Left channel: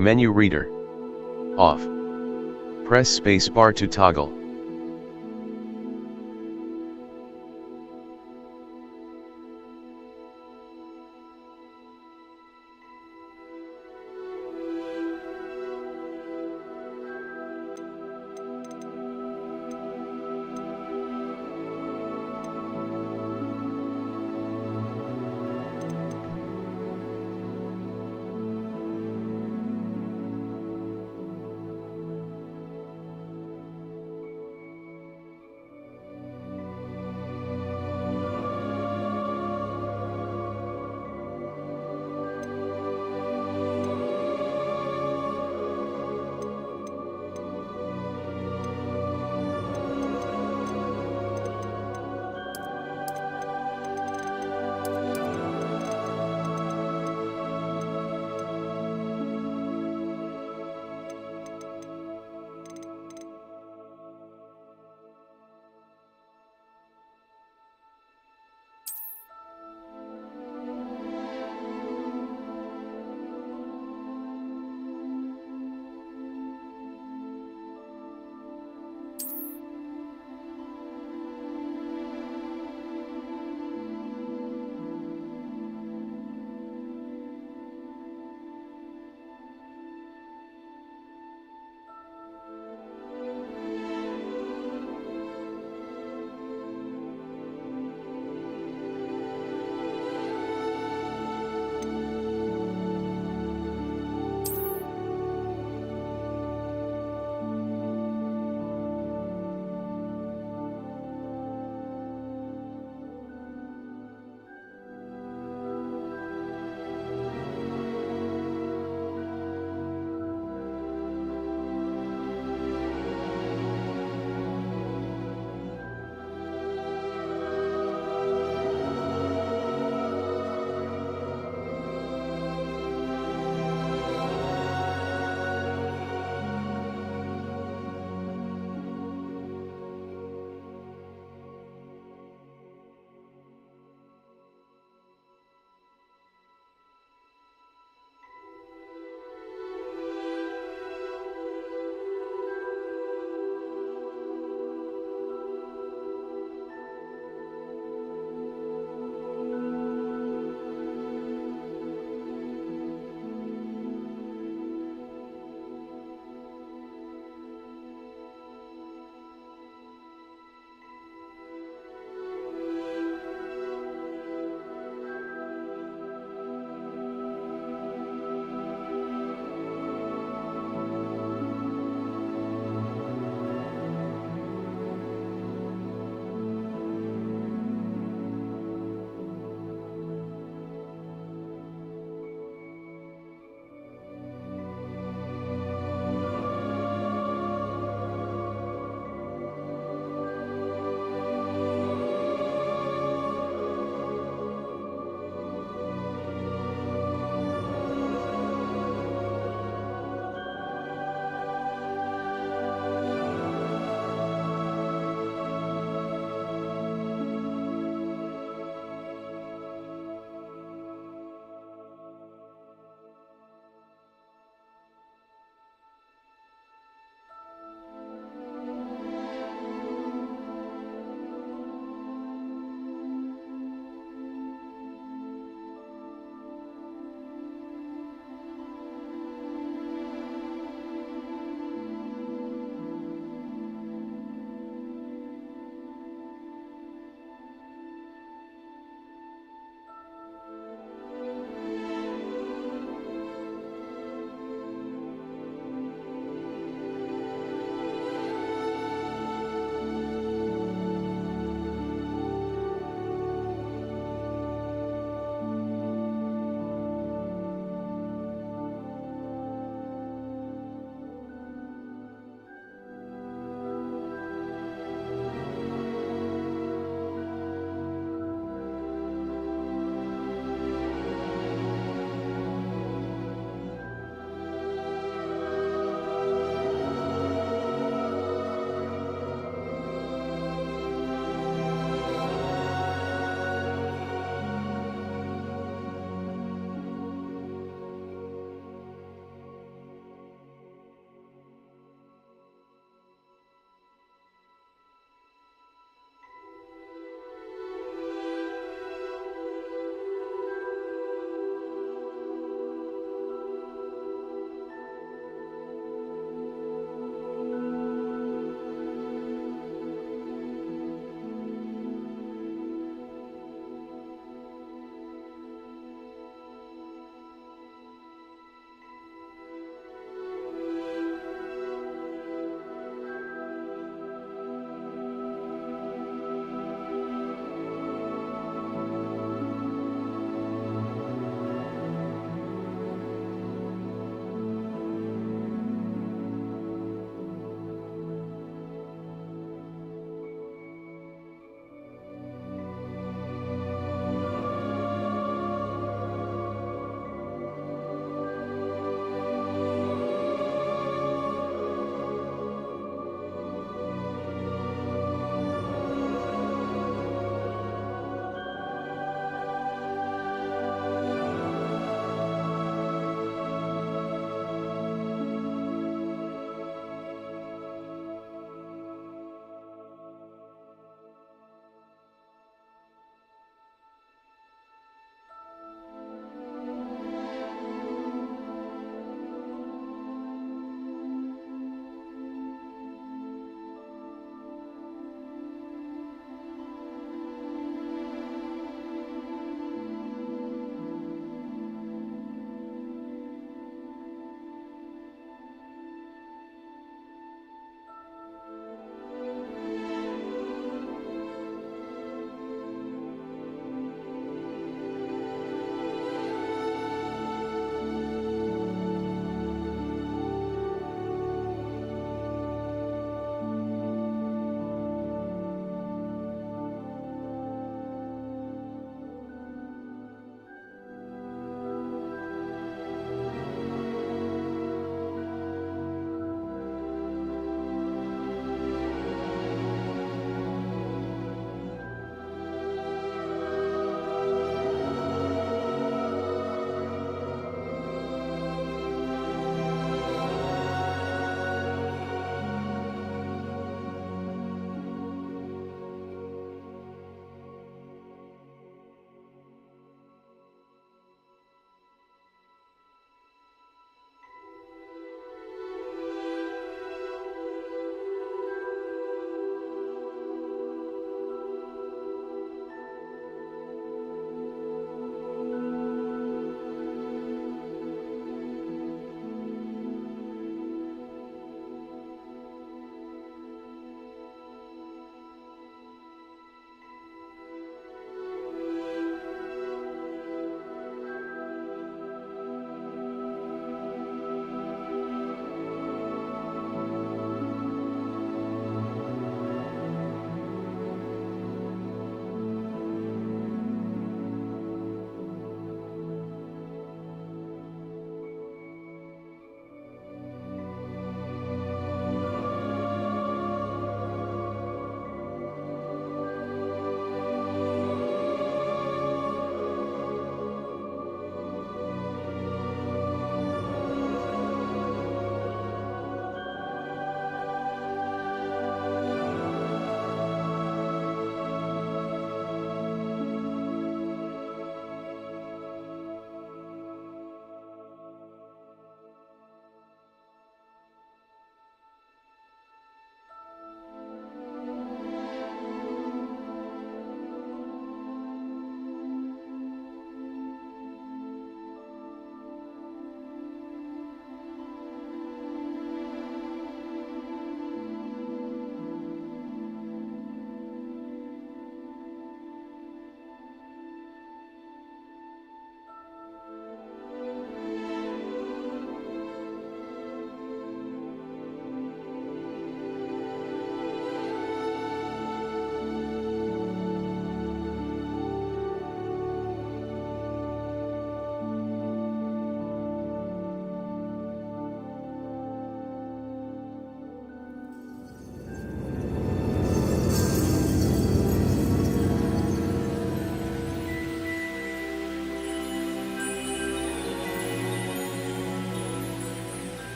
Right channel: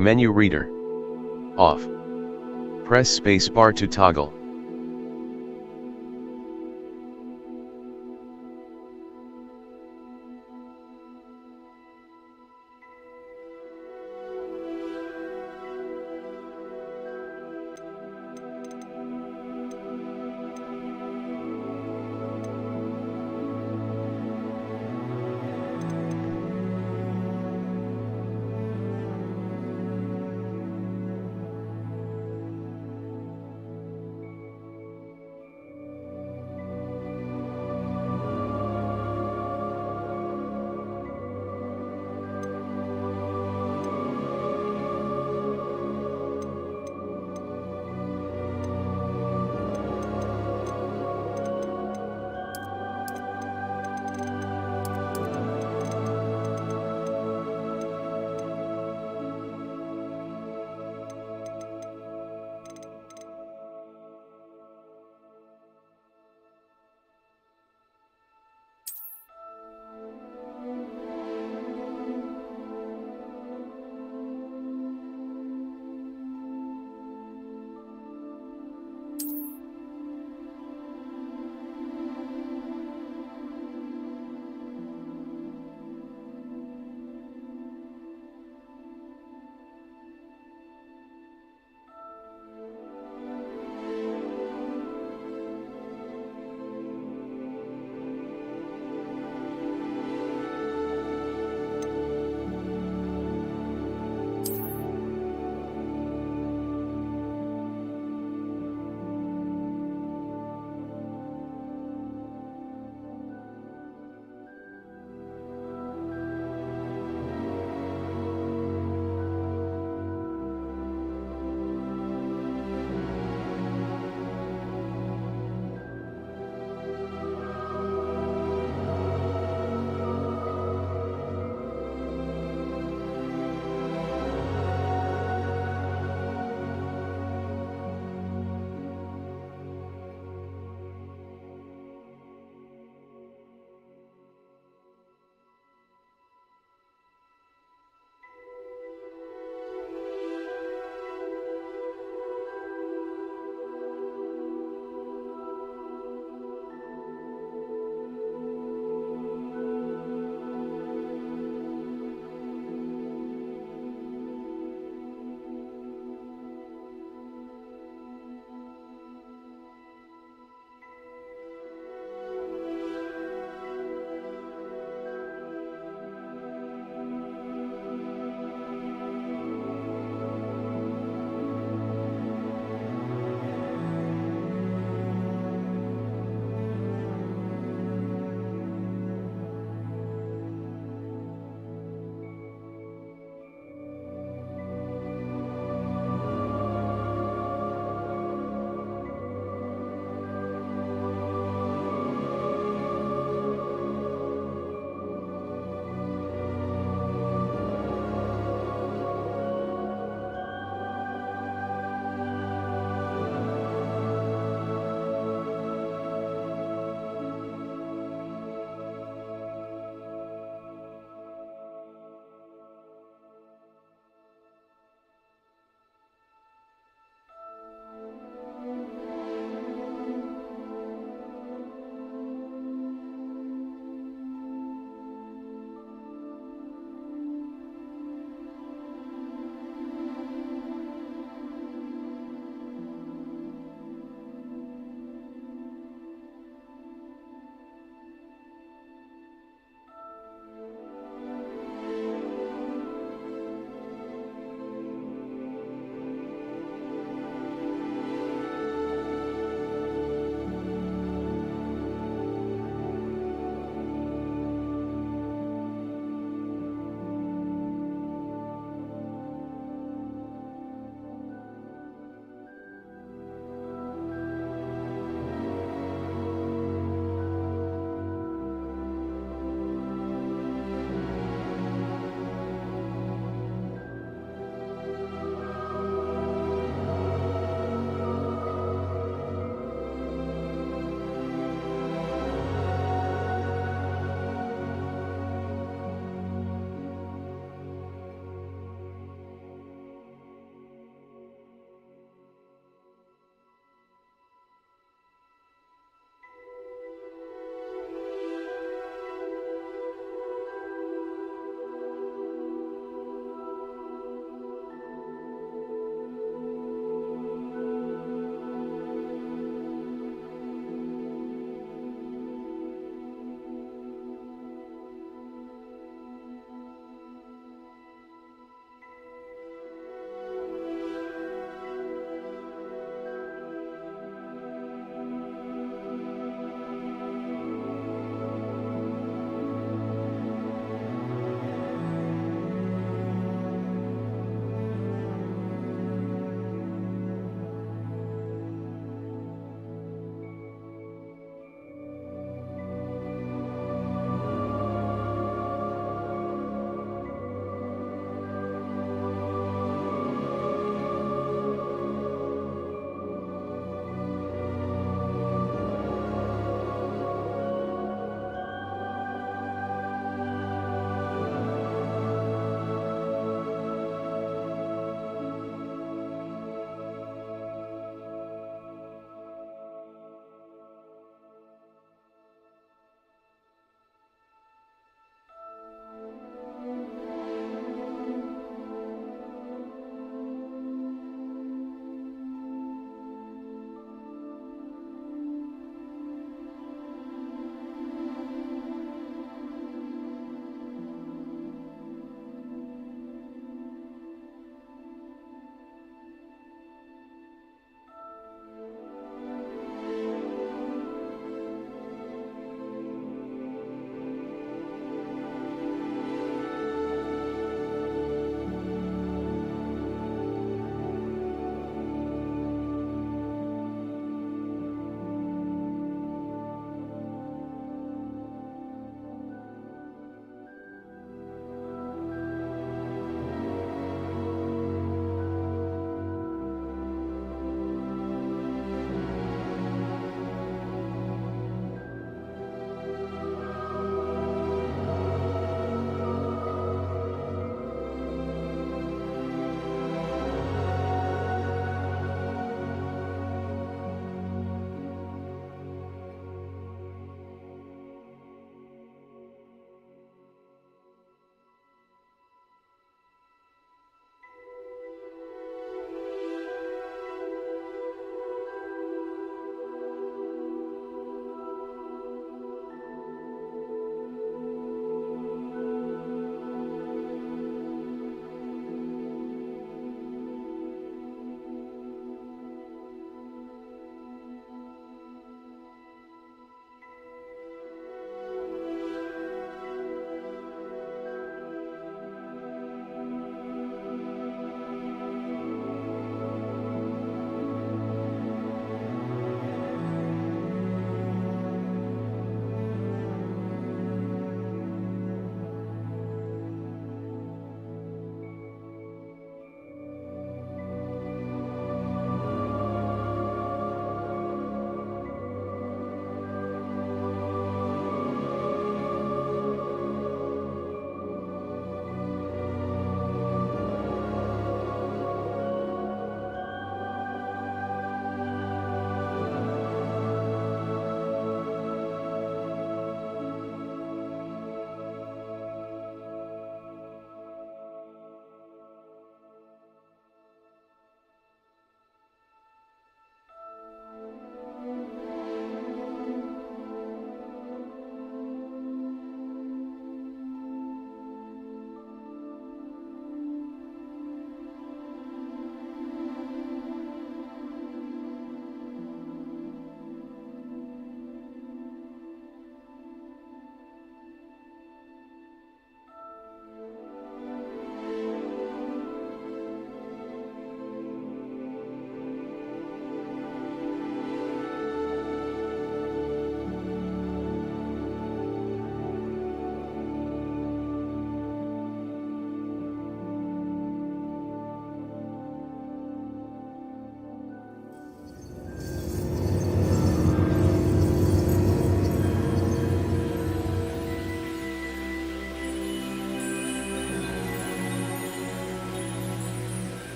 Menu reader. Off. Press spacebar to toggle.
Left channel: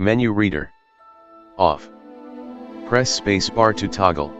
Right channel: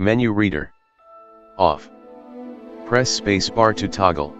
Menu reader. Off. Press spacebar to toggle.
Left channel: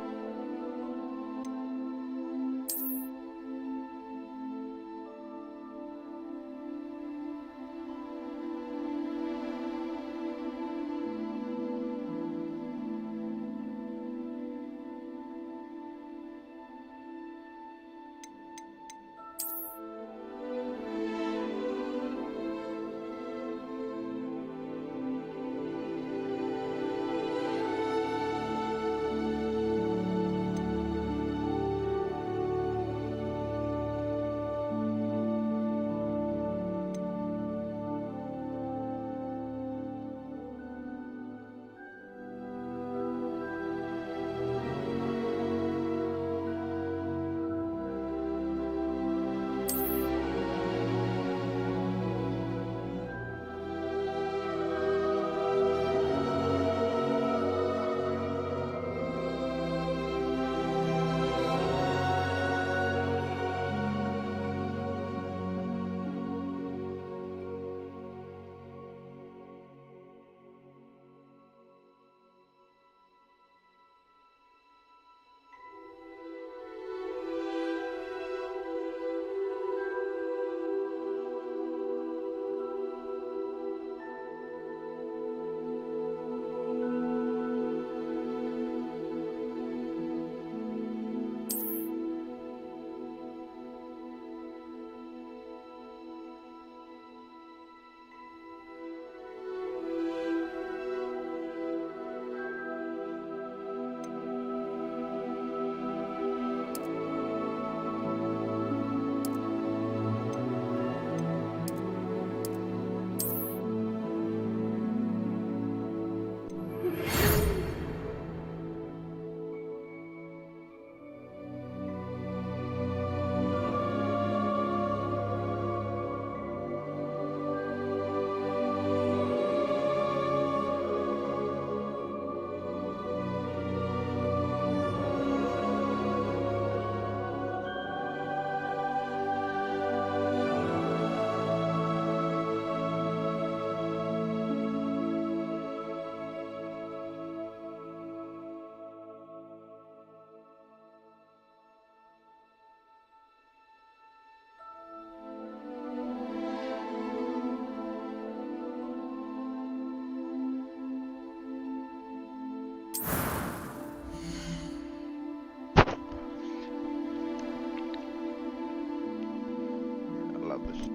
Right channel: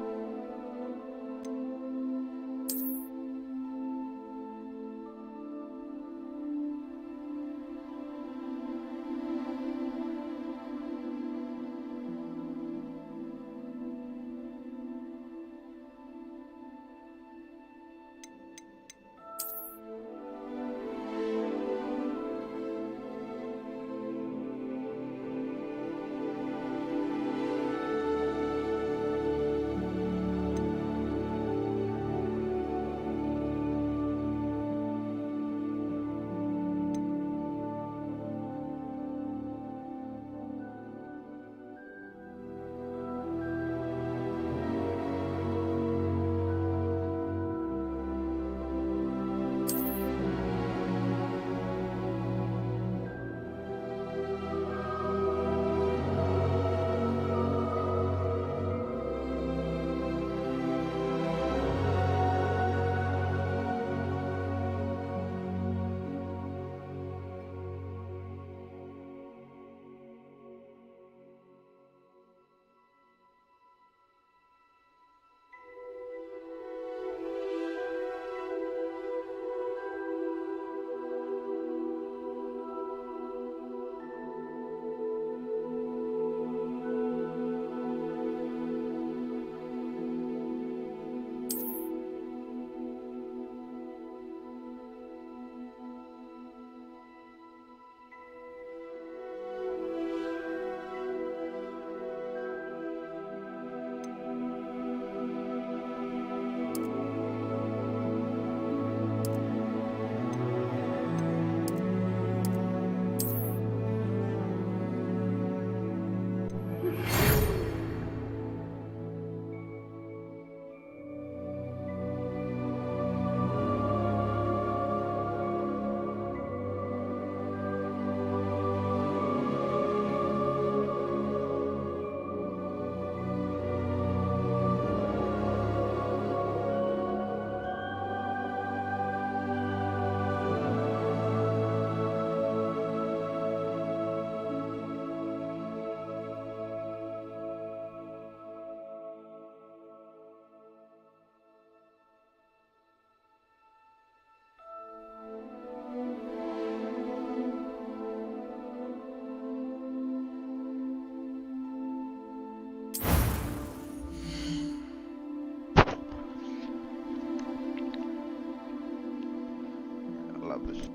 I love this.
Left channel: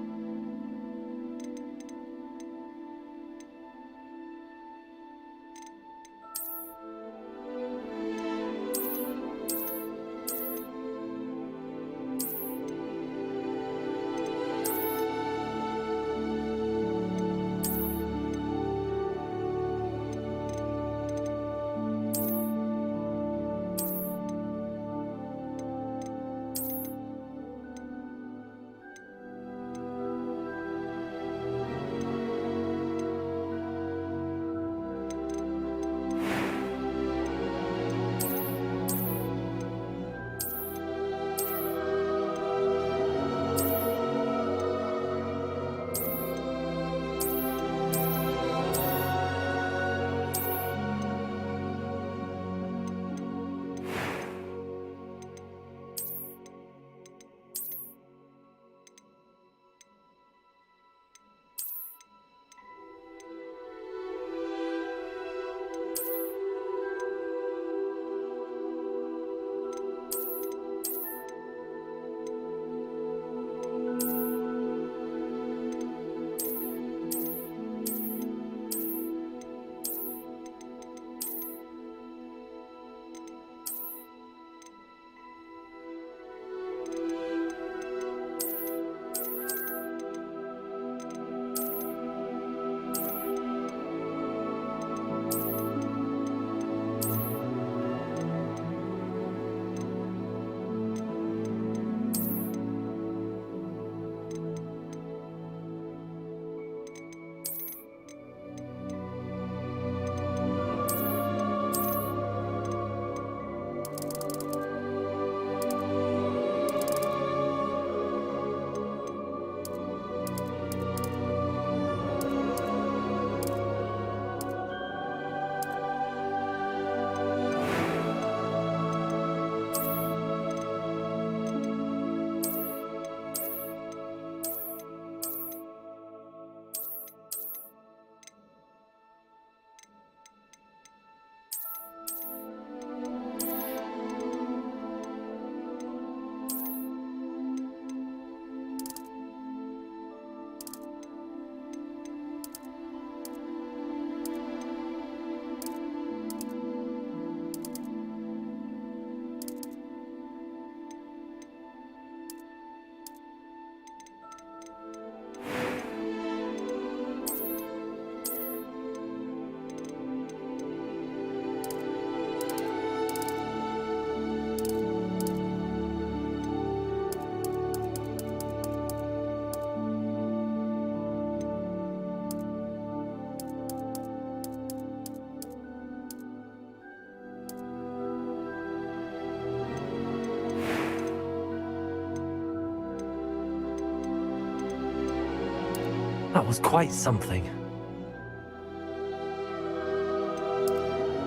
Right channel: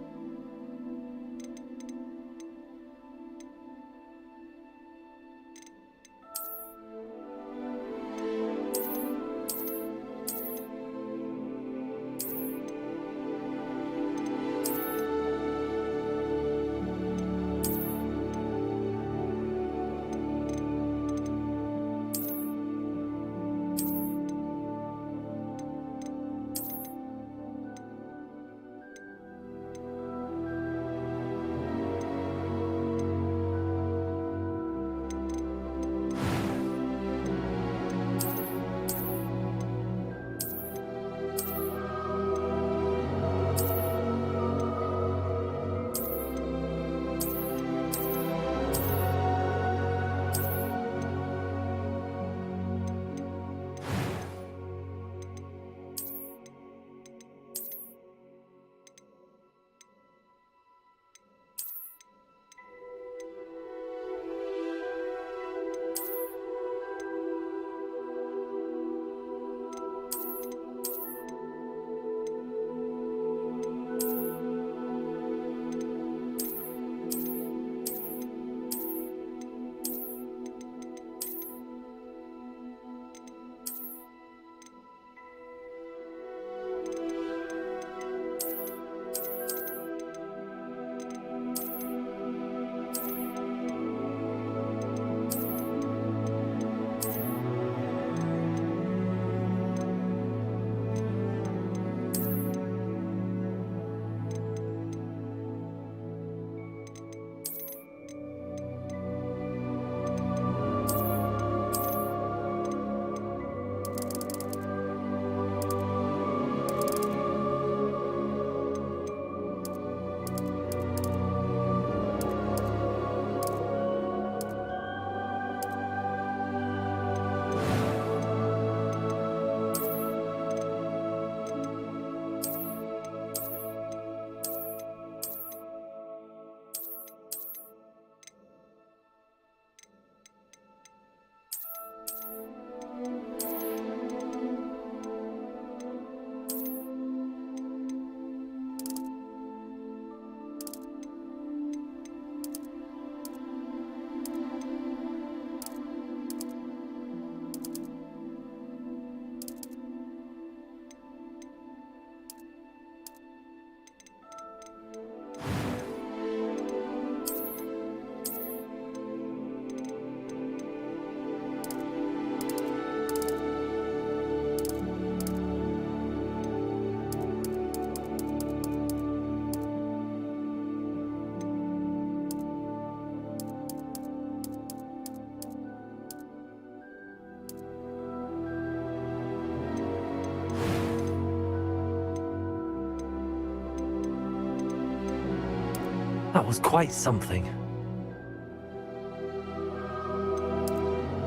That was quite something.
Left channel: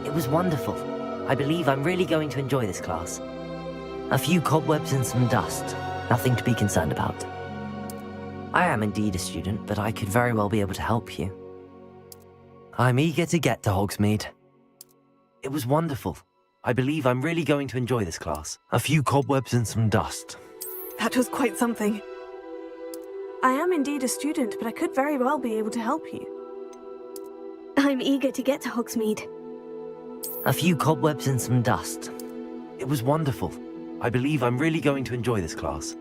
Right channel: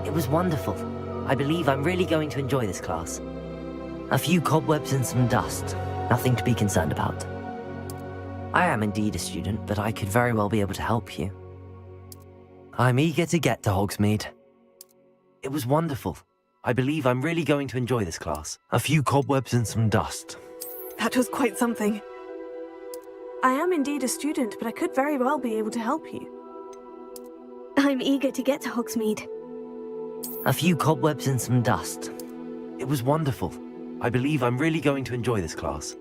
It was wonderful. I believe I'm really going to enjoy this class. A few cobwebs and some dust. Nothing to be concerned about. I am indeed a student, but I could very well be able to help you. I'm eager to get to Hogsmeade. It was wonderful. I believe I'm really going to enjoy this class. A few cobwebs and some dust. That was quite something. I am indeed a student, but I could very well be able to help you. I'm eager to get to Hogsmeade. A few cobwebs and some dust. It was wonderful. I believe I'm really going to enjoy this class.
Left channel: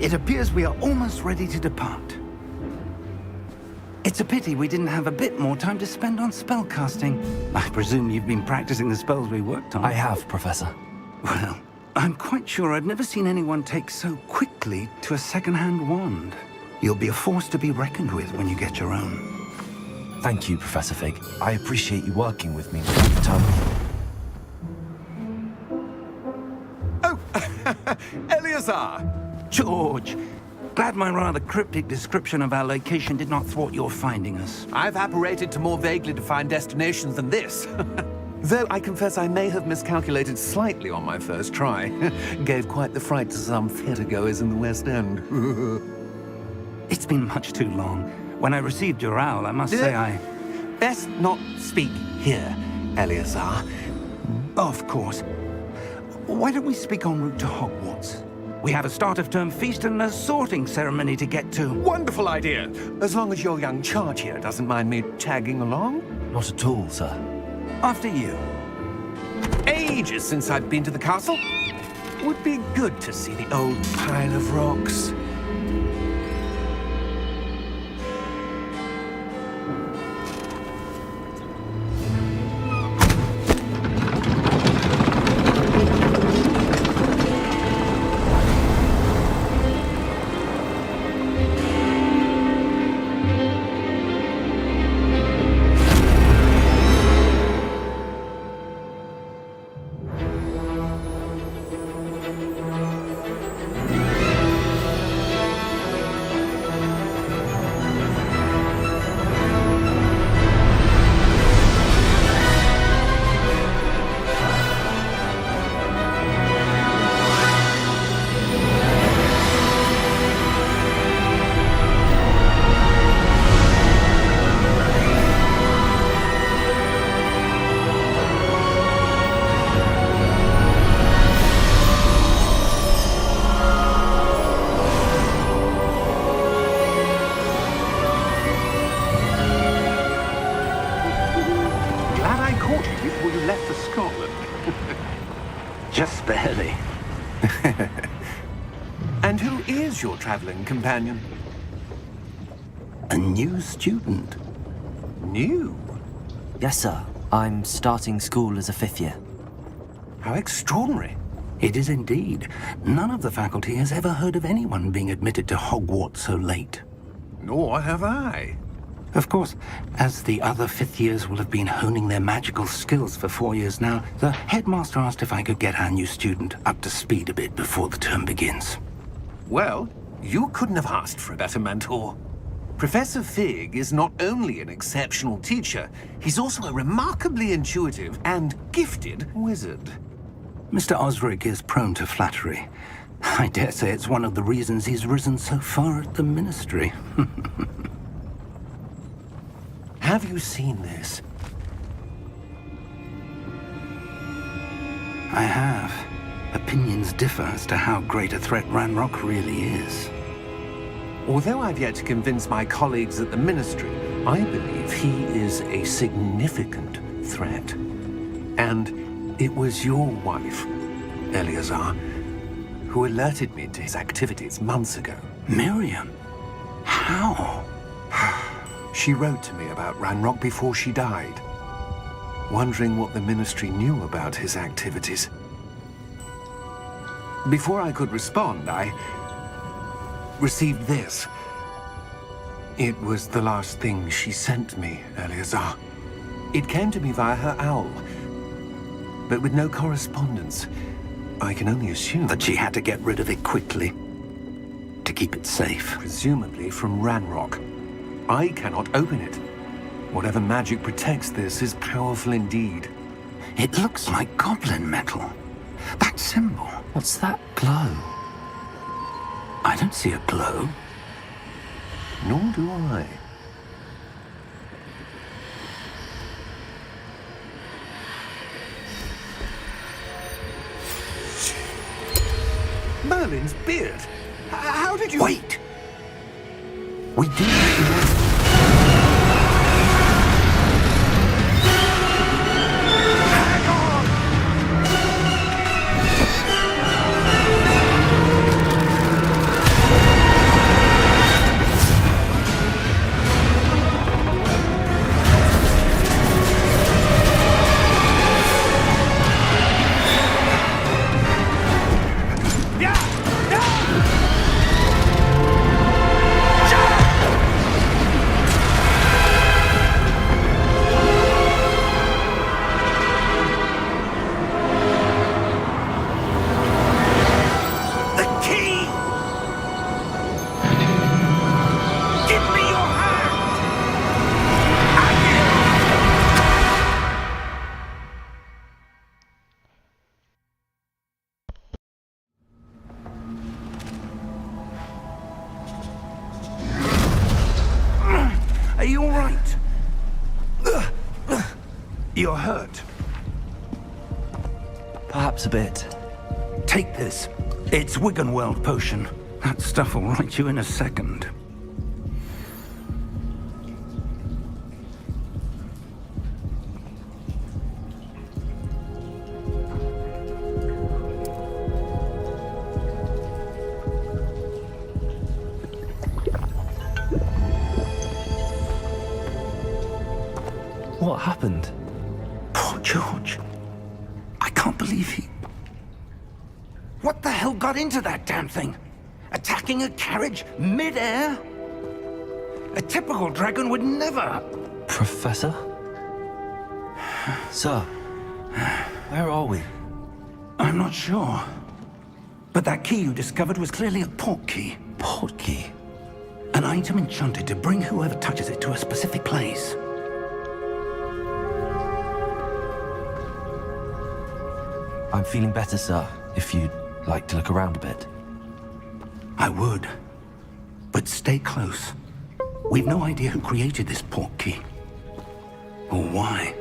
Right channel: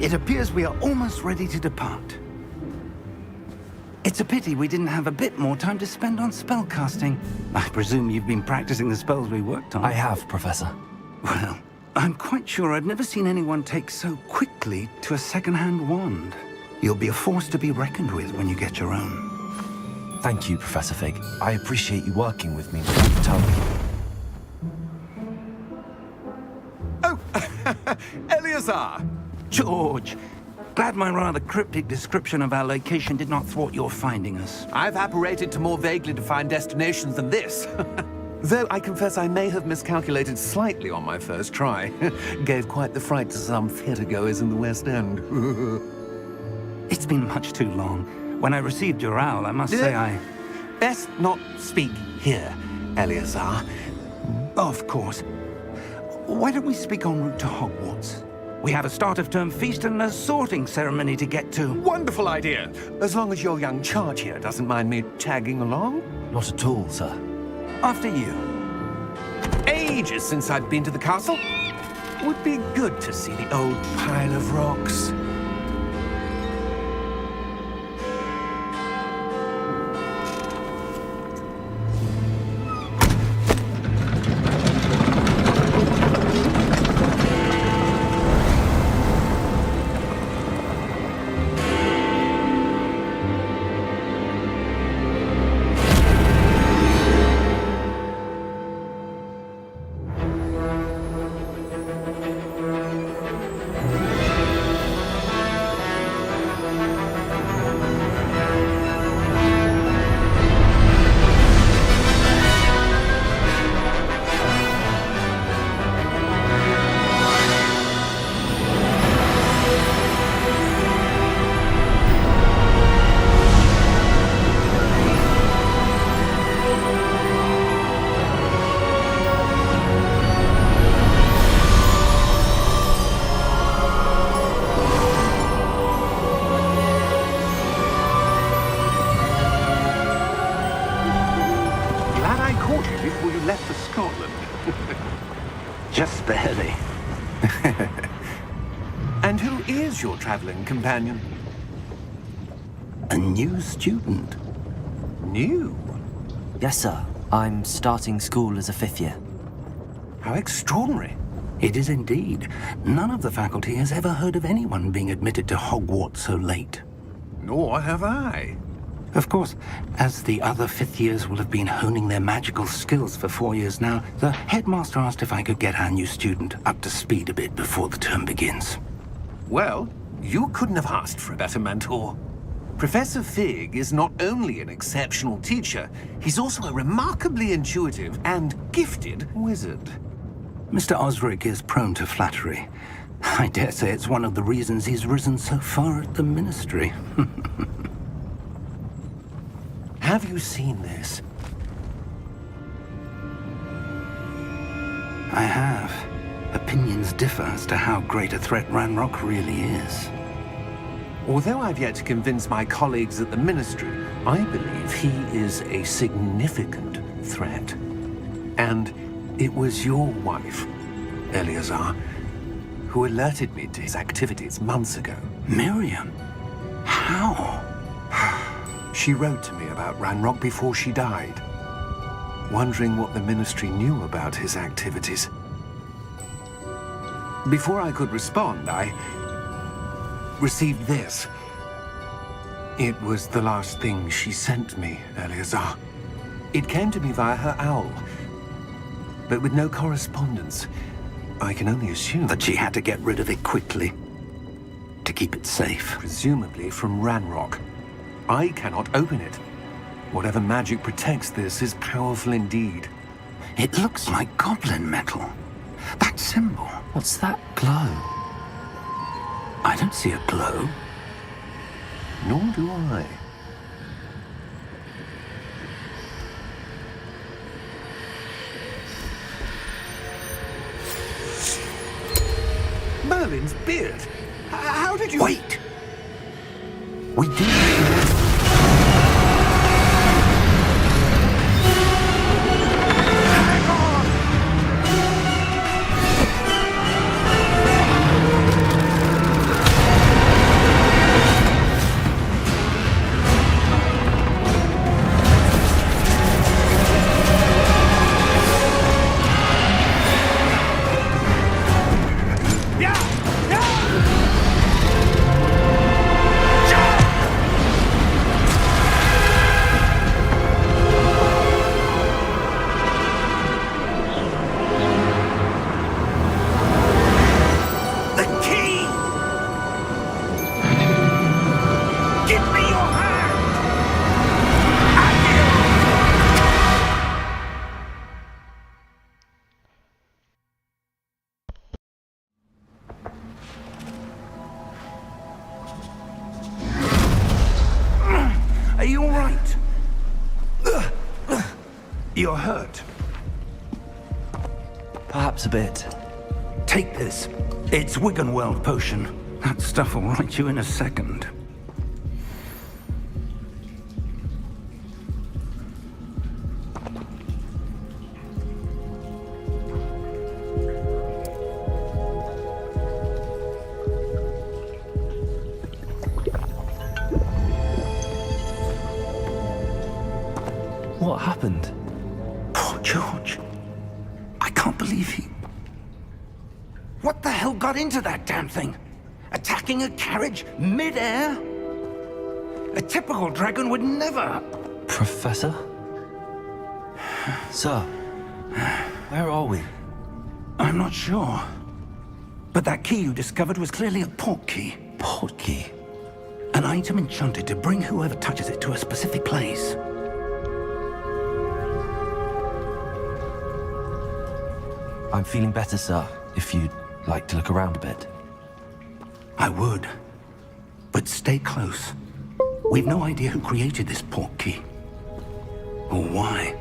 It appears we are almost ready to depart. It's a pity we didn't have a bit more time to spend on spellcasting. I presume you've been practicing the spells we worked on. I have, Professor. Well, I'm quite sure I've never seen anyone take so quickly to a second-hand wand. You'll be a force to be reckoned with when you get your own. Thank you, Professor Fig. I appreciate you working with me with the time. Oh, Eleazar! George, glad my rather cryptic description of our location did not thwart your finding us. I've apparated to more vaguely defined destinations than this. Though I confess I may have miscalculated slightly on my first try. Gave quite the fright to some theatre-goers in the West End. It's been much too long. When I received your owl, I must say I... Best not speak here, Eleazar. Of course. Why don't we speak en route to Hogwarts? We have a start-of-term feast and a sorting ceremony to get to. Wonderful idea! As long as your young charge here doesn't mind me tagging along. Not at all, sir. After you. Ages since I'd been to the castle. Would be good to see the old pile of rocks. Before you left for Scotland. Just barely. And who is your traveling companion? A new student. New? Yes, sir. I'm starting school as a 5th year. How extraordinary. It is indeed. None of the faculty has ever heard of anyone being admitted to Hogwarts so late. Nor have I. Of course, as the other 5th years will have been honing their magical skills for 4 years now, the headmaster asked if I could get our new student up to speed a bit before the term begins. Well, you couldn't have asked for a better mentor. Professor Fig is not only an exceptional teacher, he's also a remarkably intuitive and gifted wizard. Mr. Osric is prone to flattery. I dare say it's one of the reasons he's risen so far at the Ministry. Have you seen this? I have. Opinions differ as to how great a threat Ranrock really is. Although I've yet to convince my colleagues at the Ministry, I believe he is a significant threat. And it was your wife, Eleazar, who alerted me to his activities months ago. Miriam? How? She wrote to me about Ranrock before she died, wondering what the Ministry knew about his activities. Before I could respond, I received this. It was the last thing she sent me, Eleazar. It came to me via her owl, but with no correspondence. I can only assume That she had to get rid of it quickly. To keep it safe. presumably from Ranrock. I cannot open it. Whatever magic protects this is powerful indeed. It looks like goblin metal. That symbol. What's that glow? I don't see a glow. Nor do I. Merlin's beard. How did you... Wait! We do... Are you all right? You're hurt. Perhaps a bit. Take this. It's Wiggenweld potion. That stuff will right you in a second. What happened? Poor George. I can't believe he... What the hell got into that damn thing? Attacking a carriage mid-air? A typical dragon would never... Professor? Sir, where are we? I'm not sure. But that key you discovered was clearly a port key. Port key? An item enchanted to bring whoever touches it to a specific place. I'm feeling better, sir, if you'd like to look around a bit. I would. But stay close. We've no idea who created this port key. Or why.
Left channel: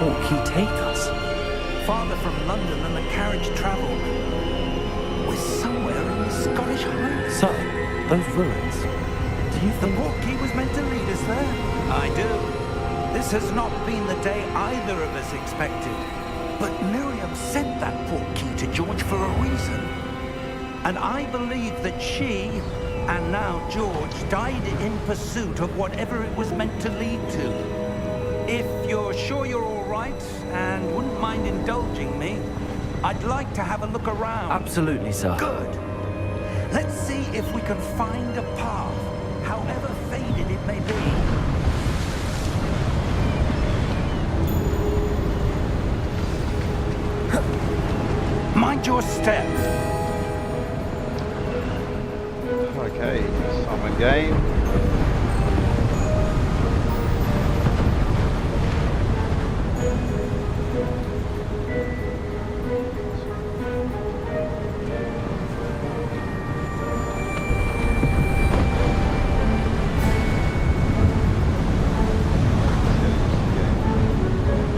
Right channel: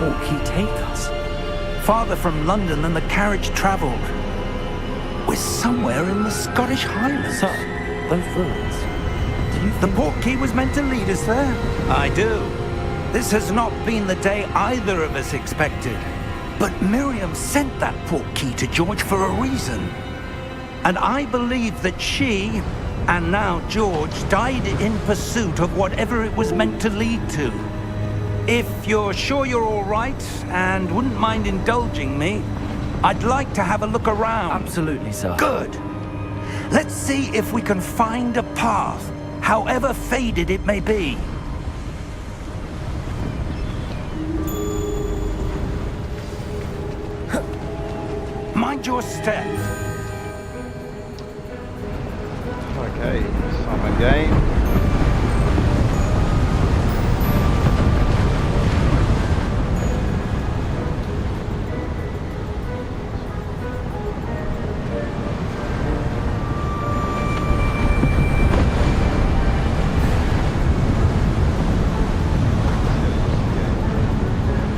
portkey take us? Farther from London than the carriage travelled. We're somewhere in the Scottish Highlands. Sir, those ruins. Do you The think... portkey was meant to lead us there? I do. This has not been the day either of us expected. But Miriam sent that portkey to George for a reason. And I believe that she, and now George, died in pursuit of whatever it was meant to lead to. If you're sure you're all right, and wouldn't mind indulging me, I'd like to have a look around. Absolutely, sir. Good. Let's see if we can find a path, however faded it may be. Mind your step. Okay, summon game.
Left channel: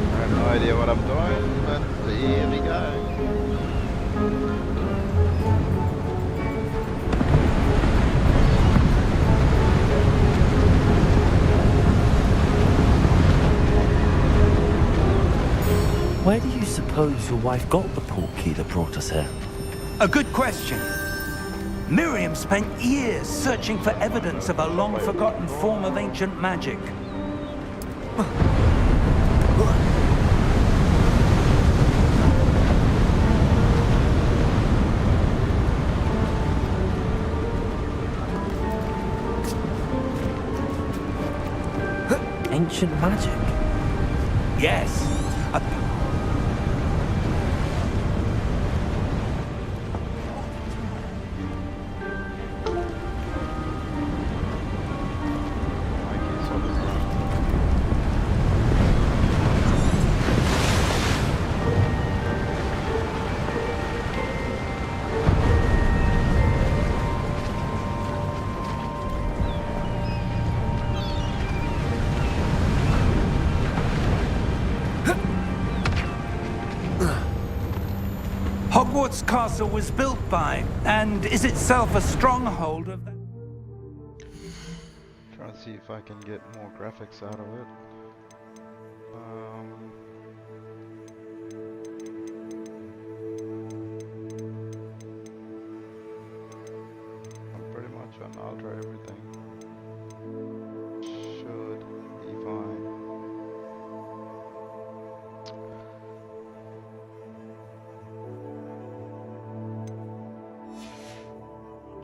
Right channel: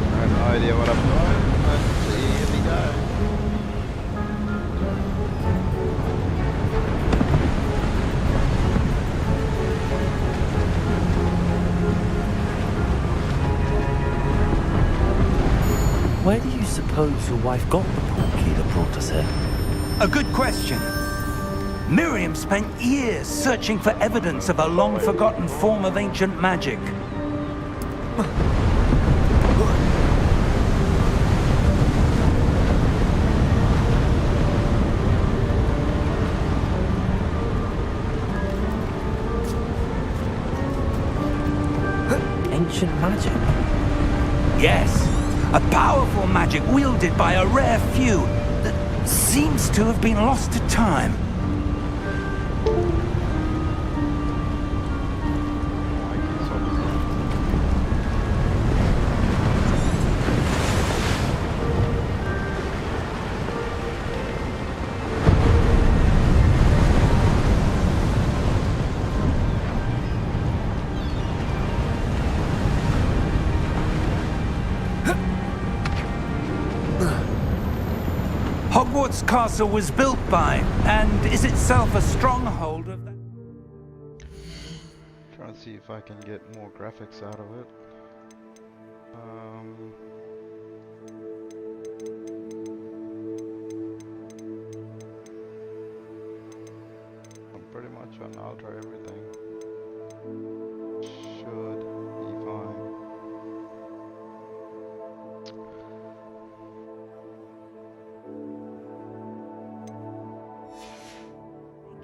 I have no idea what I'm doing, but here we go. Where do you suppose your wife got the portkey that brought us here? A good question. Miriam spent years searching for evidence of a long-forgotten form of ancient magic. Ancient magic? Yes, a powerful magic wielded by a rare few that seems to have been lost to time. Hogwarts Castle was built by, and is itself a stronghold of that. Trying to see if I can get more graphics out of it. I'm pretty much on ultra everything. Should be fine.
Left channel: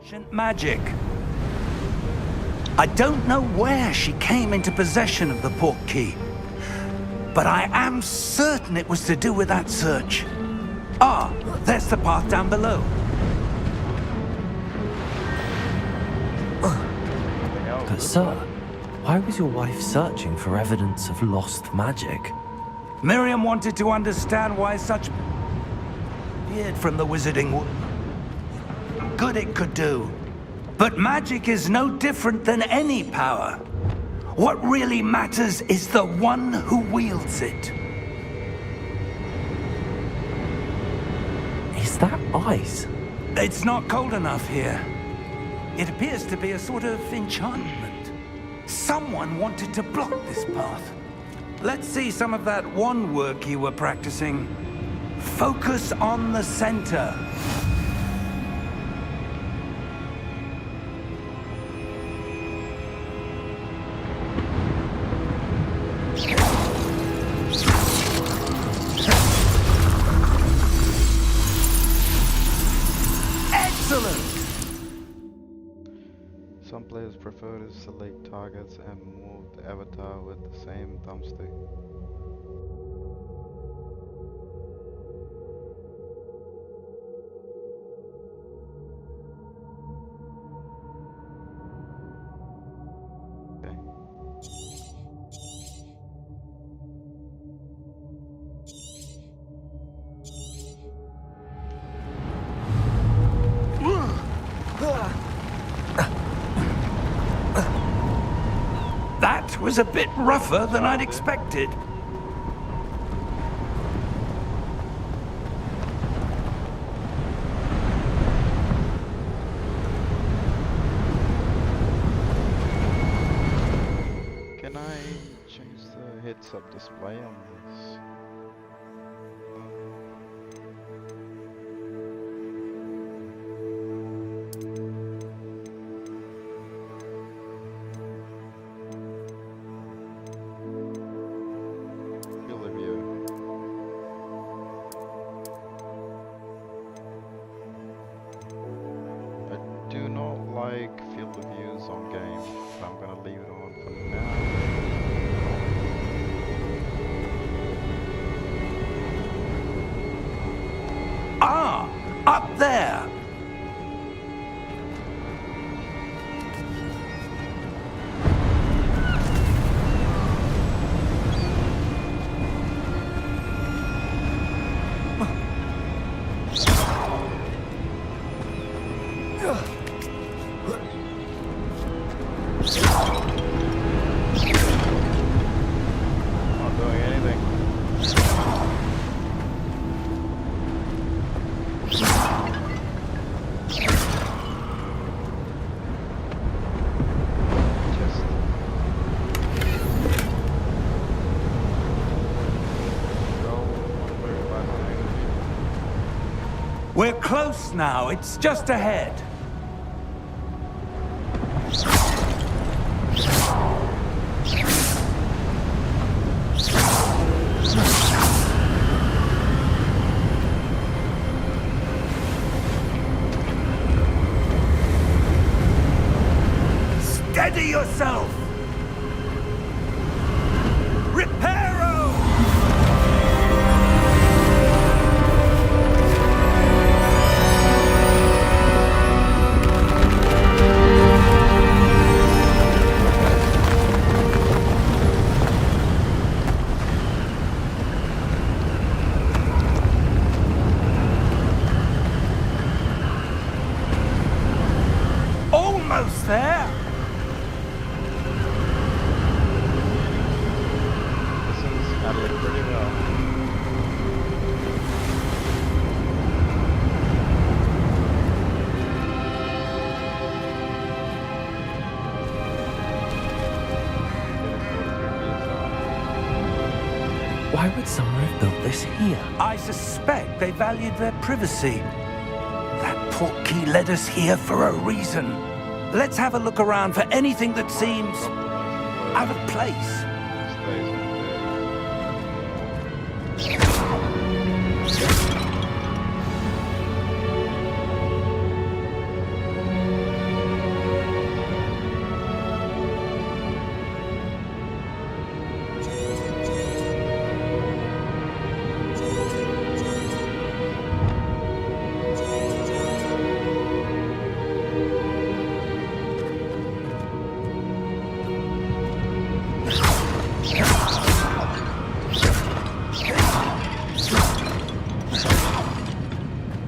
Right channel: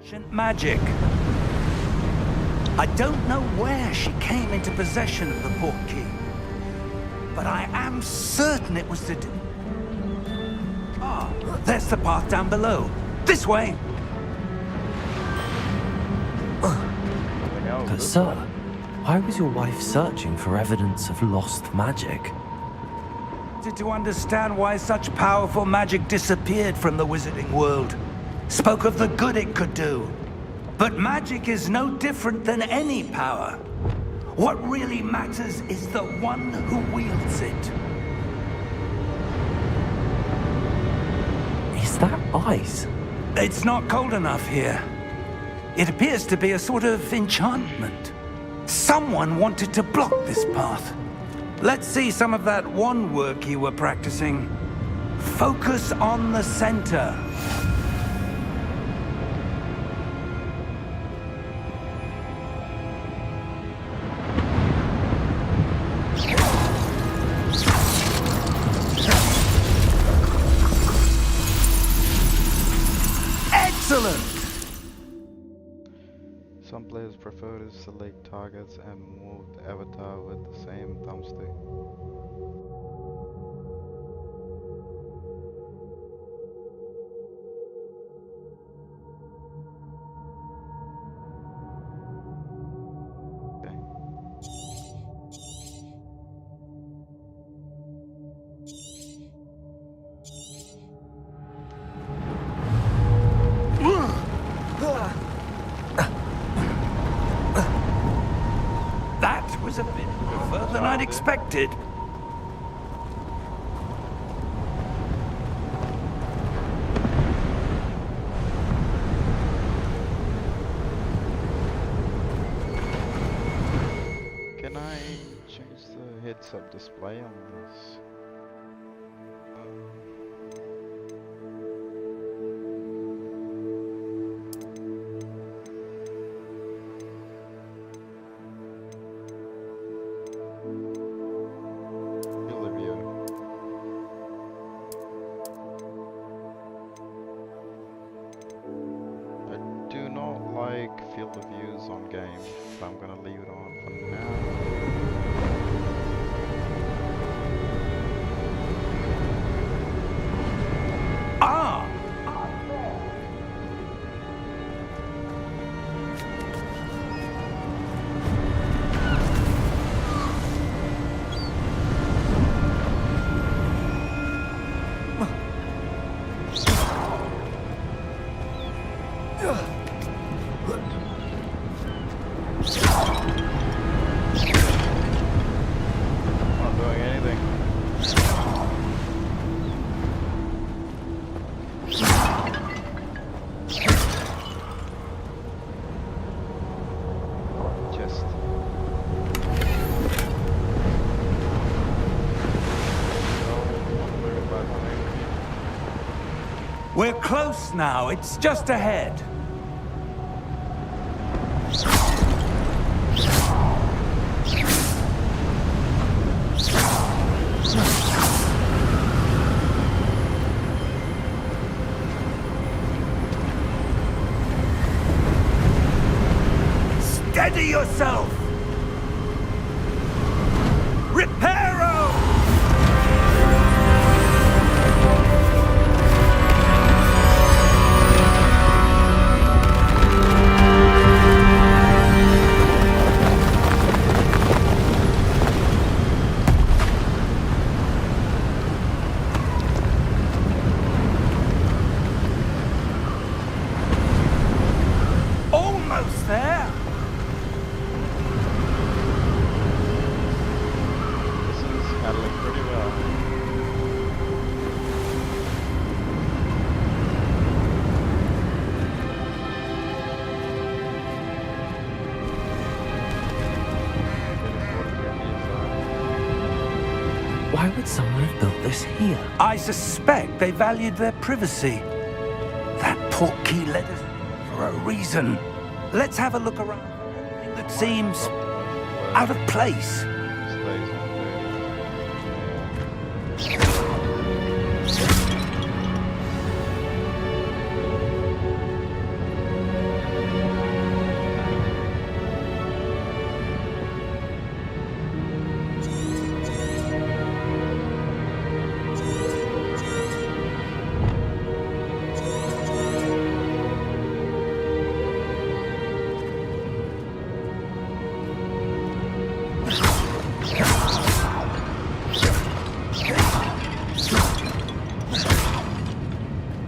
Ancient magic. I don't know where she came into possession of the portkey, but I am certain it was to do with that search. Ah, there's the path down below. This way. But sir, why was your wife searching for evidence of lost magic? Miriam wanted to understand why such powerful magic disappeared from the wizarding world. Spoke of the good it could do. But magic is no different than any power. What really matters is the one who wields it. Is that ice? It's not cold enough here. It appears to be a sort of enchantment. Someone wanted to block this path. Let's see some of that wand work you were practicing. Focus on the center. Excellent! Some players prefer to select targets and move the avatar with the same thumbstick. Okay. That was a bit rougher than I'd expected. heads-up display on this. Field of view. I do not like field of views on games, but I'm gonna leave it on for now. Ah! Up there! Not doing anything. Just We're close now. It's just ahead. Steady yourself! Reparo! Almost there! This is handling pretty well. Getting 43 PSI. Why would someone have built this here? I suspect they valued their privacy. That portkey led us here for a reason. Let's have a look around for anything that seems Drop the motion blur. out of place. Stays on 30.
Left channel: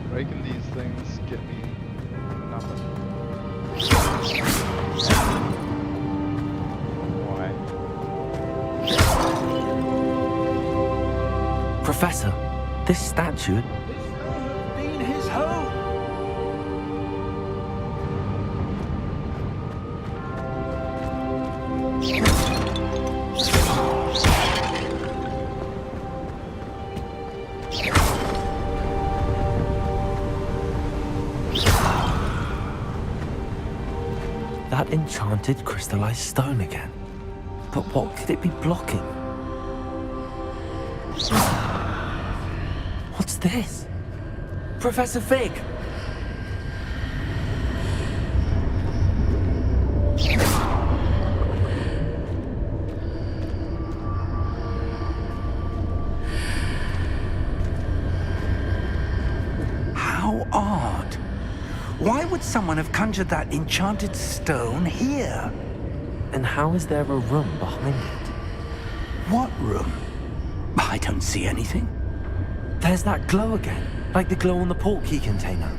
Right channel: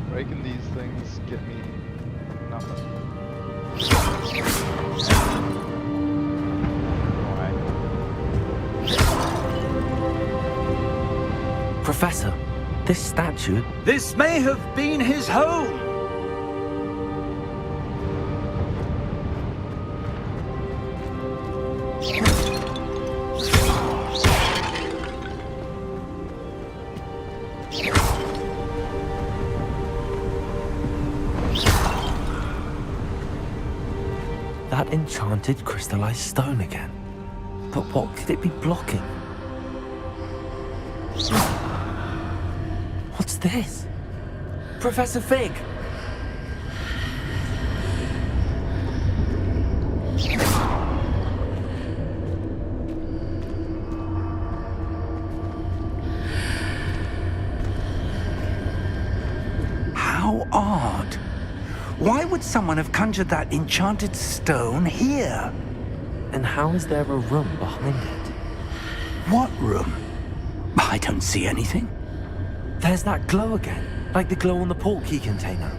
Breaking these things get me nothing. Why? Professor, this statue... This may have been his home. That enchanted crystallized stone again. But what could it be blocking? What's this? Professor Fig! How odd. Why would someone have conjured that enchanted stone here? And how is there a room behind it? What room? I don't see anything. There's that glow again, like the glow on the portkey container.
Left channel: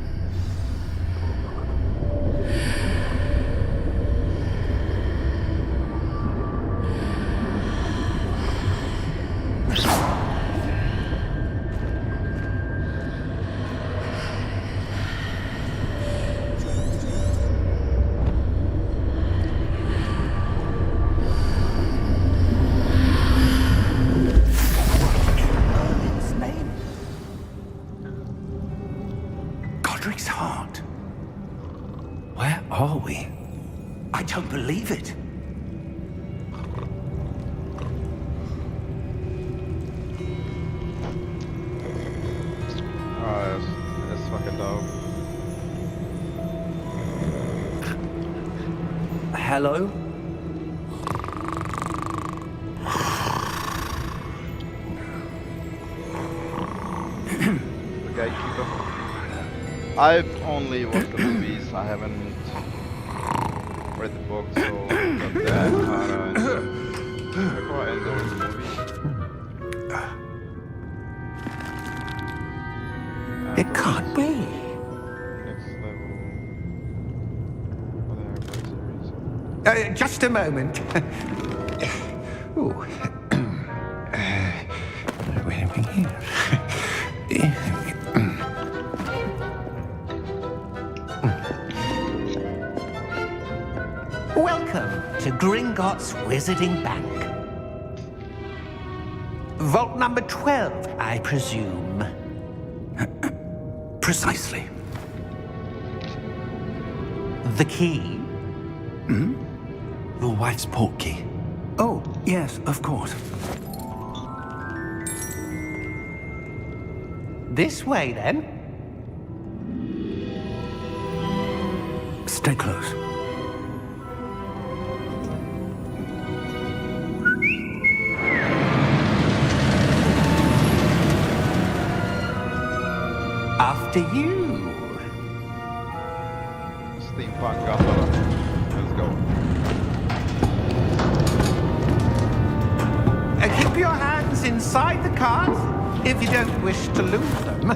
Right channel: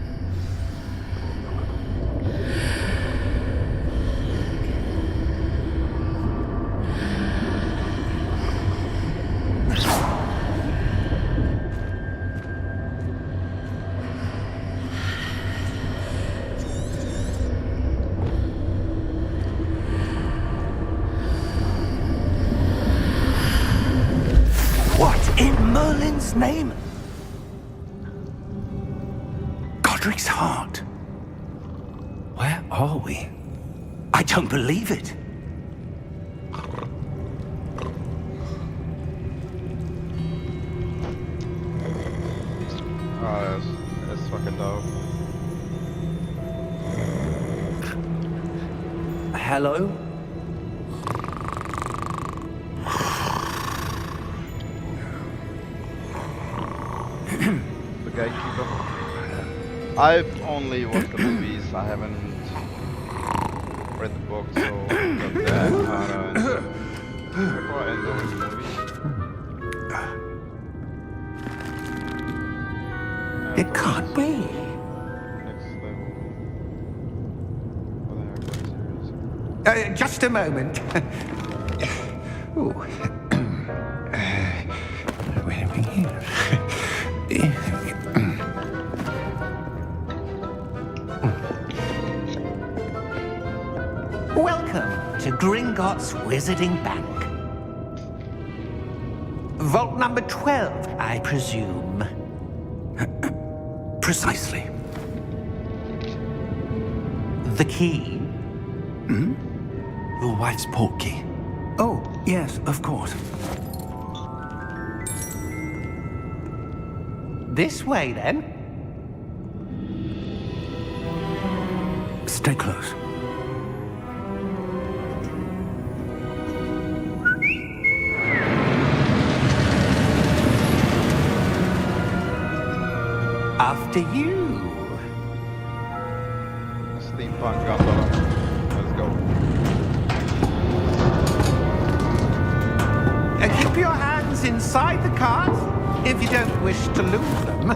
his name? Godric's heart. Where are we? I don't believe it. Oh, that's fucking dope. Hello? The gatekeeper. I've only watched the movies. I haven't read the book, so got that harder before I enjoy the movie. It can't be. Next level for the Harry Potter series. Just a moment. Ooh. Where are we here? Welcome to Gringotts Wizarding Bank. Vault number 12, I presume. Precisely. The key? Your wife's portkey. Oh, yes, of course. This way, then. Stay close. After you. Steampunk gondola. Let's go. Keep your hands inside the cart if you don't wish to lose them.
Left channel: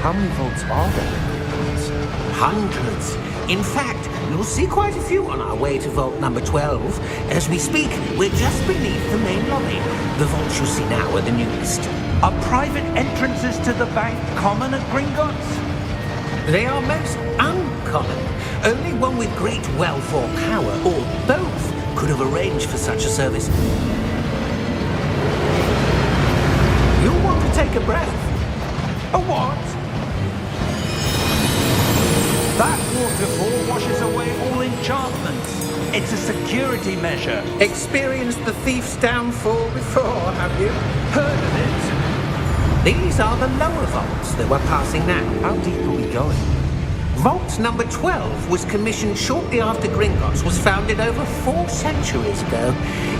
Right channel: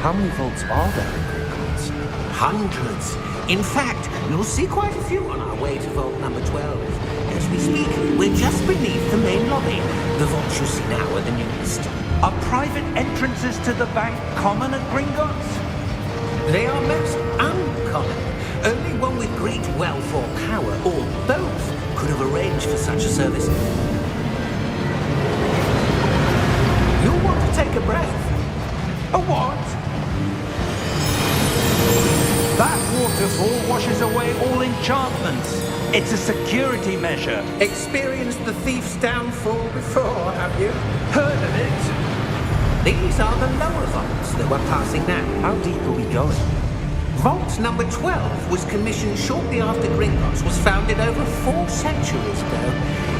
How many vaults are there in Gringotts? Hundreds. In fact, you'll see quite a few on our way to vault number 12. As we speak, we're just beneath the main lobby. The vaults you see now are the newest. Are private entrances to the bank common at Gringotts? They are most uncommon. Only one with great wealth or power, or both, could have arranged for such a service. You'll want to take a breath. A what? That waterfall washes away all enchantments. It's a security measure. Experienced the thief's downfall before, have you? Heard of it? These are the lower vaults that we're passing now. How deep are we going? Vault number 12 was commissioned shortly after Gringotts was founded over 4 centuries ago.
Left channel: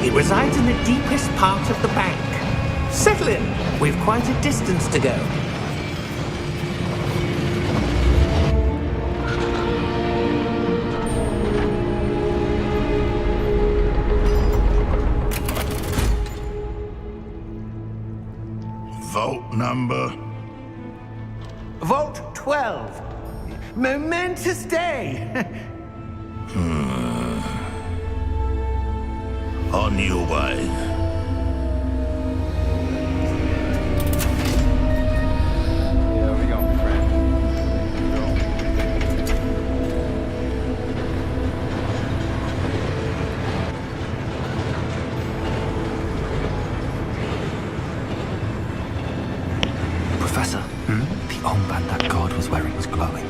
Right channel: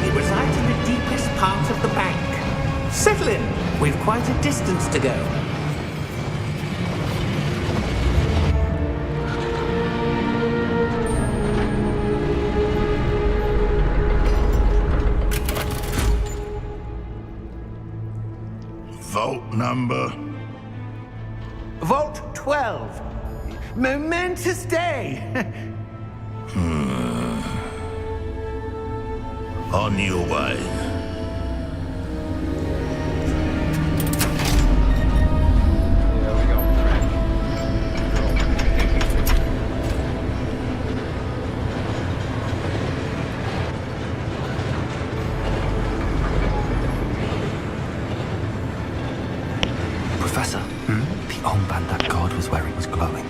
It resides in the deepest part of the bank. Settle in. We've quite a distance to go. Vault number? Vault 12. Momentous day. On your way. Yeah, we gonna be friends. Girl. Professor, the armband that guard was wearing was glowing.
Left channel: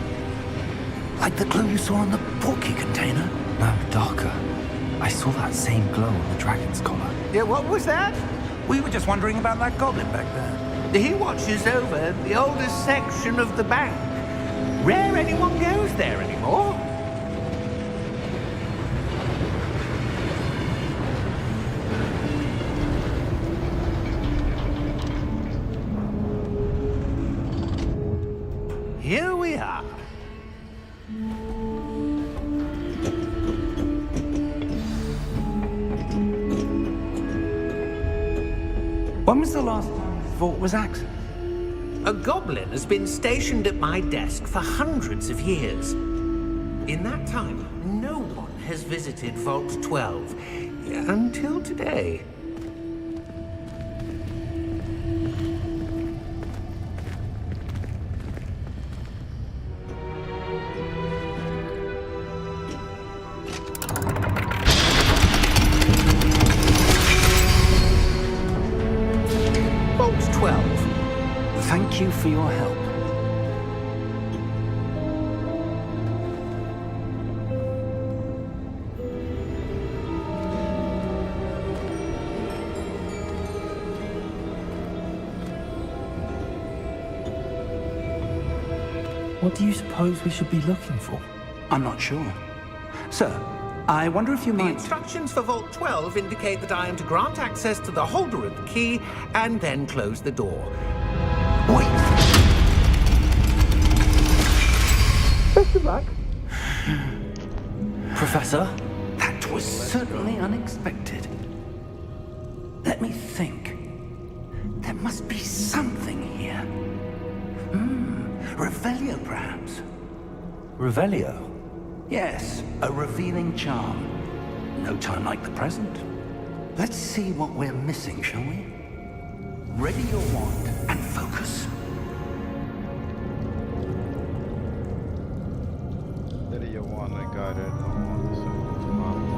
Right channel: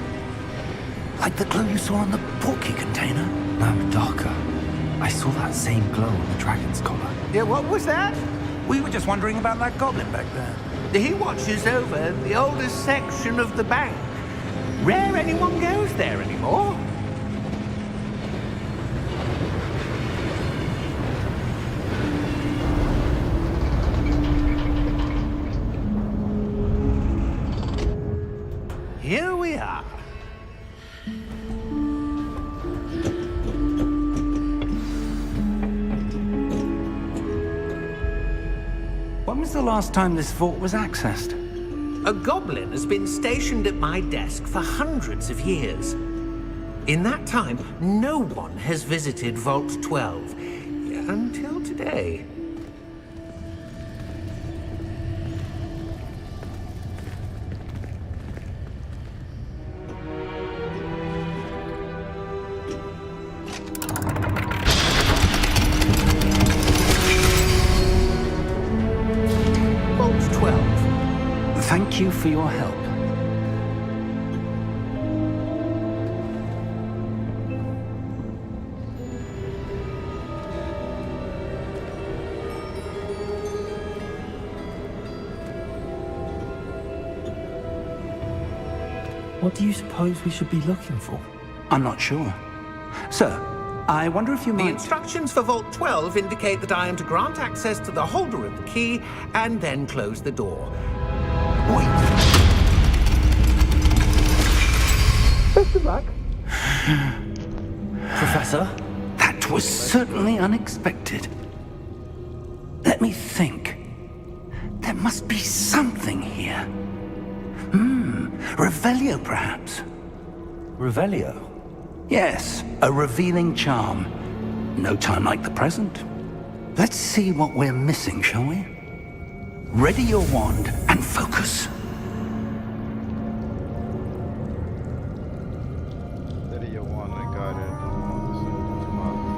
Like the glue you saw on the portkey container? No, darker. I saw that same glow on the dragon's collar. Yeah, what was that? We were just wondering about that goblin back there. He watches over the oldest section of the bank. Rare anyone goes there anymore. Here we are. When was the last time this vault was accessed? A goblin has been stationed at my desk for hundreds of years. In that time, no one has visited Vault 12 until today. Thank you for your help. What do you suppose we should be looking for? I'm not sure. Sir, I wonder if you The might... instructions for Vault 12 indicate that I am to grant access to the holder of the key and then close the door. Wait! Best of luck. Professor? That was certainly unexpected. Let me think. There must be something here. Revelio, perhaps? Revelio? Yes, a revealing charm. No time like the present. Let's see what we're missing, shall we? Ready your wand and focus. Steady your wand and guide it along the central spot.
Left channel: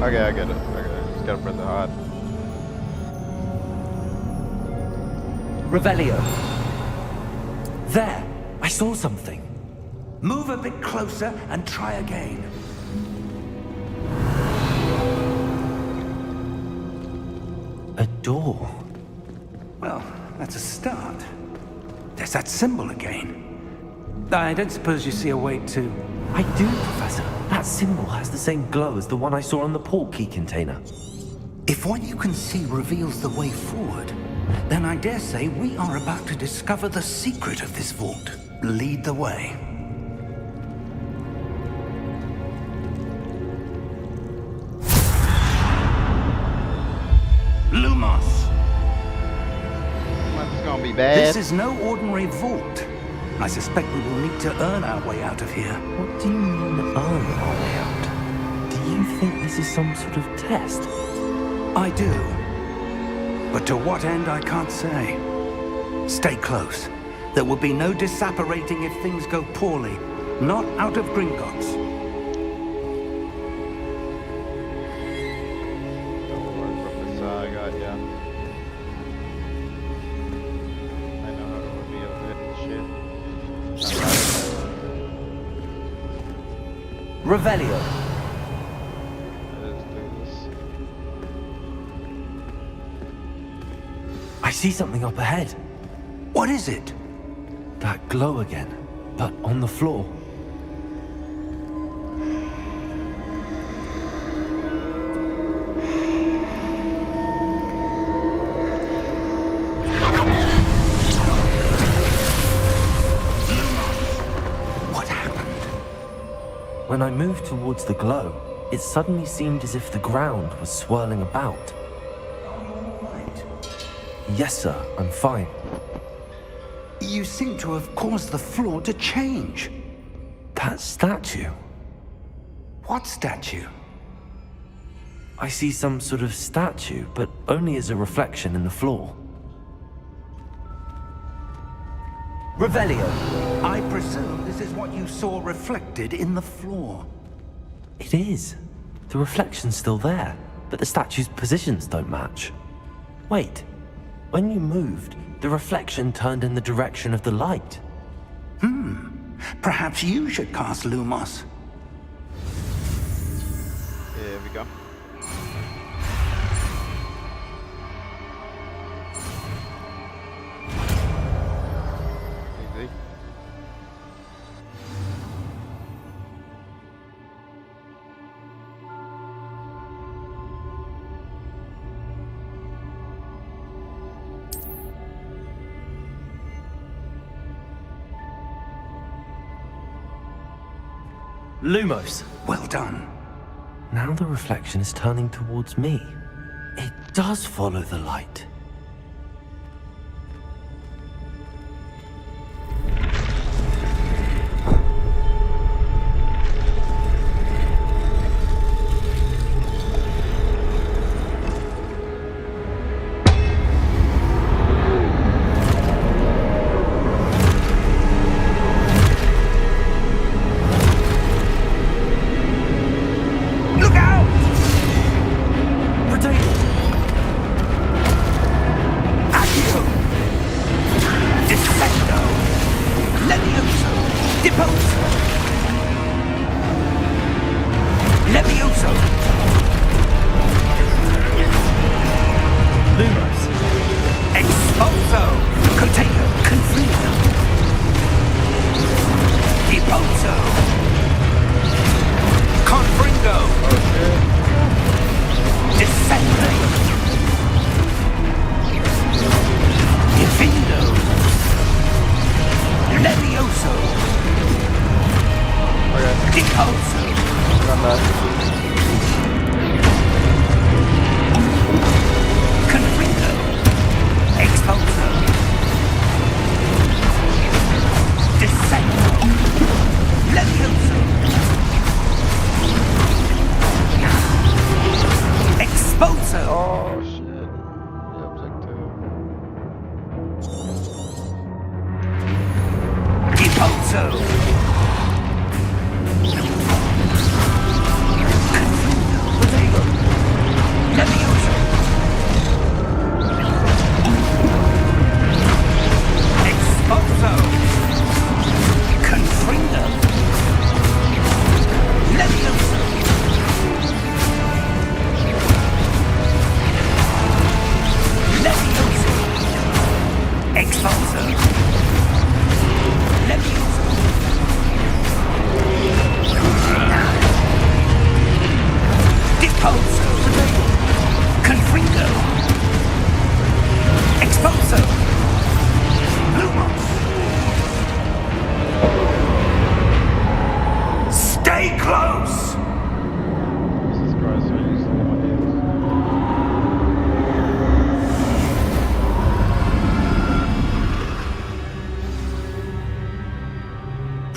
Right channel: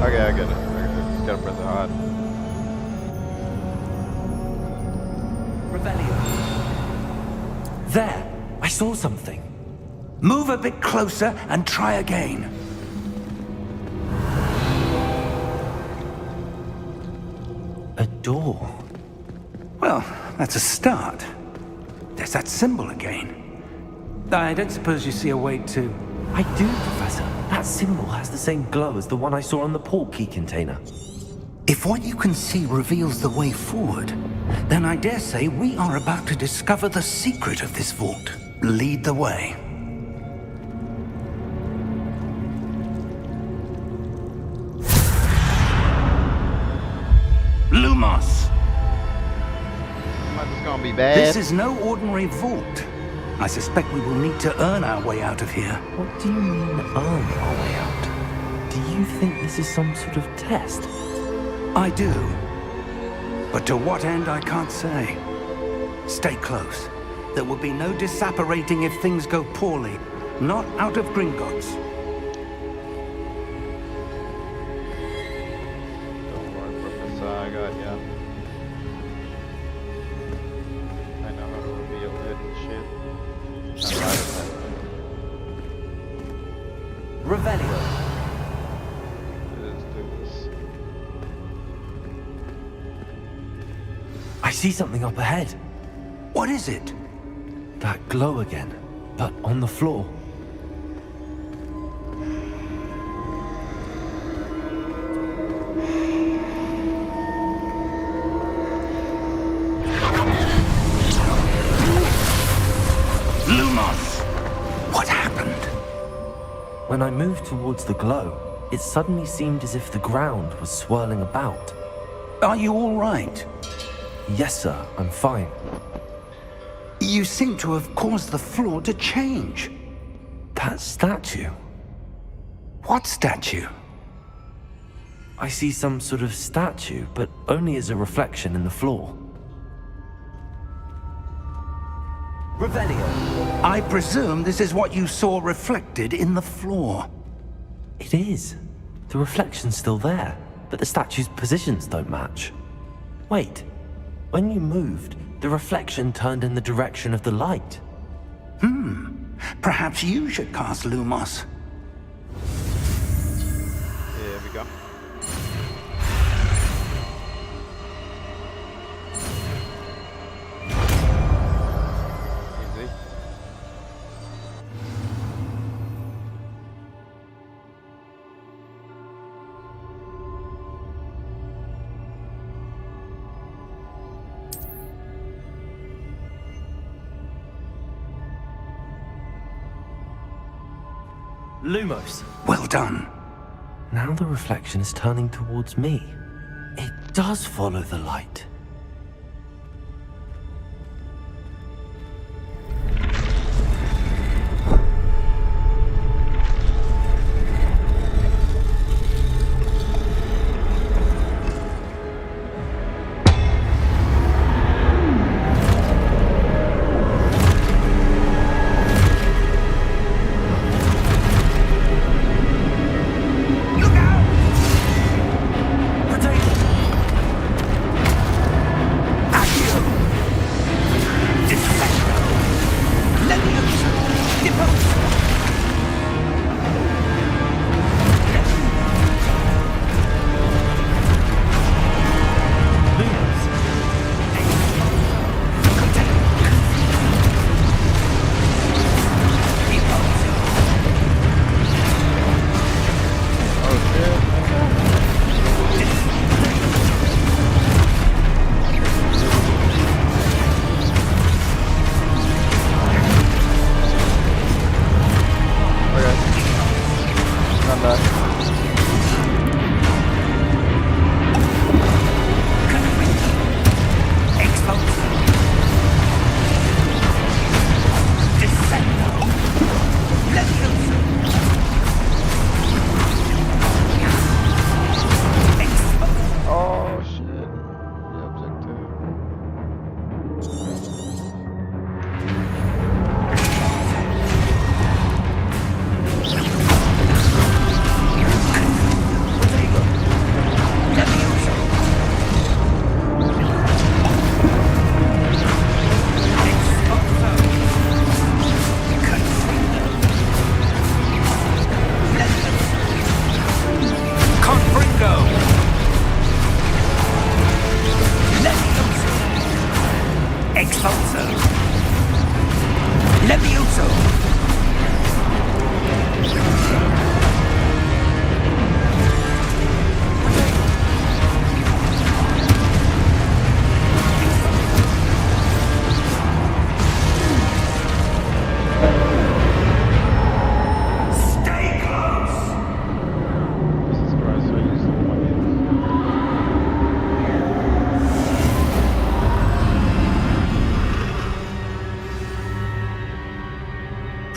Okay, I get it. Just gotta press it hard. Revelio. There! I saw something. Move a bit closer and try again. A door. Well, that's a start. There's that symbol again. I don't suppose you see a way to... I do, Professor. That symbol has the same glow as the one I saw on the port key container. If what you can see reveals the way forward, then I dare say we are about to discover the secret of this vault. Lead the way. Lumos! This is gonna be bad. This is no ordinary vault. I suspect we will need to earn our way out of here. What do you mean, earn our way out? Do you think this is some sort of test? I do. But to what end, I can't say. Stay close. There will be no disapparating if things go poorly. Not out of Gringotts. Don't worry, Professor, I got ya. I know how to reveal hidden shit. Revelio. Let's do this. I see something up ahead. What is it? That glow again, but on the floor. When I moved towards the glow, it suddenly seemed as if the ground was swirling about. Are you all right? Yes, sir, I'm fine. You seem to have caused the floor to change. That statue? What statue? I see some sort of statue, but only as a reflection in the floor. Revelio. I presume this is what you saw reflected in the floor. It is. The reflection's still there, but the statue's positions don't match. Wait, when you moved, the reflection turned in the direction of the light. Perhaps you should cast Lumos. Here we go. Easy. Lumos. Well done. Now the reflection is turning towards me. It does follow the light.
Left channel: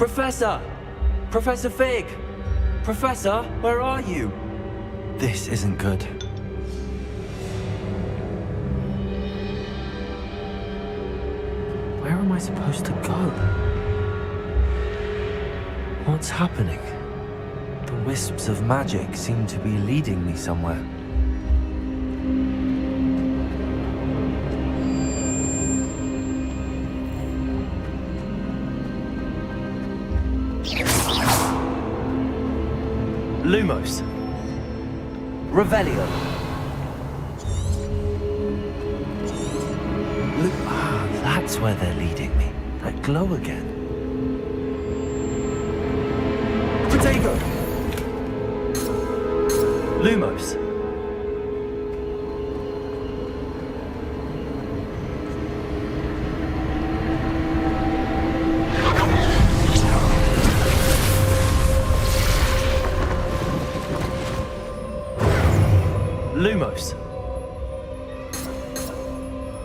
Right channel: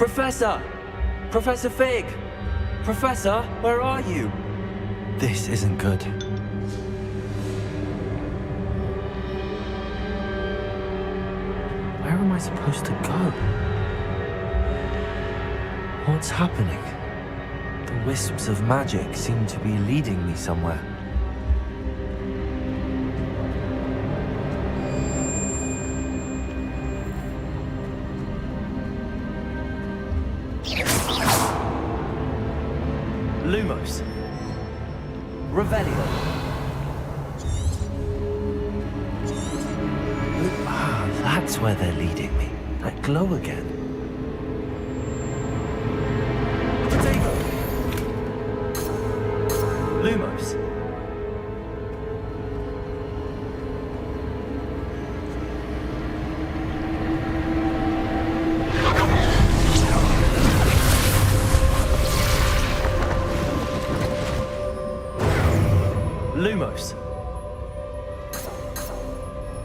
Professor! Professor Fig! Professor, where are you? This isn't good. Where am I supposed to go? What's happening? The wisps of magic seem to be leading me somewhere. Lumos. Revelio. That's where they're leading me. That glow again. Protego. Lumos. Lumos.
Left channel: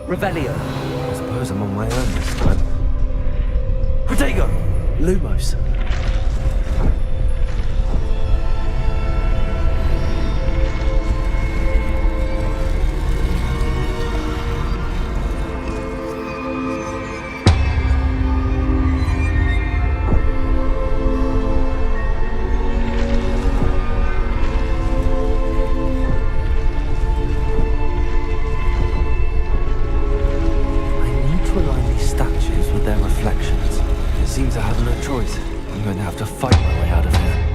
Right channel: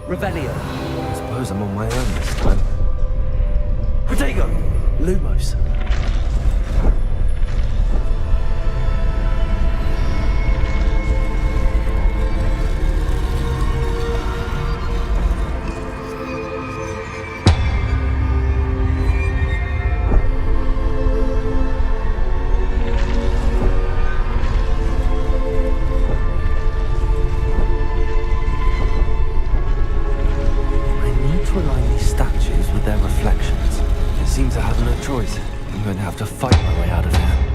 Revelio. I suppose I'm on my own this time. Protego! Lumos. Seems I have no choice. I'm going to have to fight my way out of here.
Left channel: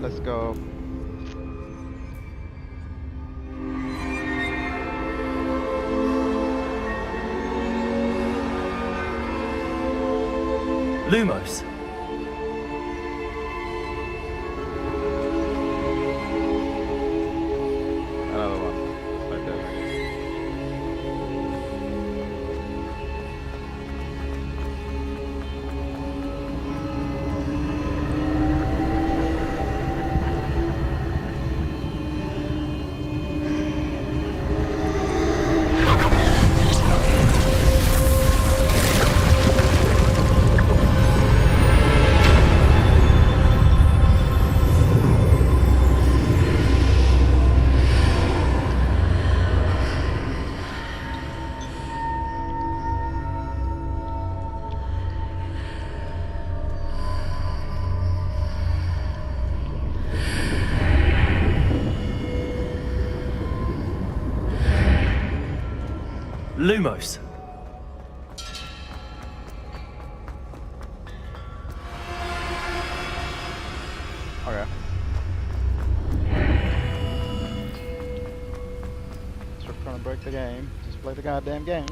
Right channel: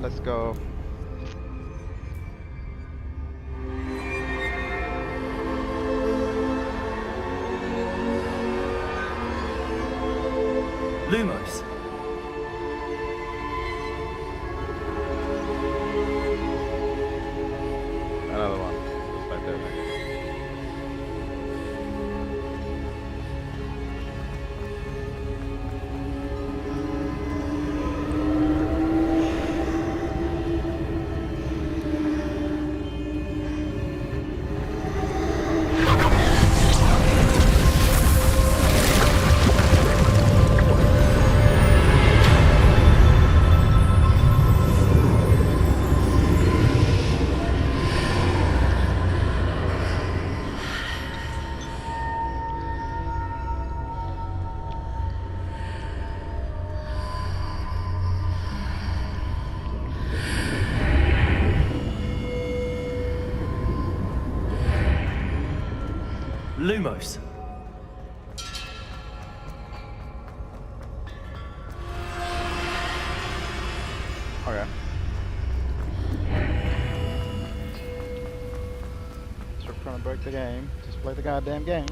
let's go. Lumos. Another one. Just like that, I guess. Lumos. Okay. Stop trying to break the game. Just play the goddamn game.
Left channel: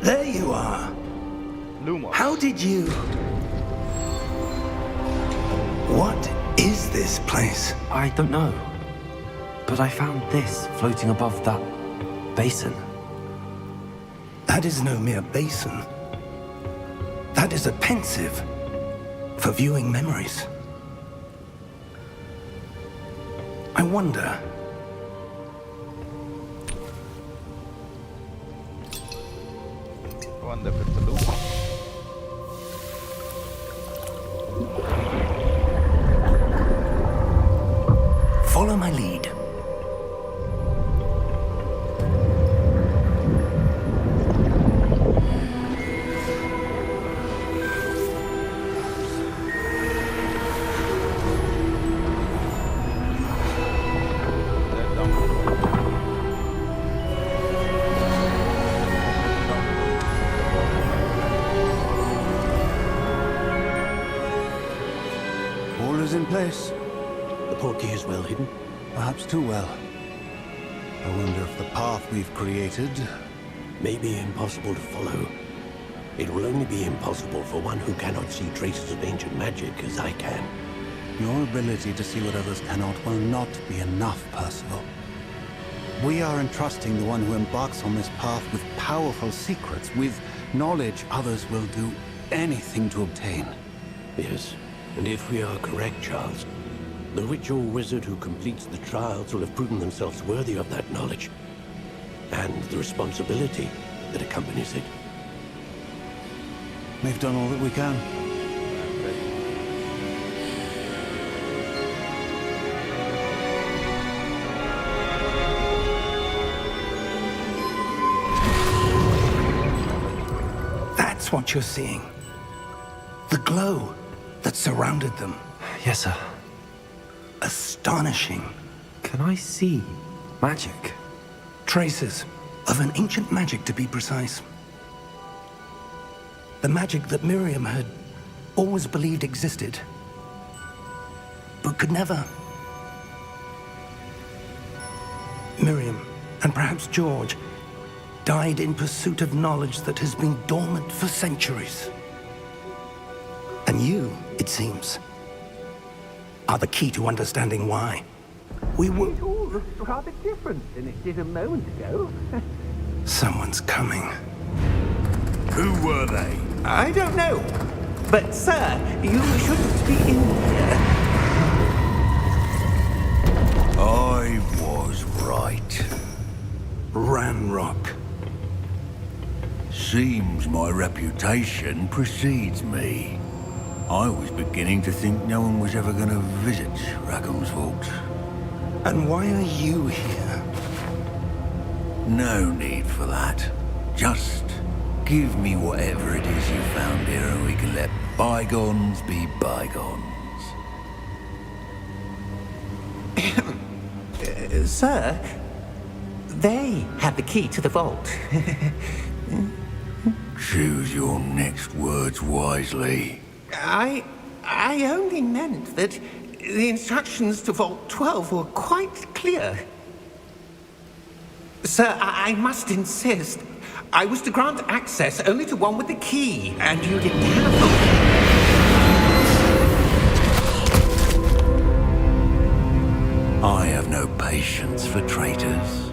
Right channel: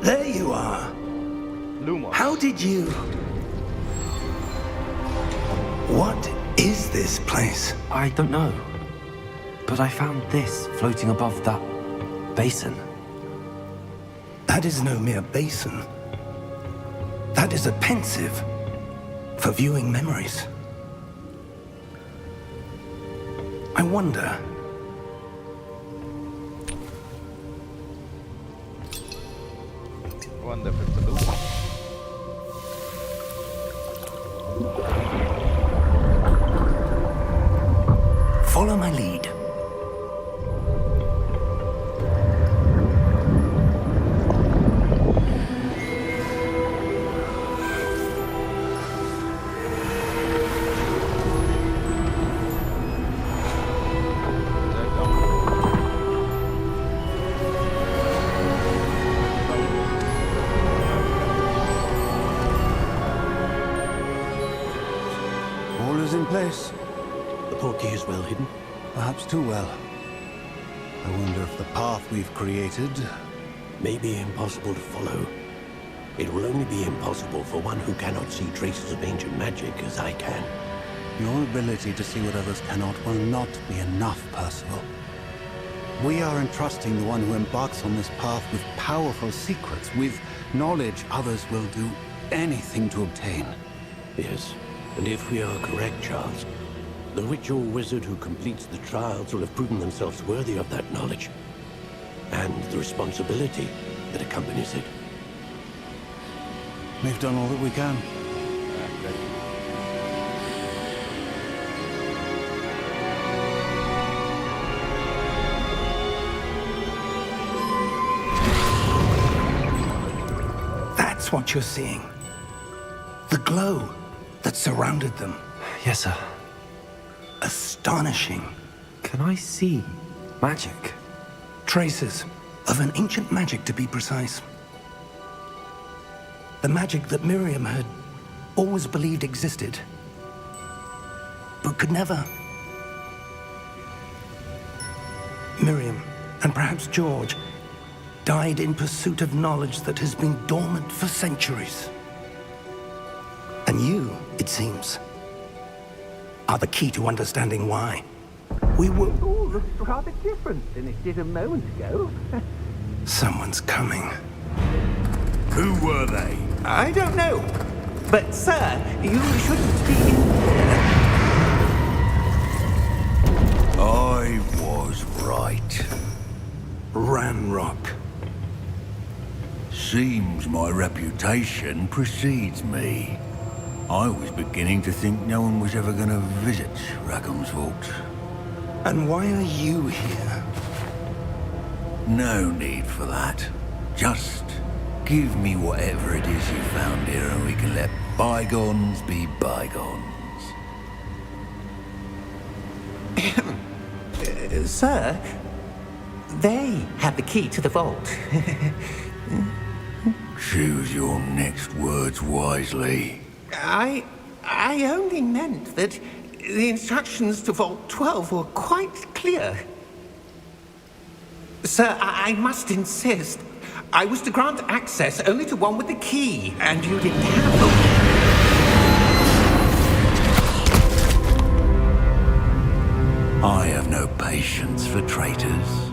There you are. Lumos. How did you... What is this place? I don't know. But I found this floating above that basin. That is no mere basin. That is a pensive for viewing memories. I wonder... I wonder if it's a Lumos. Follow my lead. All is in place. The portkey is well hidden. Perhaps too well. I wonder if the path we've created... May be impossible to follow. It will only be impossible for one who cannot see traces of ancient magic as I can. Your ability to see what others cannot will not be enough, Percival. We are entrusting the one who embarks on this path with powerful secrets, with knowledge others will do anything to obtain. Yes, and if we are correct, Charles, the witch or wizard who completes the trials will have proven themselves worthy of that knowledge, and the responsibility that accompanies it. We've done all that we can. That's what you're seeing. The glow that surrounded them. Yes, sir. Astonishing. Can I see magic? Traces of an ancient magic, to be precise. The magic that Miriam had always believed existed, but could never. Miriam, and perhaps George, died in pursuit of knowledge that has been dormant for centuries. And you, it seems, are the key to understanding why. We were... It all looks rather different than it did a moment ago. Someone's coming. Who were they? I don't know. But, sir, you shouldn't be in here. I was right. Ranrock. Seems my reputation precedes me. I was beginning to think no one was ever going to visit Rackham's Vault. And why are you here? No need for that. Just give me whatever it is you found here and we can let bygones be bygones. Sir, they had the key to the vault. Choose your next words wisely. I only meant that the instructions to Vault 12 were quite clear. Sir, I must insist. I was to grant access only to one with the key, and you didn't have them. I have no patience for traitors.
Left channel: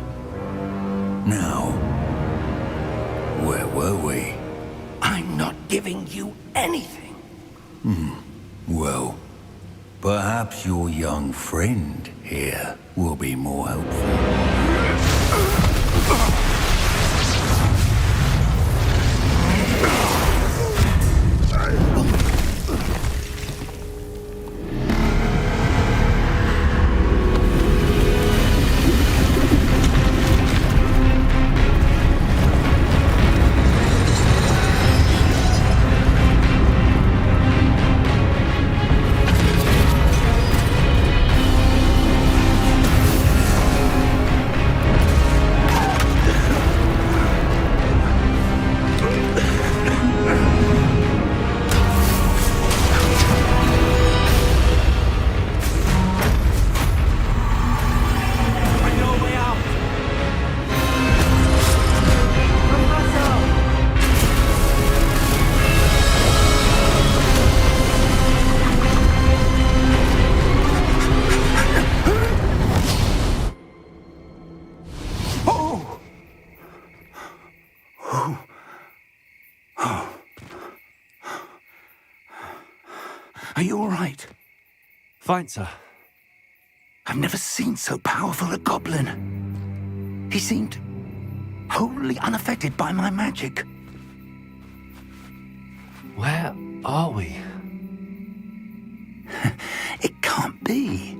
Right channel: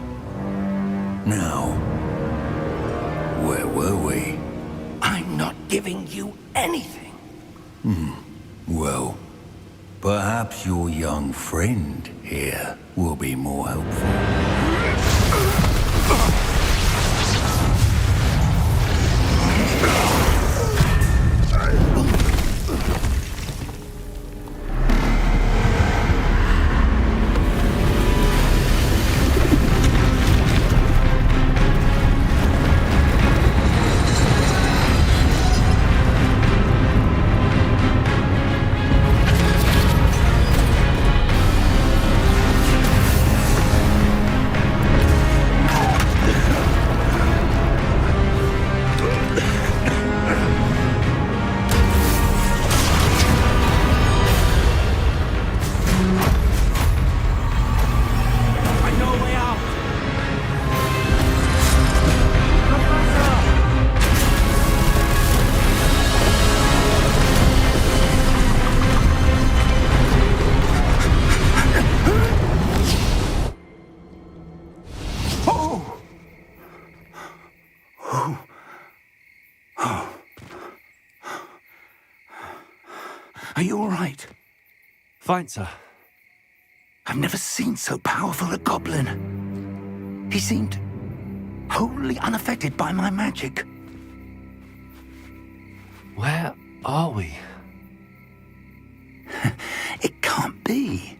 Now, where were we? I'm not giving you anything. Well, perhaps your young friend here will be more helpful. Are you all right? Fine, sir. I've never seen so powerful a goblin. He seemed wholly unaffected by my magic. Where are we? It can't be.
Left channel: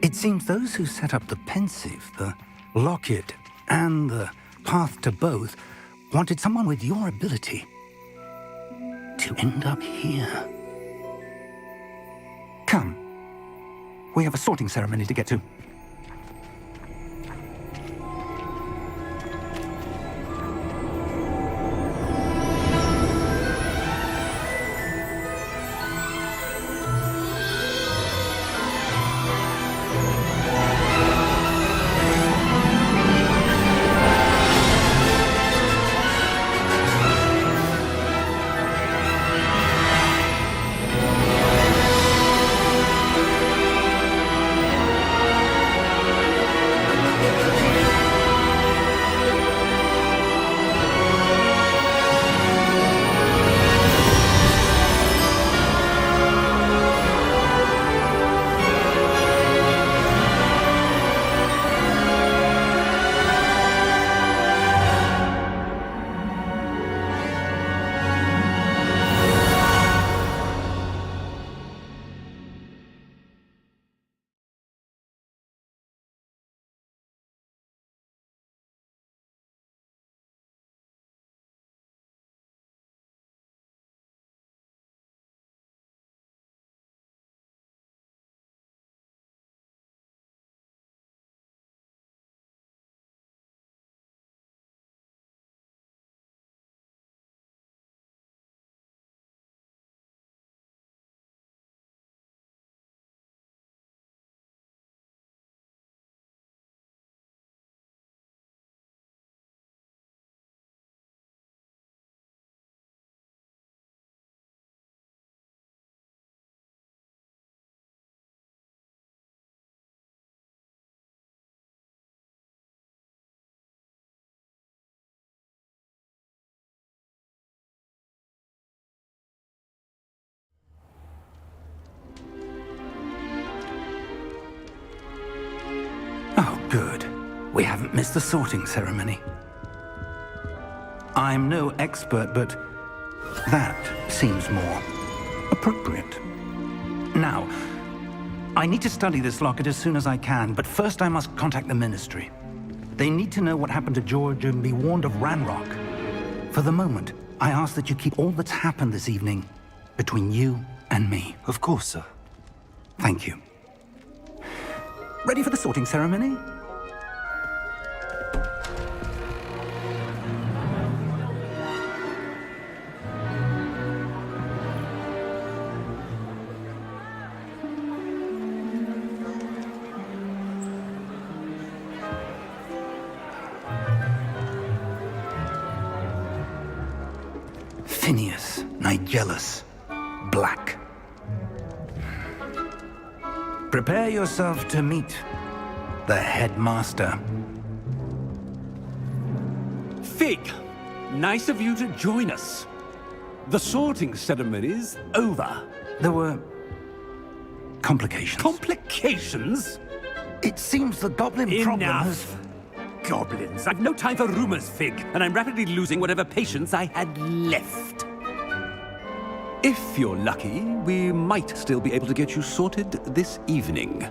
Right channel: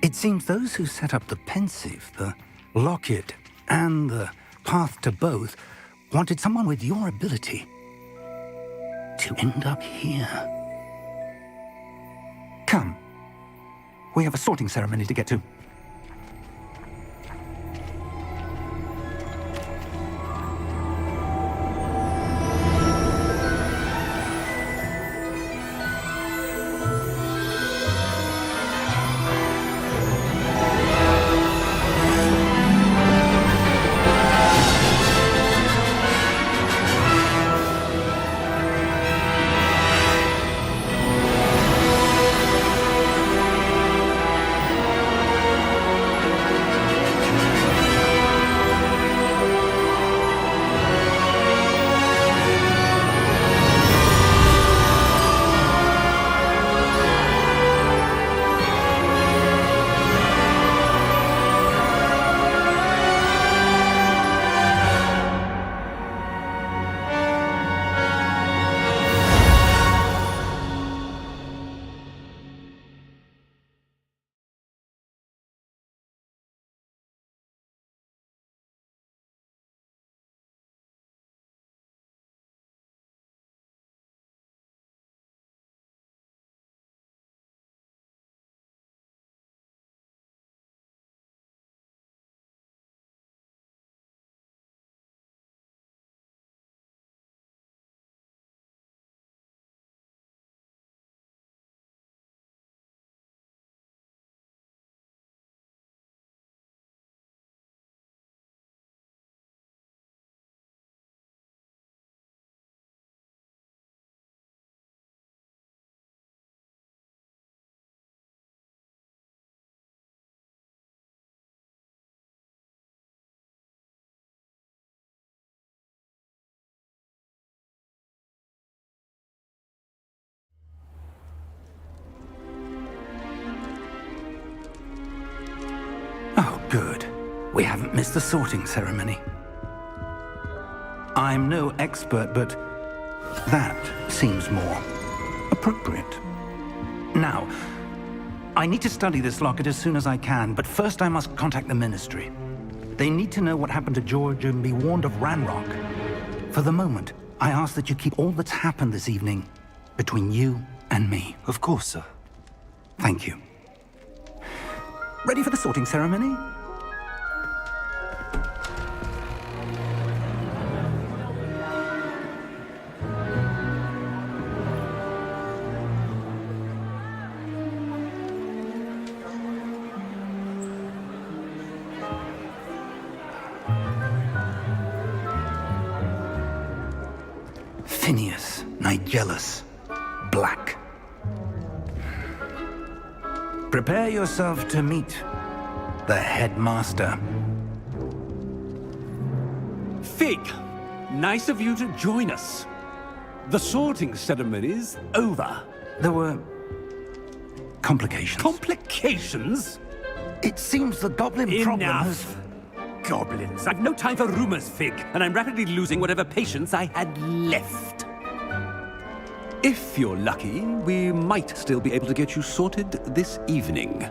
It seems those who set up the pensive, the locket, and the path to both wanted someone with your ability to end up here. Come. We have a sorting ceremony to get to. Oh, good. We haven't missed the sorting ceremony. I'm no expert, but that seems more appropriate. Now, I need to study this locket as soon as I can, but first I must contact the Ministry. They need to know what happened to George and be warned of Ranrock. For the moment, I ask that you keep all that's happened this evening between you and me. Of course, sir. Thank you. Ready for the sorting ceremony? Phineas, Nigellus, Black. Prepare yourself to meet the headmaster. Fig, nice of you to join us. The sorting ceremony's over. There were complications. Complications? It seems the goblin problem has... Enough! Goblins. I've no time for rumors, Fig, and I'm rapidly losing whatever patience I had left. If you're lucky, we might still be able to get you sorted this evening.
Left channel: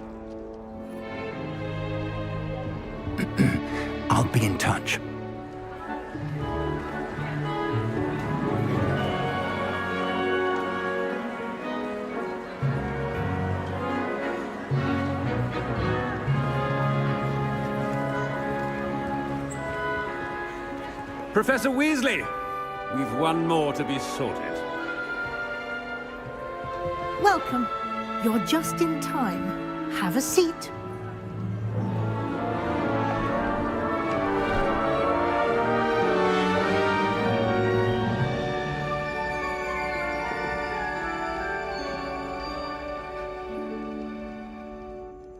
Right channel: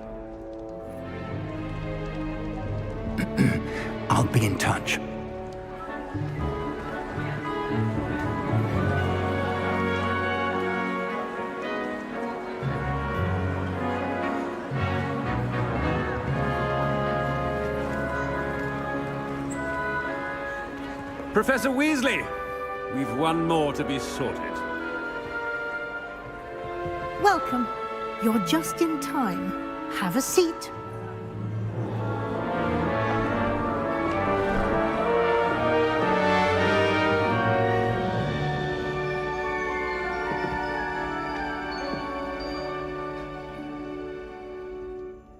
I'll be in touch. Professor Weasley, we've one more to be sorted. Welcome. You're just in time. Have a seat.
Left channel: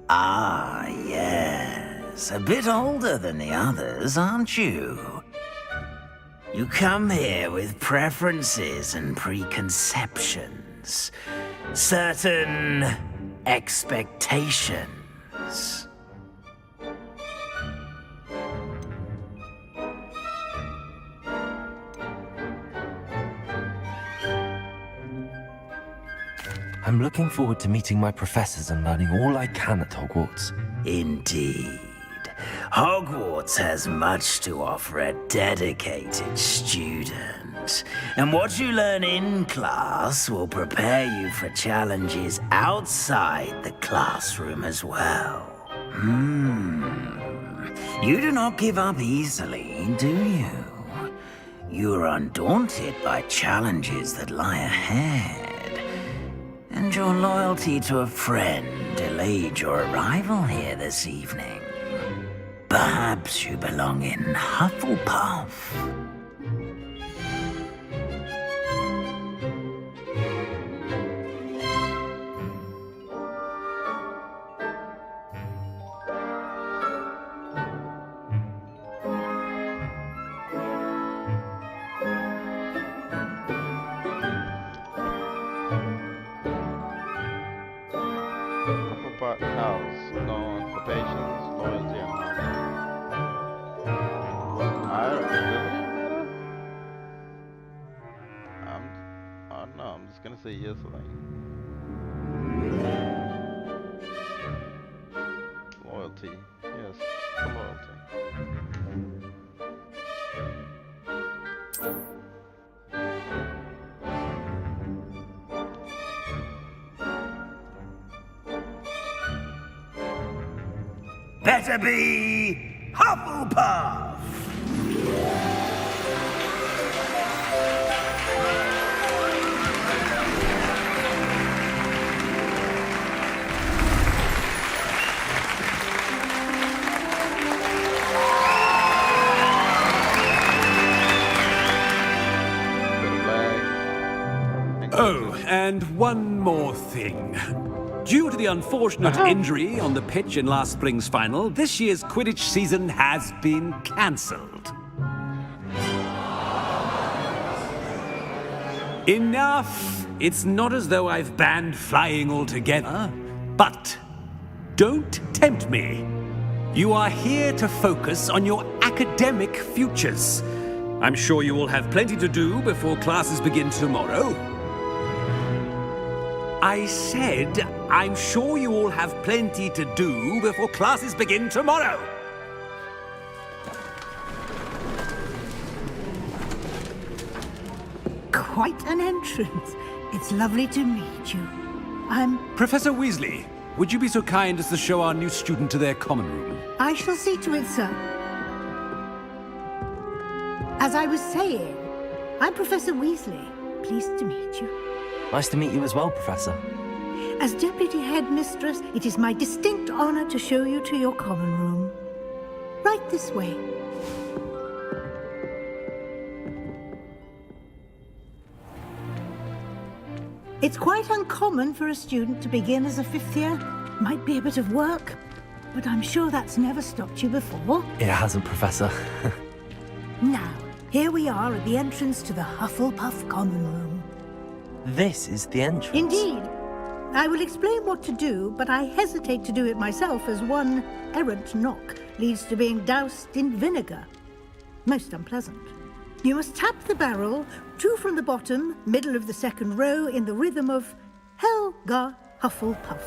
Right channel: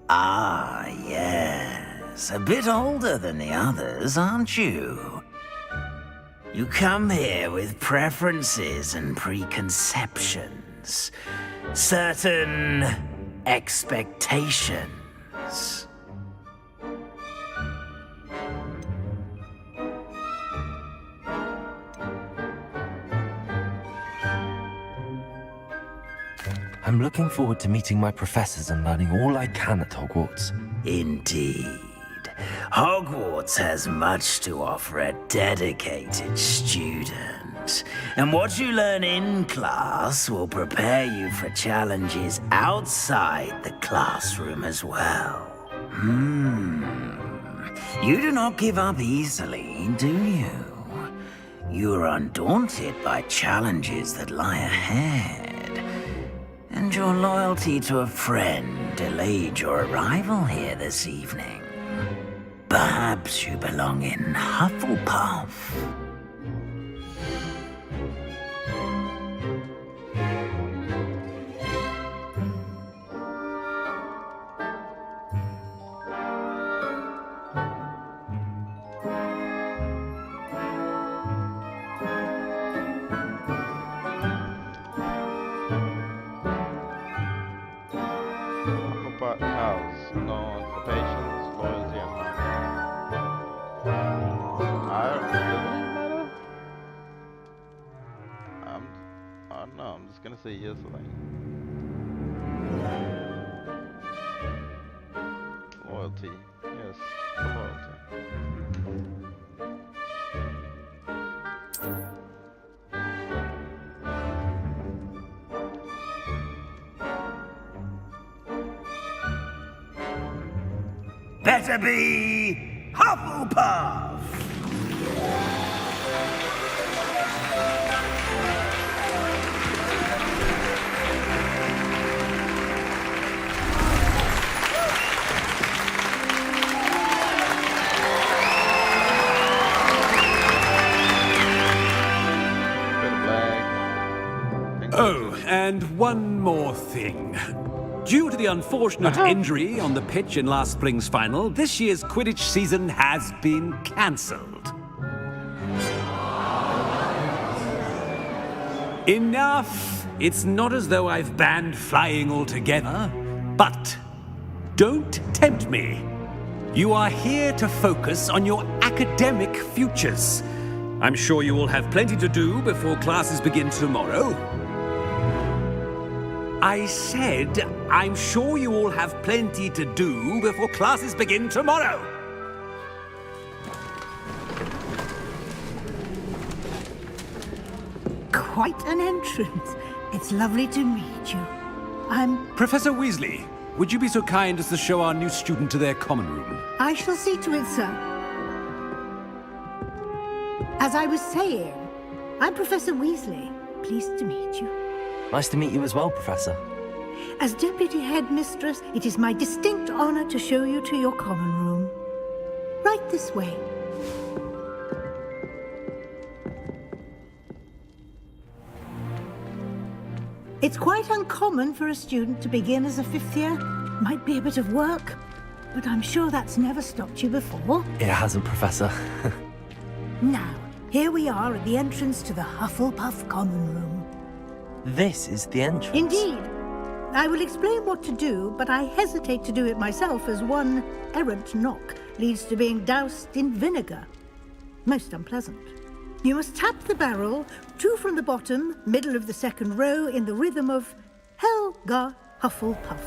Ah, yes. A bit older than the others, aren't you? You come here with preferences and preconceptions. Certain expectations. I'm looking forward to meeting my professors and learning all I can at Hogwarts. Indeed. Hogwarts has much to offer a dedicated student. And what you learn in class will prepare you for challenges outside the classroom as well. You do not give up easily, do you? You are undaunted by challenges that lie ahead. And your loyalty to a friend delayed your arrival here this evening. Perhaps you belong in Hufflepuff. Hufflepuff House, known for patience, loyalty, and honor. Does it even matter? I don't know, I'm just gonna say yes, I think. Loyalty, yes, for loyalty. Better be Hufflepuff! Oh, and one more thing. Due to the unfortunate injury on the pitch in last spring's final, this year's Quidditch season has been cancelled. Enough! It's not as though I've banned flying altogether, but don't tempt me. You are here to focus on your academic futures. I'm sure you will have plenty to do before classes begin tomorrow. I said, I'm sure you all have plenty to do before classes begin tomorrow. Quite an entrance. It's lovely to meet you. I'm... Professor Weasley, would you be so kind as to show our new student to their common room? I shall see to it, sir. As I was saying, I'm Professor Weasley. Pleased to meet you. Nice to meet you as well, Professor. As Deputy Headmistress, it is my distinct honor to show you to your common room. Right this way. It's quite uncommon for a student to begin as a 5th year. Might be a bit of work, but I'm sure that's never stopped you before. It hasn't, Professor. Now, here we are at the entrance to the Hufflepuff common room. This is the entrance. Indeed. I will explain what to do, but I hesitate to do it myself as one errant knock leads to being doused in vinegar. Most unpleasant. You must tap the barrel, 2 from the bottom, middle of the 2nd row, in the rhythm of Helga Hufflepuff.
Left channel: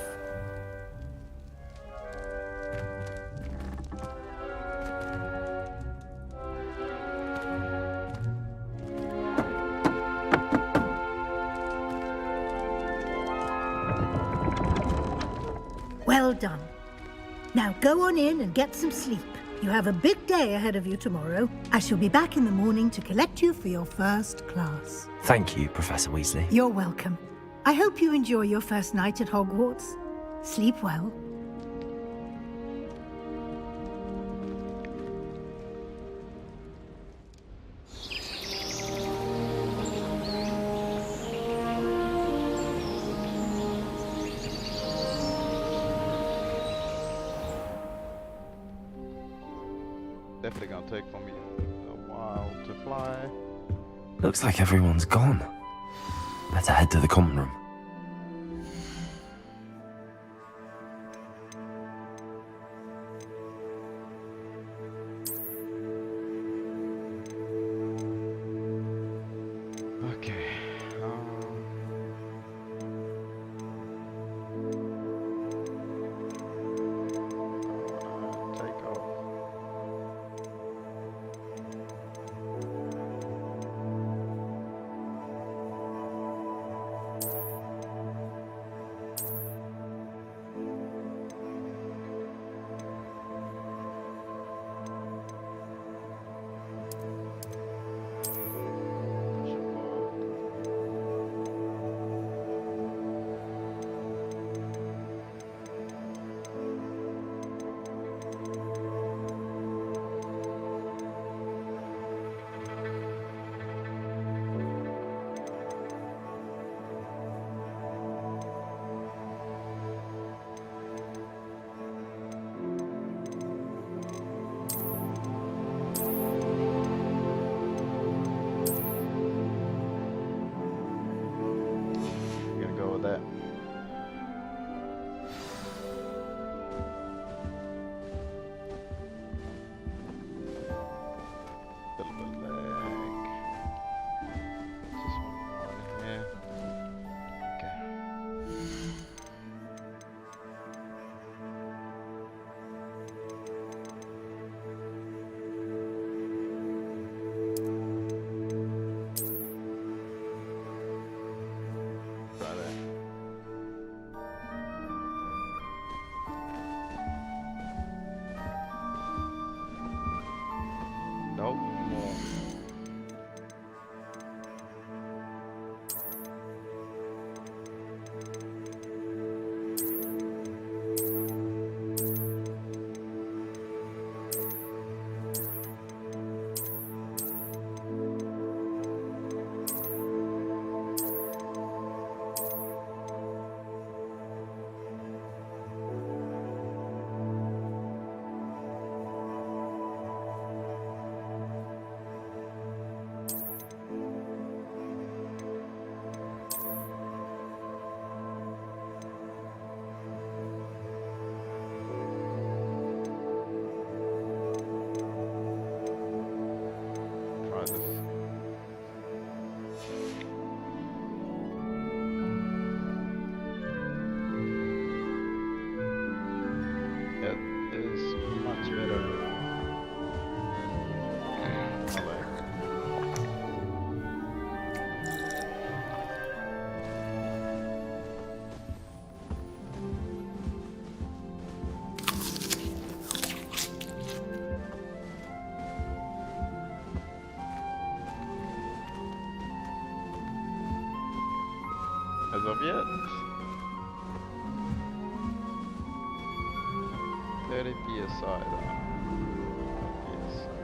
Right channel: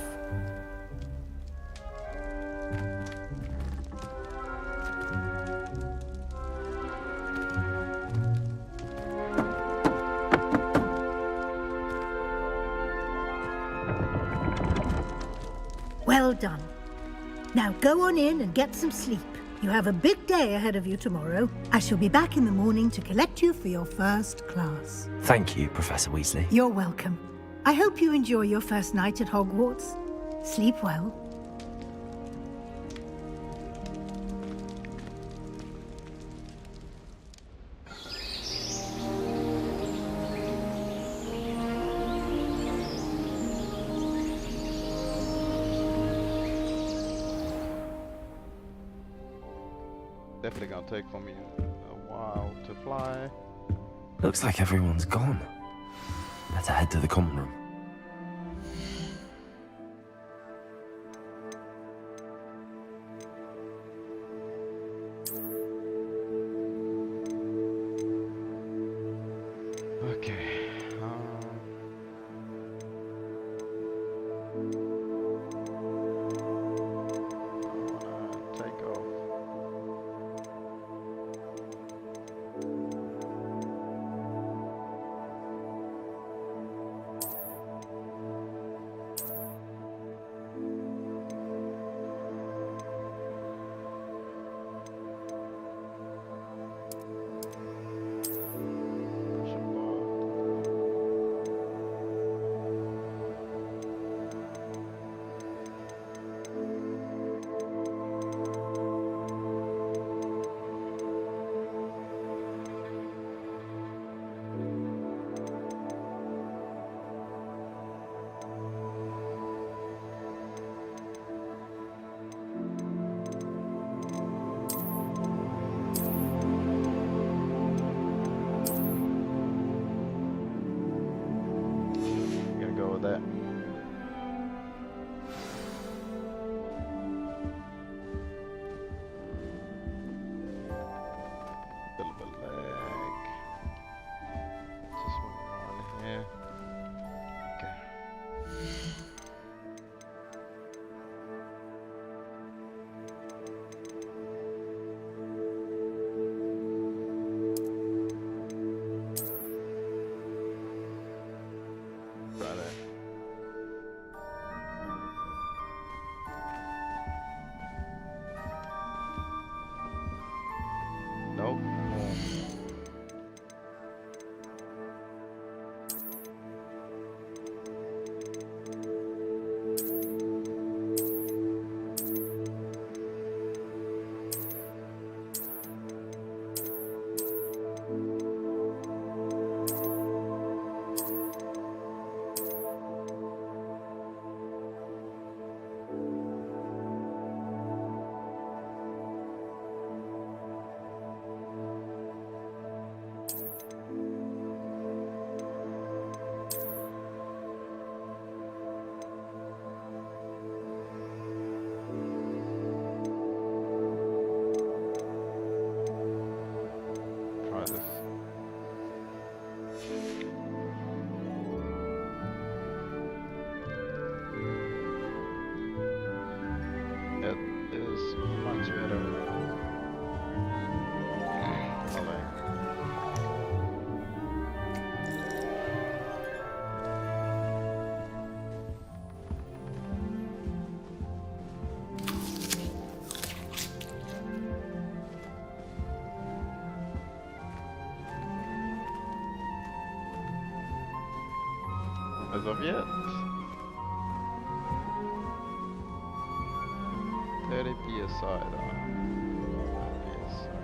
Well done. Now go on in and get some sleep. You have a big day ahead of you tomorrow. I shall be back in the morning to collect you for your first class. Thank you, Professor Weasley. You're welcome. I hope you enjoy your first night at Hogwarts. Sleep well. Definitely gonna take for me a while to fly. Looks like everyone's gone. Better head to the common room. Okay. I wanna take off. Go with that. Little bit lag. Just one more on here. Okay. Try that. Nope, more. Try this. It is much better. I like. of yet. 30 PSI. PSI.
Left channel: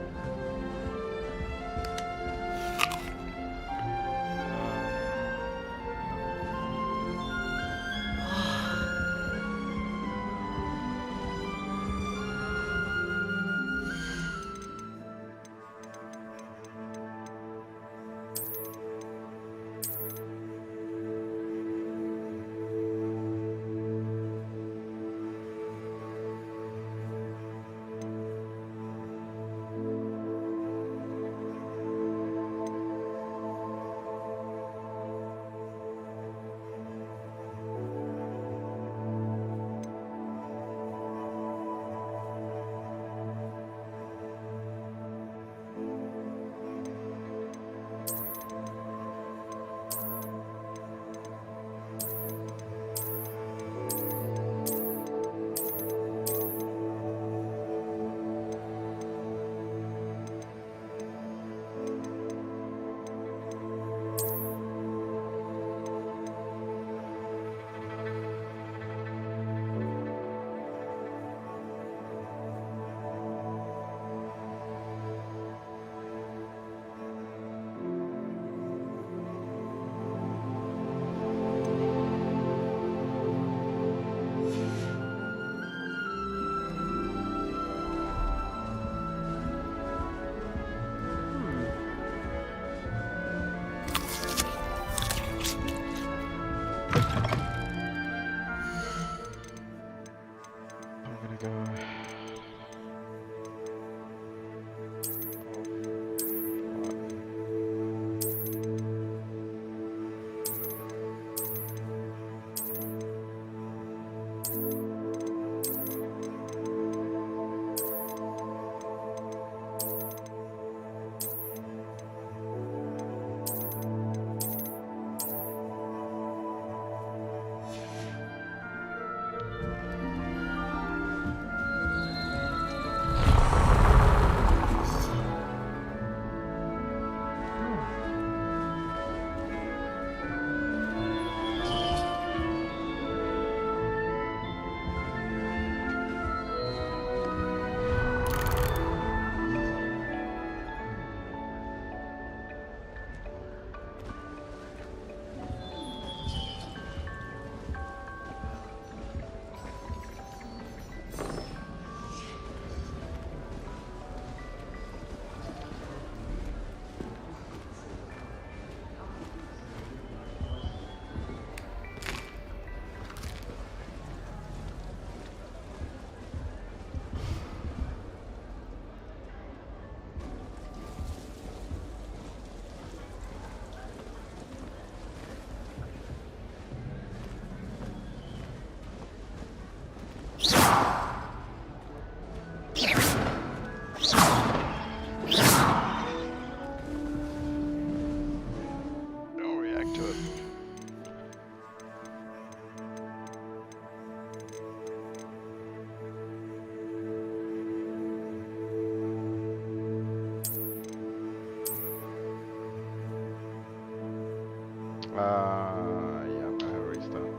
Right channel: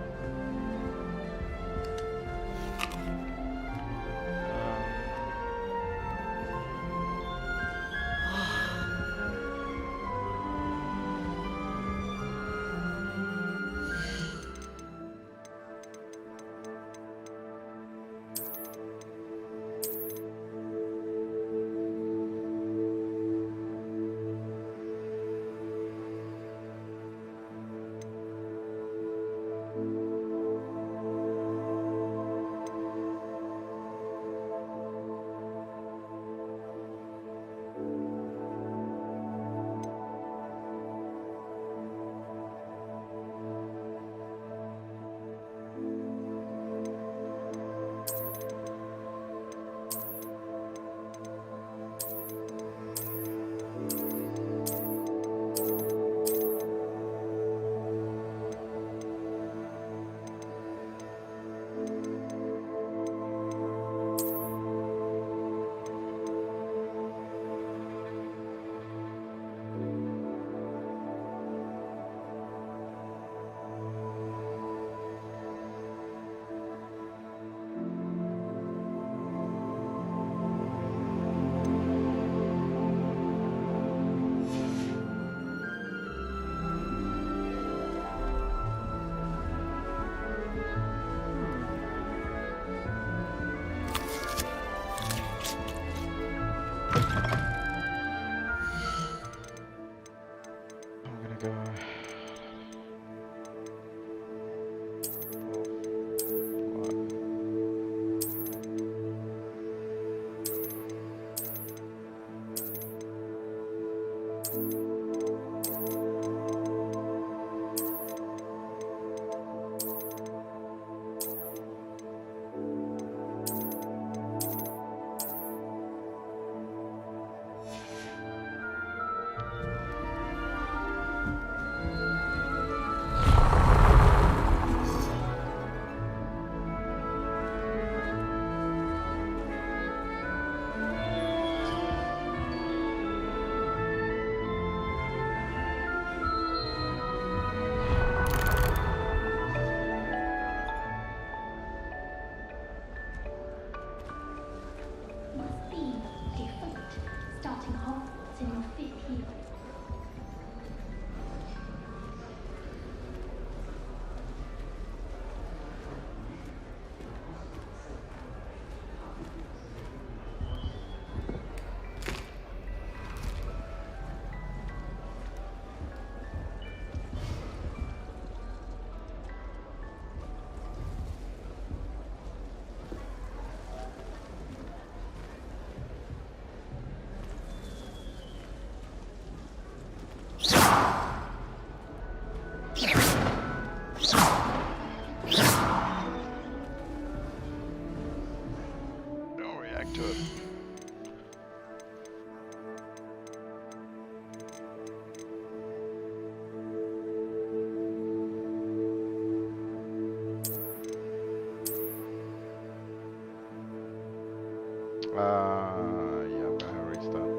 Yeah, I'm gonna restart.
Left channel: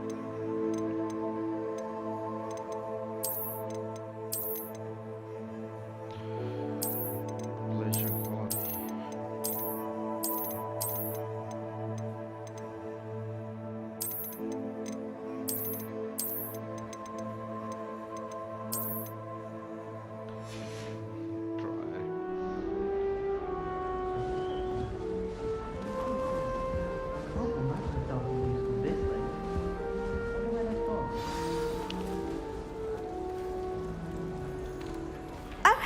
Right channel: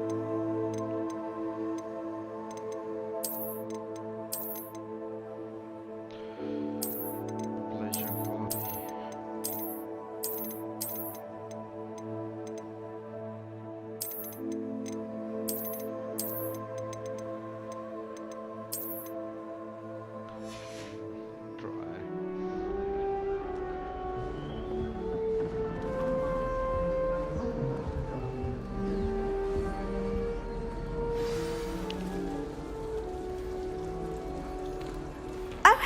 Population quality.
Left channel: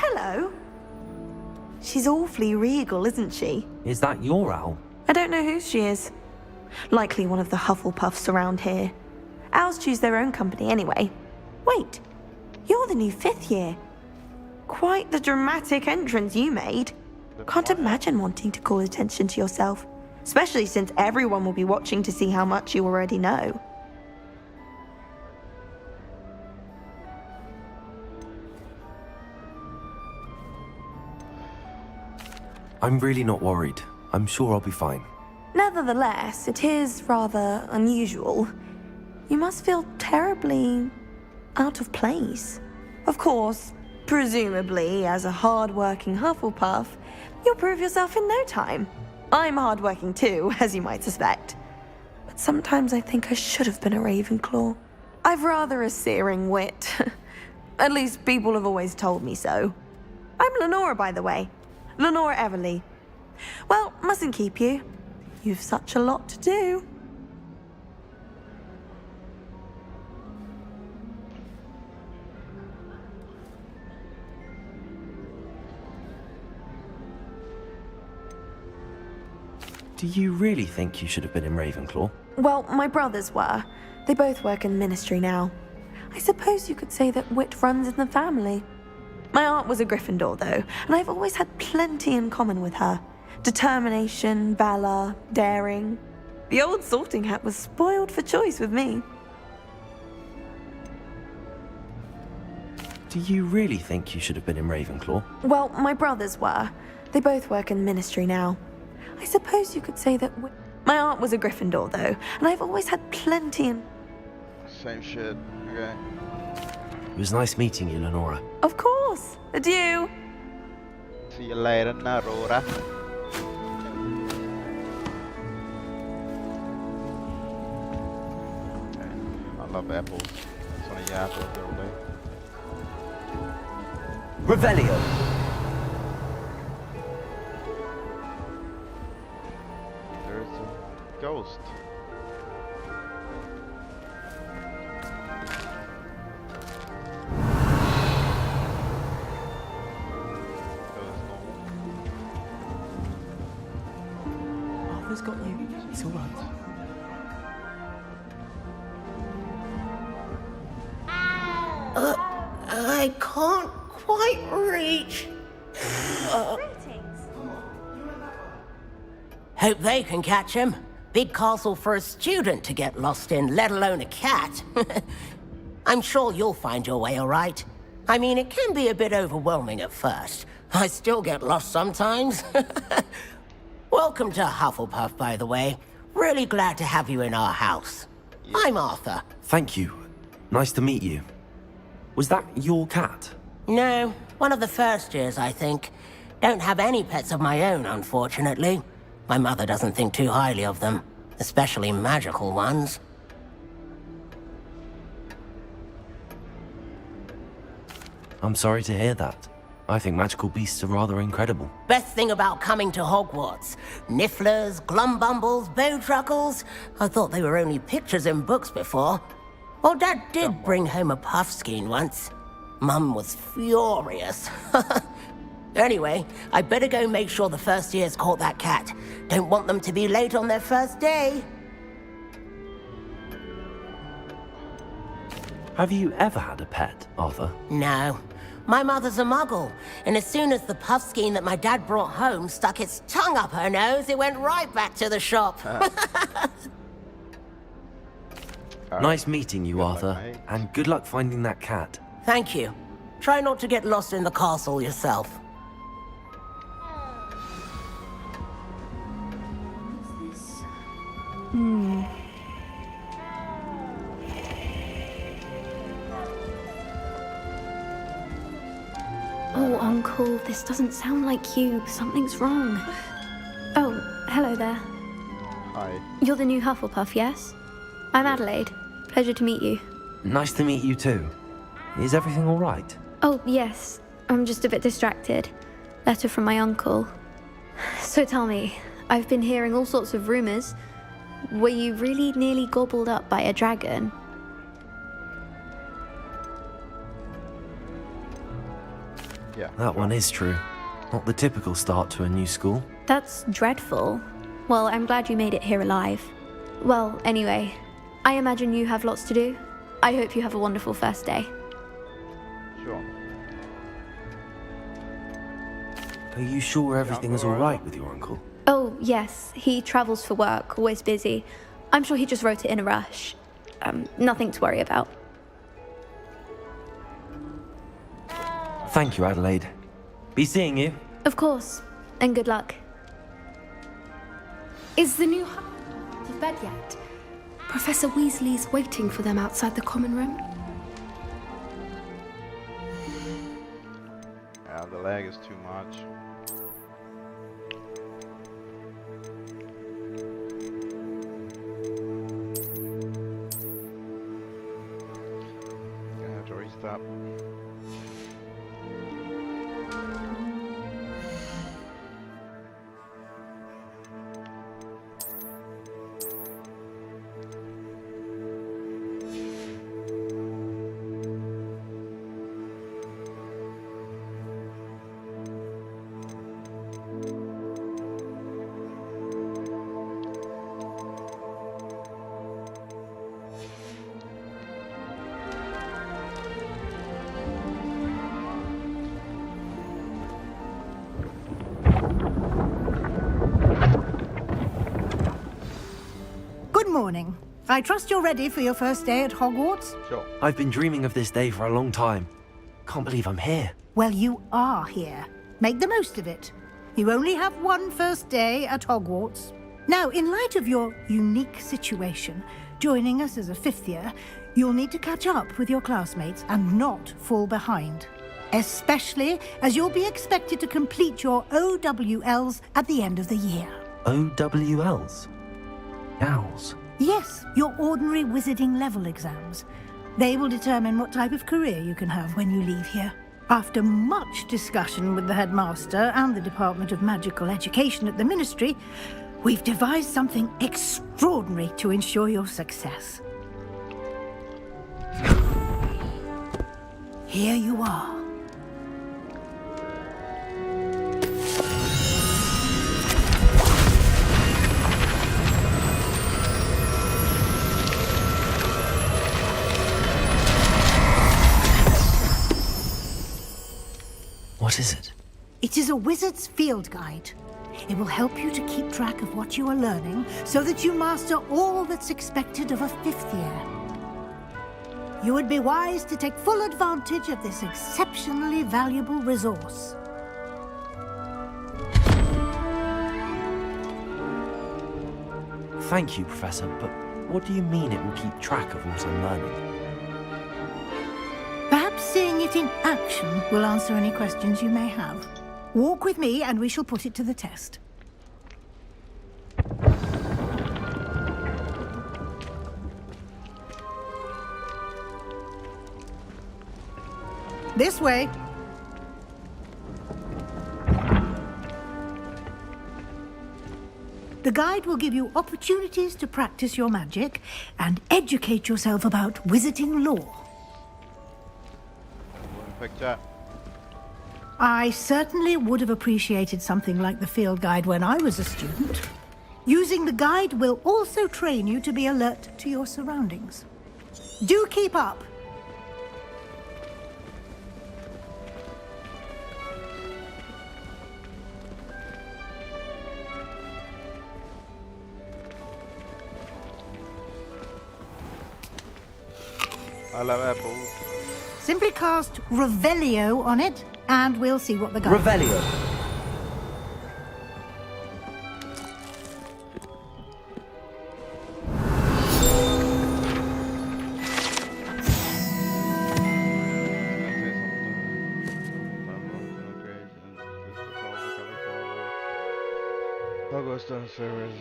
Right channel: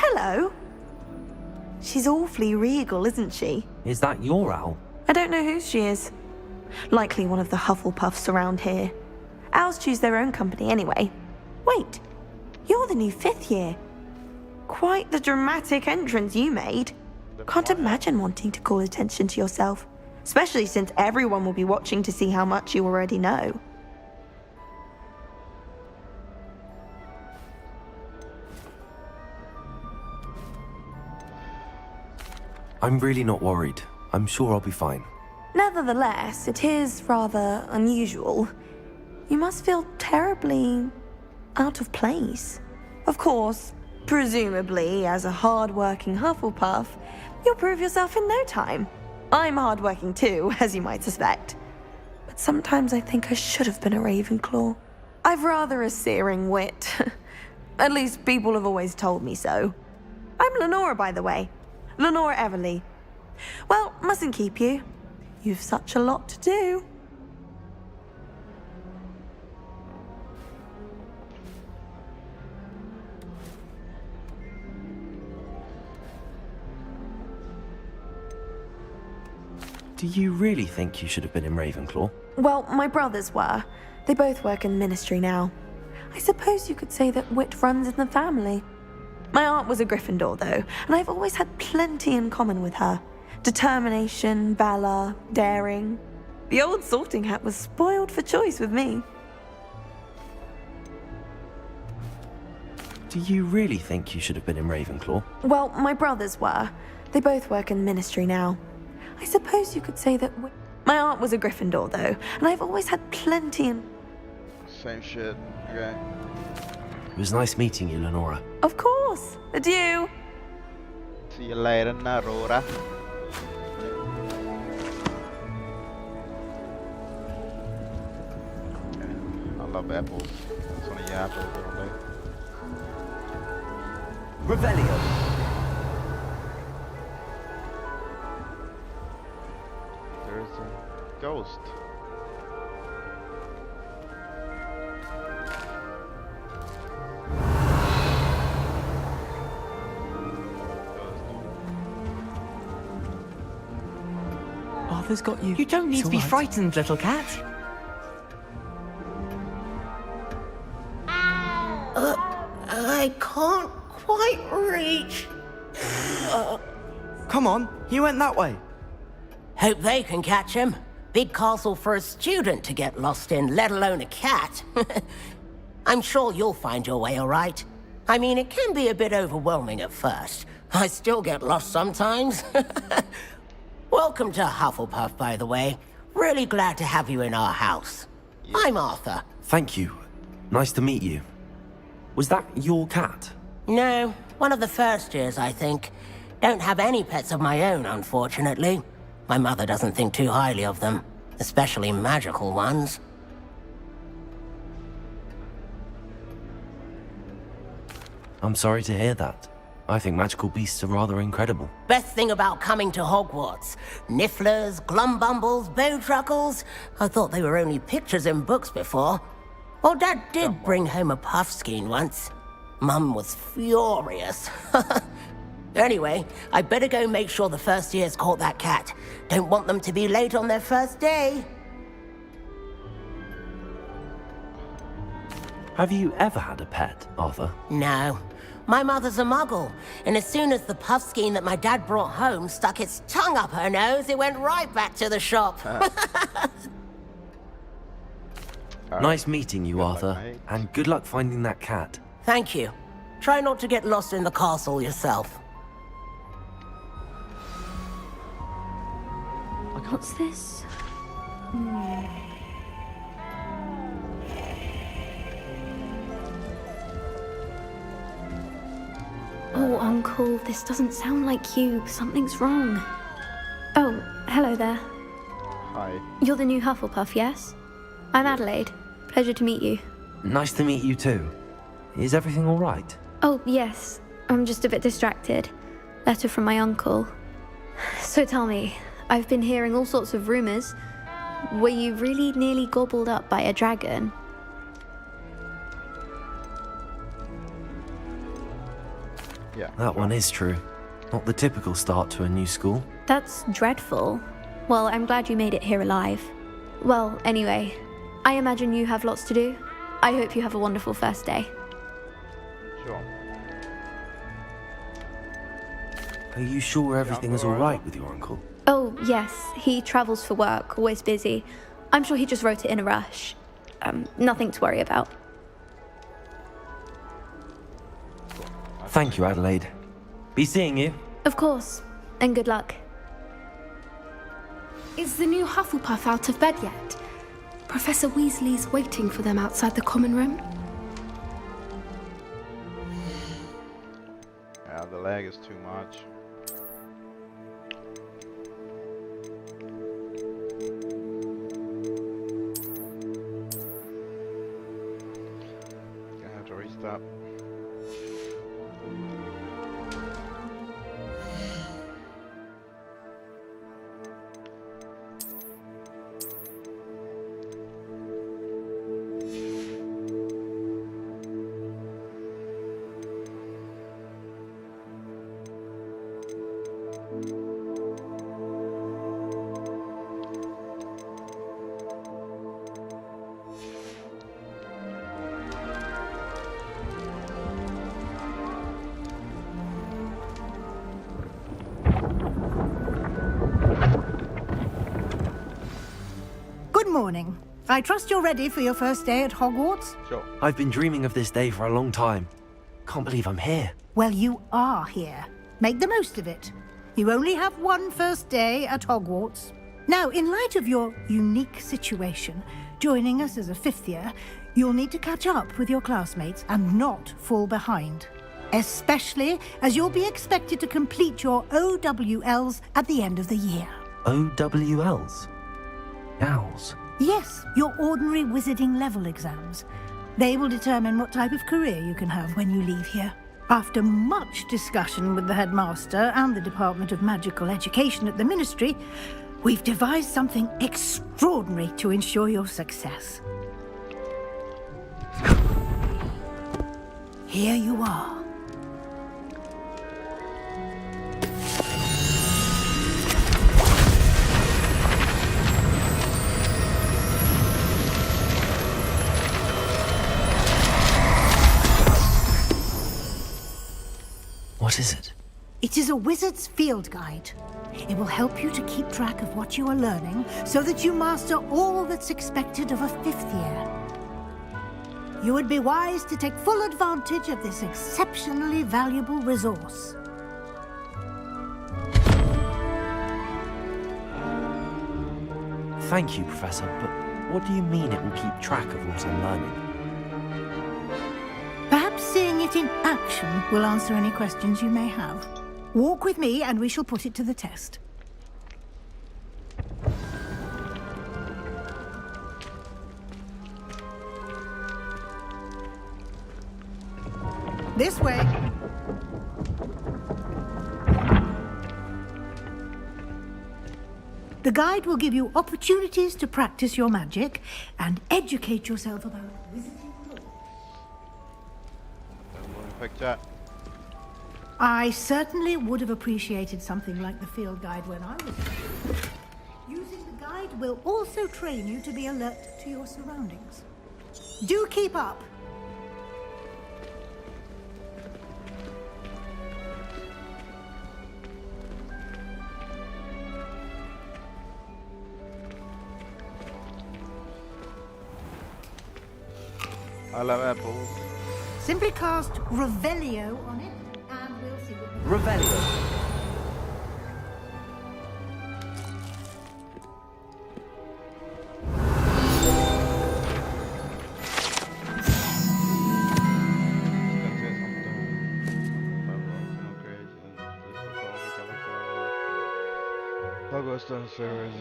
Hello. She's awfully regal, isn't she? Is that your owl? I don't know who she is. Likely one of the Hufflepuffs around here. Owls choose their own company anyway. Wait, you're the new 5th year. Quite the dramatic entrance you made. Can't imagine wanting to call attention to yourself, especially since everyone will be watching to see how much you already know. I'm really not worried. I'm sure I'll be fine. No, Nevertheless, it is rather unusual. You must feel terribly out of place. Of course, presumably, as a hard-working Hufflepuff, you'll prove yourself in no time. I'm hard-working too, as you might suspect. But sometimes I think I should have been a Ravenclaw. I've rather a searing wit. At least people have always told me so. I'm Lenora, by the way. Lenora Everly. Well, mustn't keep you. You've such a lot to do. Do you really think you should have been in Ravenclaw? Well, my brothers were. They both work in the Ministry now. I suppose you could say that wit runs in the family. My aunt was a Gryffindor, though, and I've always had plenty in common with her. Determination, valor, daring. The old sorting hat was spoiled for choice with me. Do you really think you should have been in Ravenclaw? Well, my brothers were. They both work in the Ministry now. I suppose you could say that my aunt was a Gryffindor, though, and I've always had plenty in... Same shit. Okay. It was nice meeting you, Lenora. Of course. Adieu. See you later, Narora. I love apples. That's one of your apples all day. Revelio. There's a ghost. Arthur's got you. You don't need to be frightened, little cat. I can't quite reach. Come on, you went that way. Hope they can catch him. Big castle for a student to get lost in, let alone a cat. I'm sure you'll find your way all right. I mean, it can be a bit overwhelming at first. I still get lost sometimes. Welcome to Hufflepuff, by the way. Really glad to have you in our house. I'm Arthur. Thank you. Nice to meet you. Was that your cat? No, one of the first years, I think. Don't have any pets of my own, unfortunately. My mother doesn't think too highly of them, especially magical ones. I'm sorry to hear that. I think magical beasts are rather incredible. Best thing about coming to Hogwarts. Nifflers, Glumbumbles, Bowtruckles. I thought they were only pictures in books before. Well, Dad did bring home a Puffskein once. Mum was furious. Anyway, I better go make sure the first years caught that cat. Don't want them to be late on their first day. Have you ever had a pet, Arthur? No. My mother's a muggle, and as soon as the Puffskein that my dad brought home stuck its tongue up her nose, it went right back to the shop. Nice meeting you, Arthur, and good luck finding that cat. Thank you. Try not to get lost in the castle yourself. What's this? Oh, Uncle, this doesn't sound like you. Something's wrong. Oh, hello there. Hi. You're the new Hufflepuff, yes? I'm Adelaide. Pleasure to meet you. Nice to meet you too. Is everything all right? Oh, yes. I'm just a bit distracted. Letter from my uncle. So tell me, I've been hearing all sorts of rumors. Were you really nearly gobbled up by a dragon? Yeah. That one is true. Not the typical start to a new school. That's dreadful. Well, I'm glad you made it here alive. Well, anyway, I imagine you have lots to do. I hope you have a wonderful first day. Sure. Are you sure everything is all right with your uncle? Oh, yes. He travels for work, always busy. I'm sure he just wrote it in a rush. Nothing to worry about. Thank you, Adelaide. Be seeing you. Of course. And good luck. Is the new Hufflepuff out of bed yet? Professor Weasley's waiting for them outside the common room. Yeah, the lag is too much. Gonna have to restart. Good morning. I trust you're ready for your first day at Hogwarts? Sure. I've been dreaming of this day for a long time. Can't believe I'm here. Well, you are here. Make the most of it. You only have one first day at Hogwarts. Now, in light of your unique situation, joining us as a fifth year, you'll need to catch up with your classmates and not fall behind. Especially as you'll be expected to complete your OWLs at the end of the year. OWLs? Owls? Yes, your ordinary wizarding level exams. They will determine what type of career you can have when you leave here. After much discussion with the headmaster and the Department of Magical Education at the Ministry, we've devised something extraordinary to ensure your success. Here you are. What is it? It is a wizard's field guide. It will help you to keep track of what you are learning so that you master all that's expected of a fifth year. You would be wise to take full advantage of this exceptionally valuable resource. Thank you, Professor, but what do you mean it will keep track of what I'm learning? Perhaps seeing it in action will answer any questions you may have. Walk with me and we shall put it to the test. This way. The guide will give you opportunities to practice your magic and educate yourself about wizarding lore. Picture. I certainly would have appreciated something like the field guide when I was a student. Using the guide will also train you to be alert to your surroundings. Do keep up. I love apples. Simply cast Revelio on it, and we'll see what the guide... Revelio. Hogwarts downstairs.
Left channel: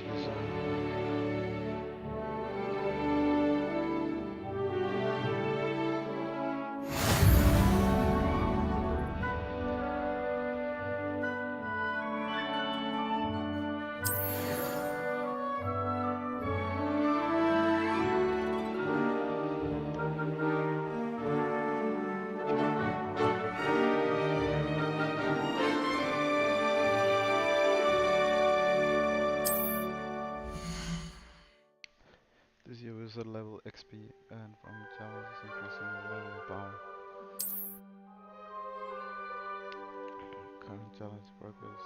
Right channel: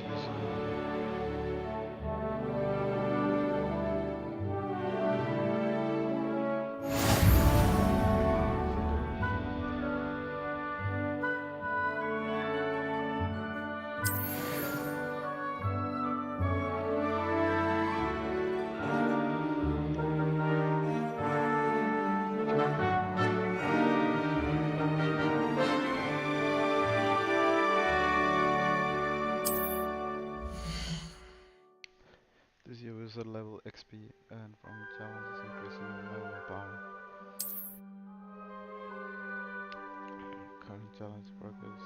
This year wizard level XP and from challenges increasing the level of power. Current challenge progress.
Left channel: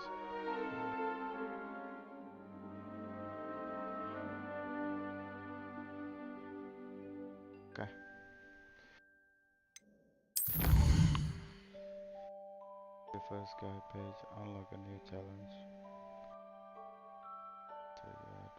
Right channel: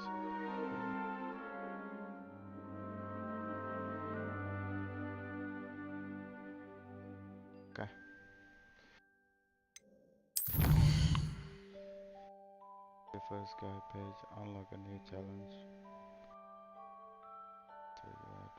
Okay. The first guide page, unlock a new challenge. So you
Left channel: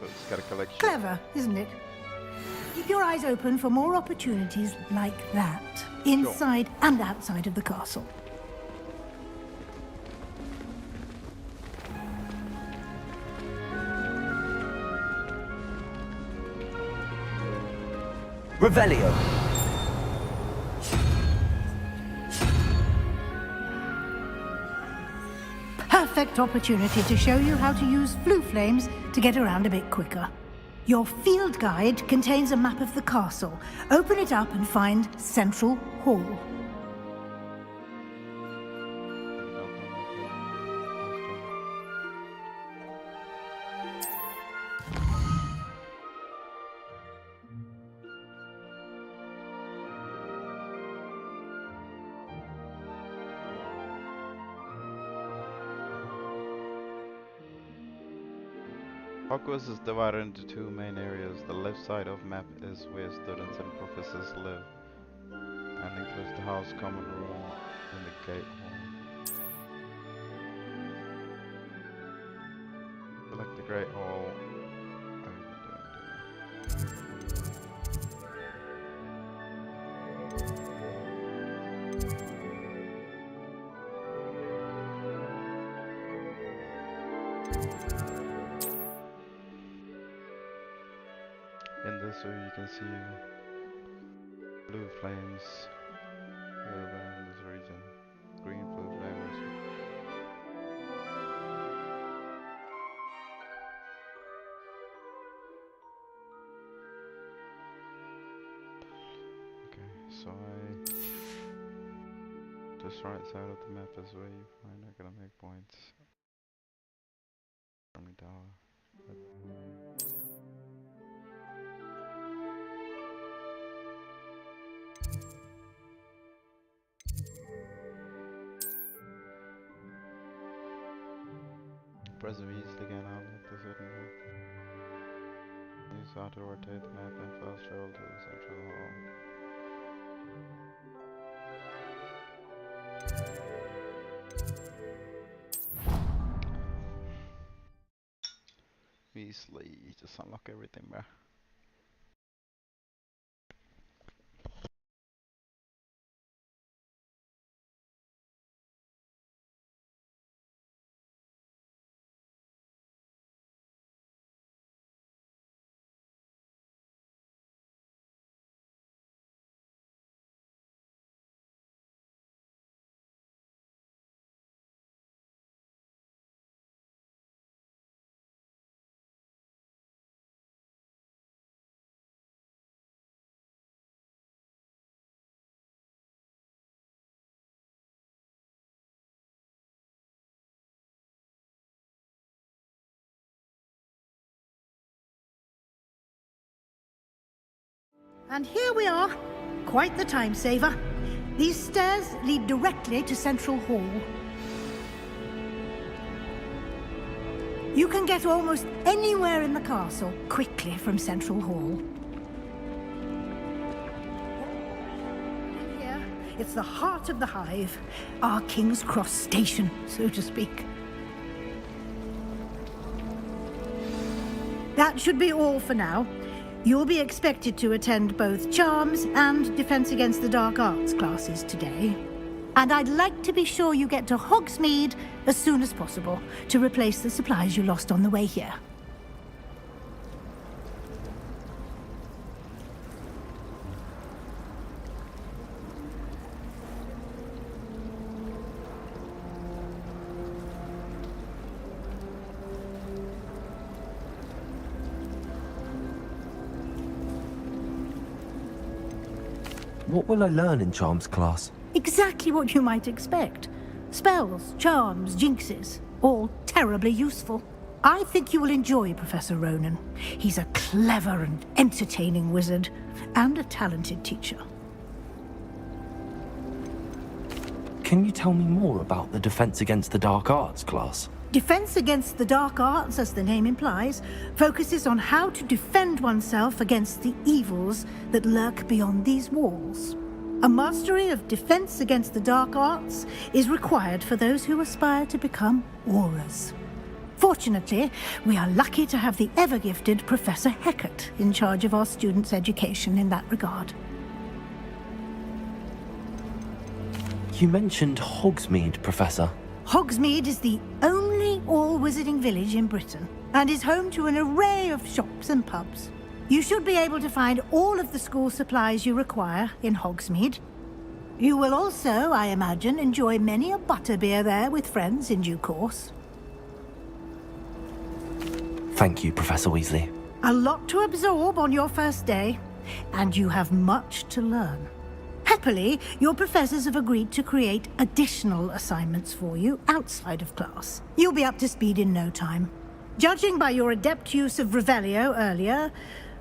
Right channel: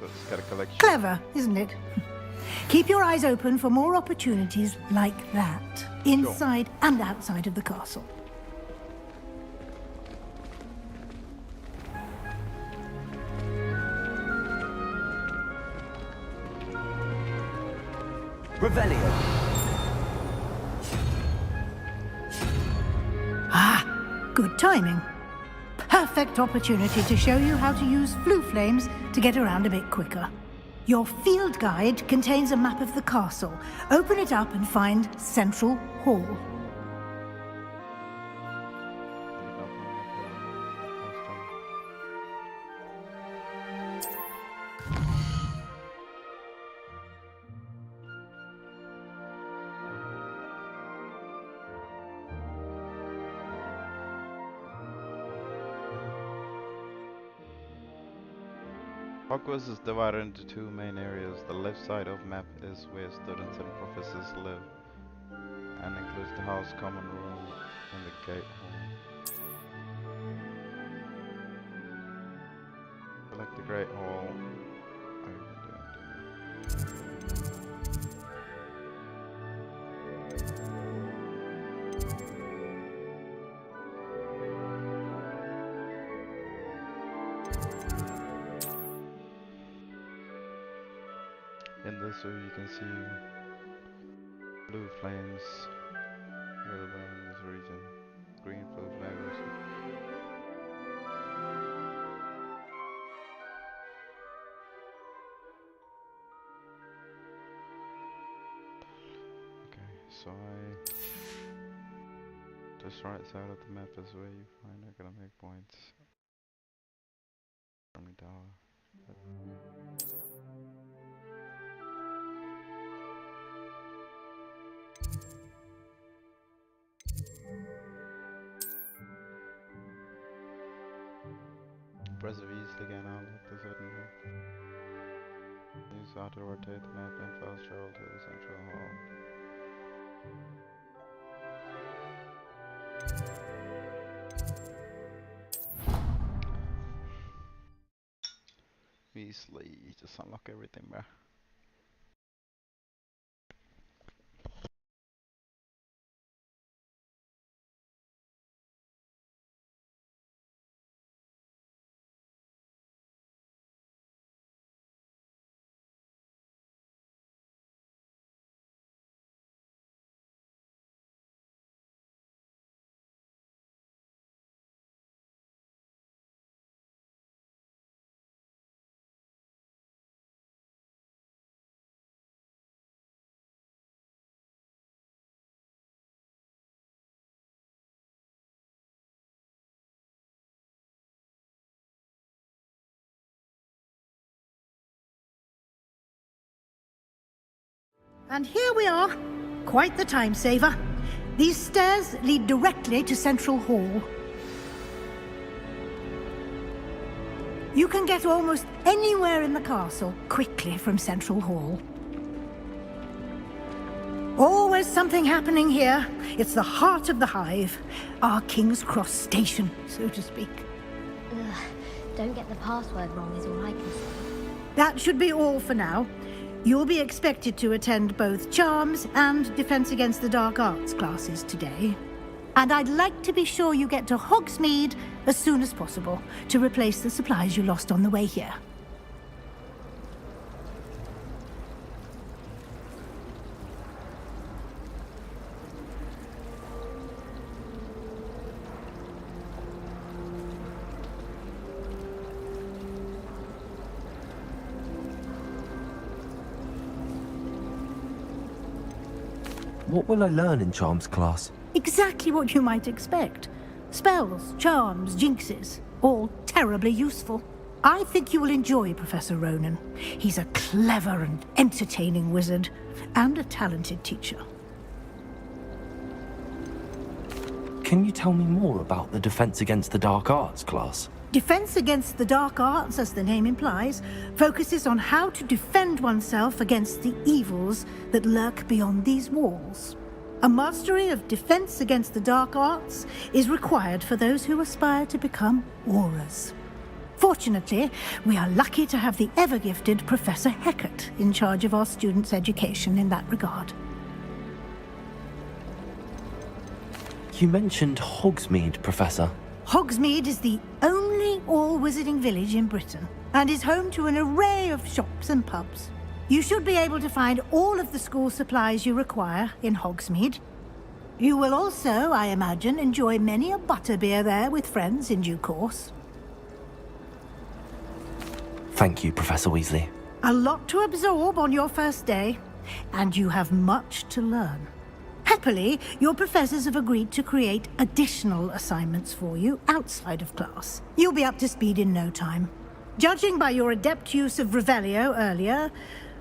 So it's got a collection. Clever, isn't it? Keep your eyes open for more opportunities like that, inside and outside of the castle. Revelio. Ah, good timing. Perfect opportunity to show you how to use flue flames to get around a bit quicker. Your field guide contains a map of the castle. Open it up and find Central Hall. Hogwarts is divided into two main areas. The left side of map is where students and professors live, and includes the house, common room, and the gate hall. Select the Great Hall. In this view you can see blue flames available in this region. Green blue flames. Okay, so this right side of the map is where you find academic points. Army Tower. Press V again, I'll look this certain map. Use how to rotate the map and fast travel to the central hall. Weasley, just unlock everything, bruh. And here we are. Quite the time saver. These stairs lead directly to Central Hall. You can get almost anywhere in the castle quickly from Central Hall. Always something happening here. It's the heart of the hive. Our King's Cross station, so to speak. Don't get the password wrong is all I can say. That should be all for now. You'll be expected to attend both Charms and Defense Against the Dark Arts classes today. And I'd like to be sure you get to Hogsmeade as soon as possible to replace the supplies you lost on the way here. What will I learn in Charms class? Exactly what you might expect. Spells, charms, jinxes, all terribly useful. I think you will enjoy Professor Ronan. He's a clever and entertaining wizard, and a talented teacher. Can you tell me more about the Defense Against the Dark Arts class? Defense Against the Dark Arts, as the name implies, focuses on how to defend oneself against the evils that lurk beyond these walls. A mastery of Defense Against the Dark Arts is required for those who aspire to become Aurors. Fortunately, we are lucky to have the ever-gifted Professor Heckert in charge of our students' education in that regard. You mentioned Hogsmeade, Professor. Hogsmeade is the only all-wizarding village in Britain, and is home to an array of shops and pubs. You should be able to find all of the school supplies you require in Hogsmeade. You will also, I imagine, enjoy many a butterbeer there with friends in due course. Thank you, Professor Weasley. A lot to absorb on your first day, and you have much to learn. Happily, your professors have agreed to create additional assignments for you outside of class. You'll be up to speed in no time. Judging by your adept use of Revelio earlier,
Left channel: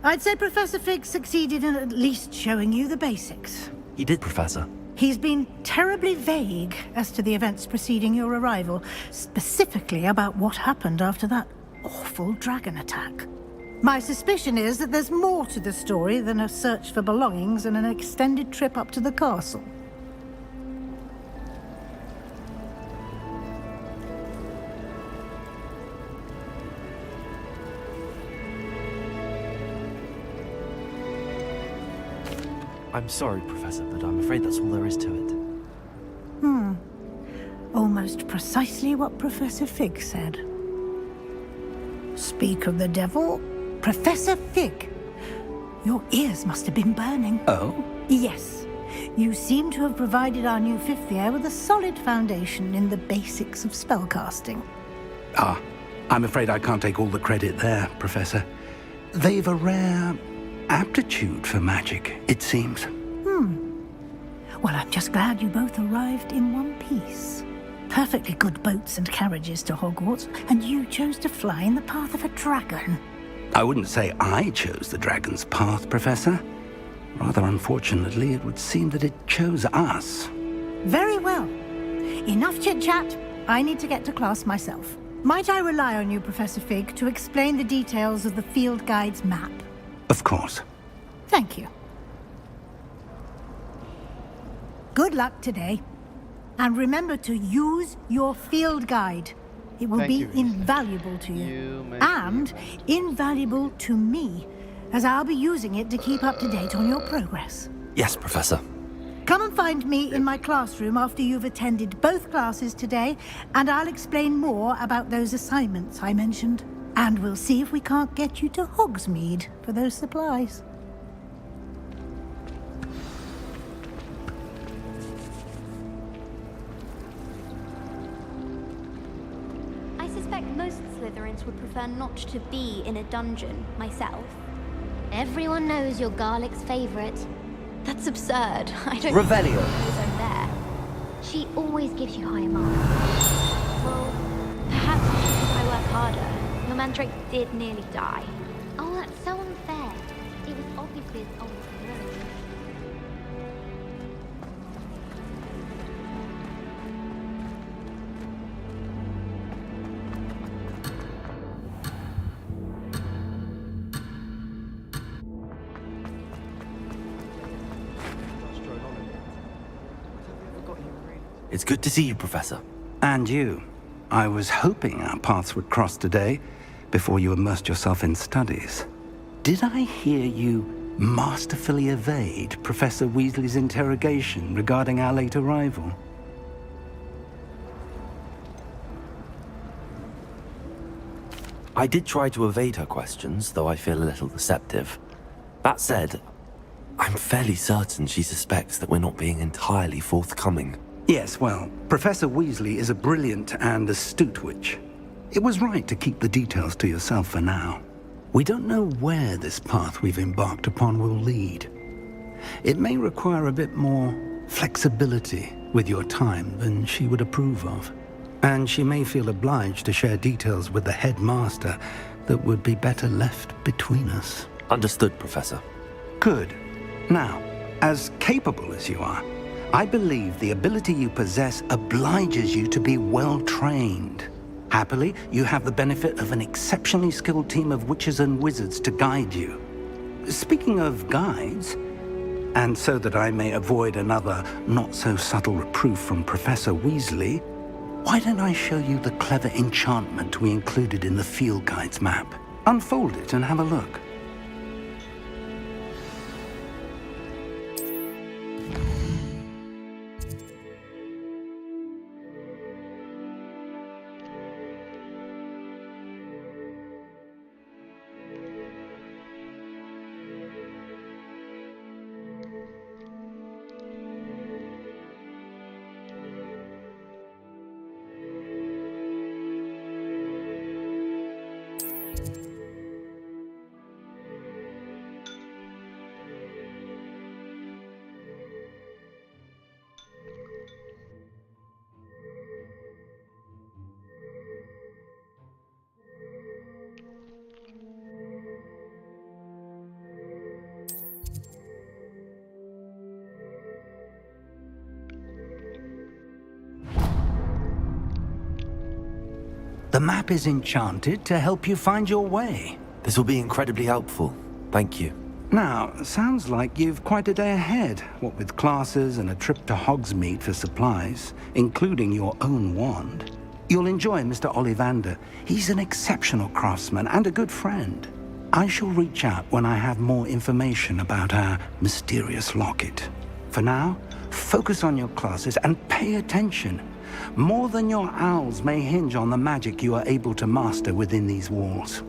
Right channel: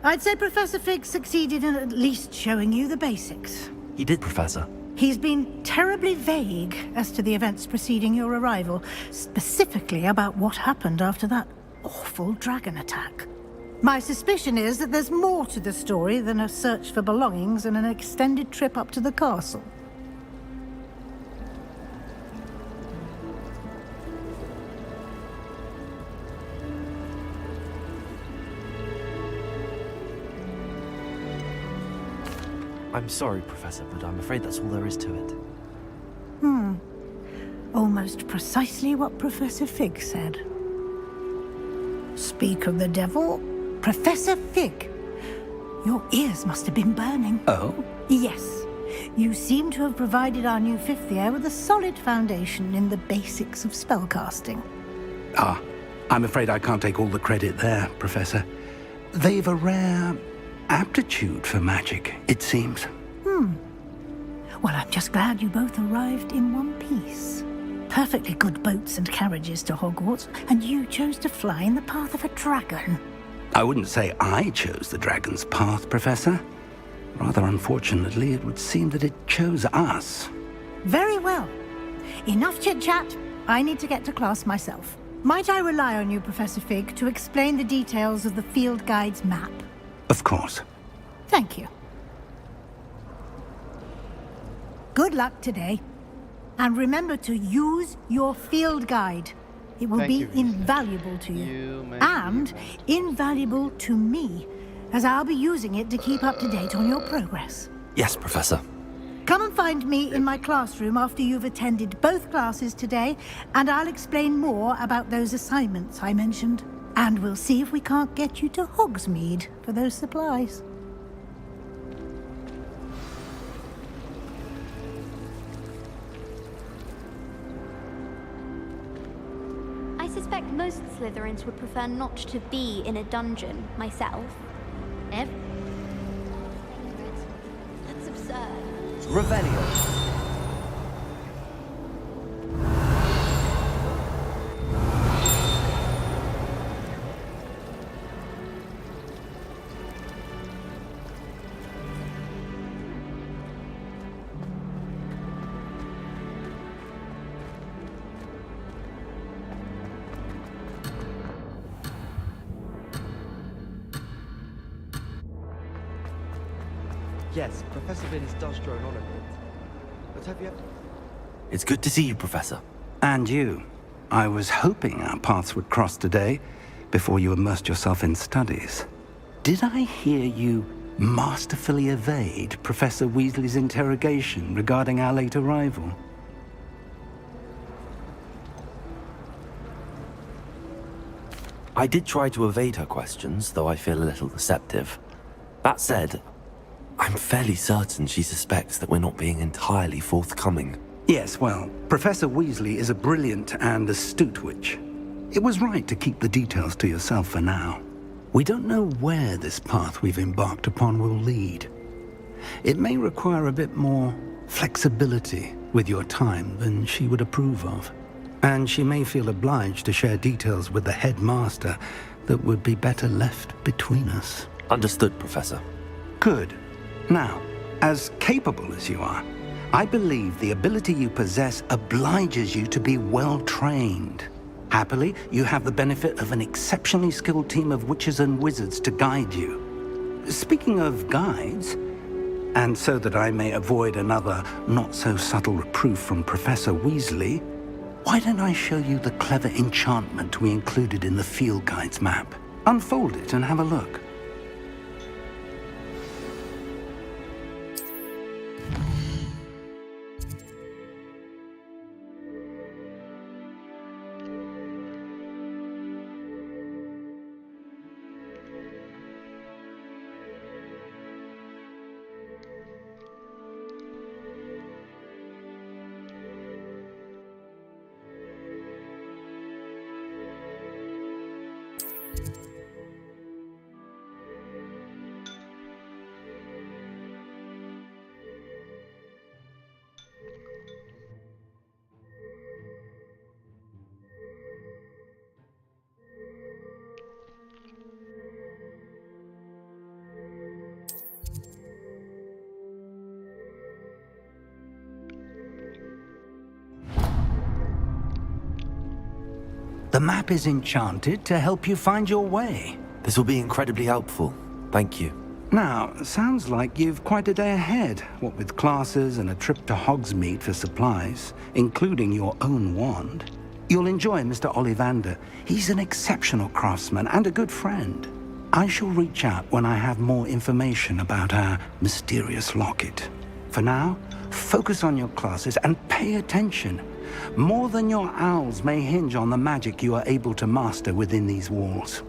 I'd say Professor Fig succeeded in at least showing you the basics. He did, Professor. He's been terribly vague as to the events preceding your arrival, specifically about what happened after that awful dragon attack. My suspicion is that there's more to the story than a search for belongings and an extended trip up to the castle. I'm sorry, Professor, but I'm afraid that's all there is to it. Almost precisely what Professor Fig said. Speak of the devil, Professor Fig. Your ears must have been burning. Oh? Yes. You seem to have provided our new fifth year with a solid foundation in the basics of spellcasting. Ah, I'm afraid I can't take all the credit there, Professor. They've a rare aptitude for magic, it seems. Well, I'm just glad you both arrived in one piece. Perfectly good boats and carriages to Hogwarts, and you chose to fly in the path of a dragon. I wouldn't say I chose the dragon's path, Professor. Rather unfortunately, it would seem that it chose us. Very well. Enough chit-chat. I need to get to class myself. Might I rely on you, Professor Fig, to explain the details of the field guide's map? Of course. Thank you. Good luck today. And remember to use your field guide. It will be invaluable to you. And invaluable to me, as I'll be using it to keep up to date on your progress. Yes, Professor. Come and find me in my classroom after you've attended both classes today, and I'll explain more about those assignments I mentioned. And we'll see if we can't get you to Hogsmeade for those supplies. I suspect most Slytherins would prefer not to be in a dungeon, myself. Everyone knows you're Garlick's favorite. That's absurd. I don't... Revelio. She always gives you high marks. Well, perhaps if I work harder. The mandrake did nearly die. Oh, that's so unfair. It was obviously a goal. Yes, Professor Vince does drone on a bit. But have you ever got him? It's good to see you, Professor. And you. I was hoping our paths would cross today, before you immersed yourself in studies. Did I hear you masterfully evade Professor Weasley's interrogation regarding our late arrival? I did try to evade her questions, though I feel a little deceptive. That said, I'm fairly certain she suspects that we're not being entirely forthcoming. Yes, well, Professor Weasley is a brilliant and astute witch. It was right to keep the details to yourself for now. We don't know where this path we've embarked upon will lead. It may require a bit more flexibility with your time than she would approve of. And she may feel obliged to share details with the headmaster that would be better left between us. Understood, Professor. Good. Now, as capable as you are, I believe the ability you possess obliges you to be well-trained. Happily, you have the benefit of an exceptionally skilled team of witches and wizards to guide you. Speaking of guides, and so that I may avoid another not-so-subtle reproof from Professor Weasley, Why don't I show you the clever enchantment we included in the field guide's map? Unfold it and have a look. The map is enchanted to help you find your way. This will be incredibly helpful. Thank you. Now, sounds like you've quite a day ahead, what with classes and a trip to Hogsmeade for supplies, including your own wand. You'll enjoy Mr. Ollivander. He's an exceptional craftsman and a good friend. I shall reach out when I have more information about our mysterious locket. For now, focus on your classes and pay attention. More than your owls may hinge on the magic you are able to master within these walls.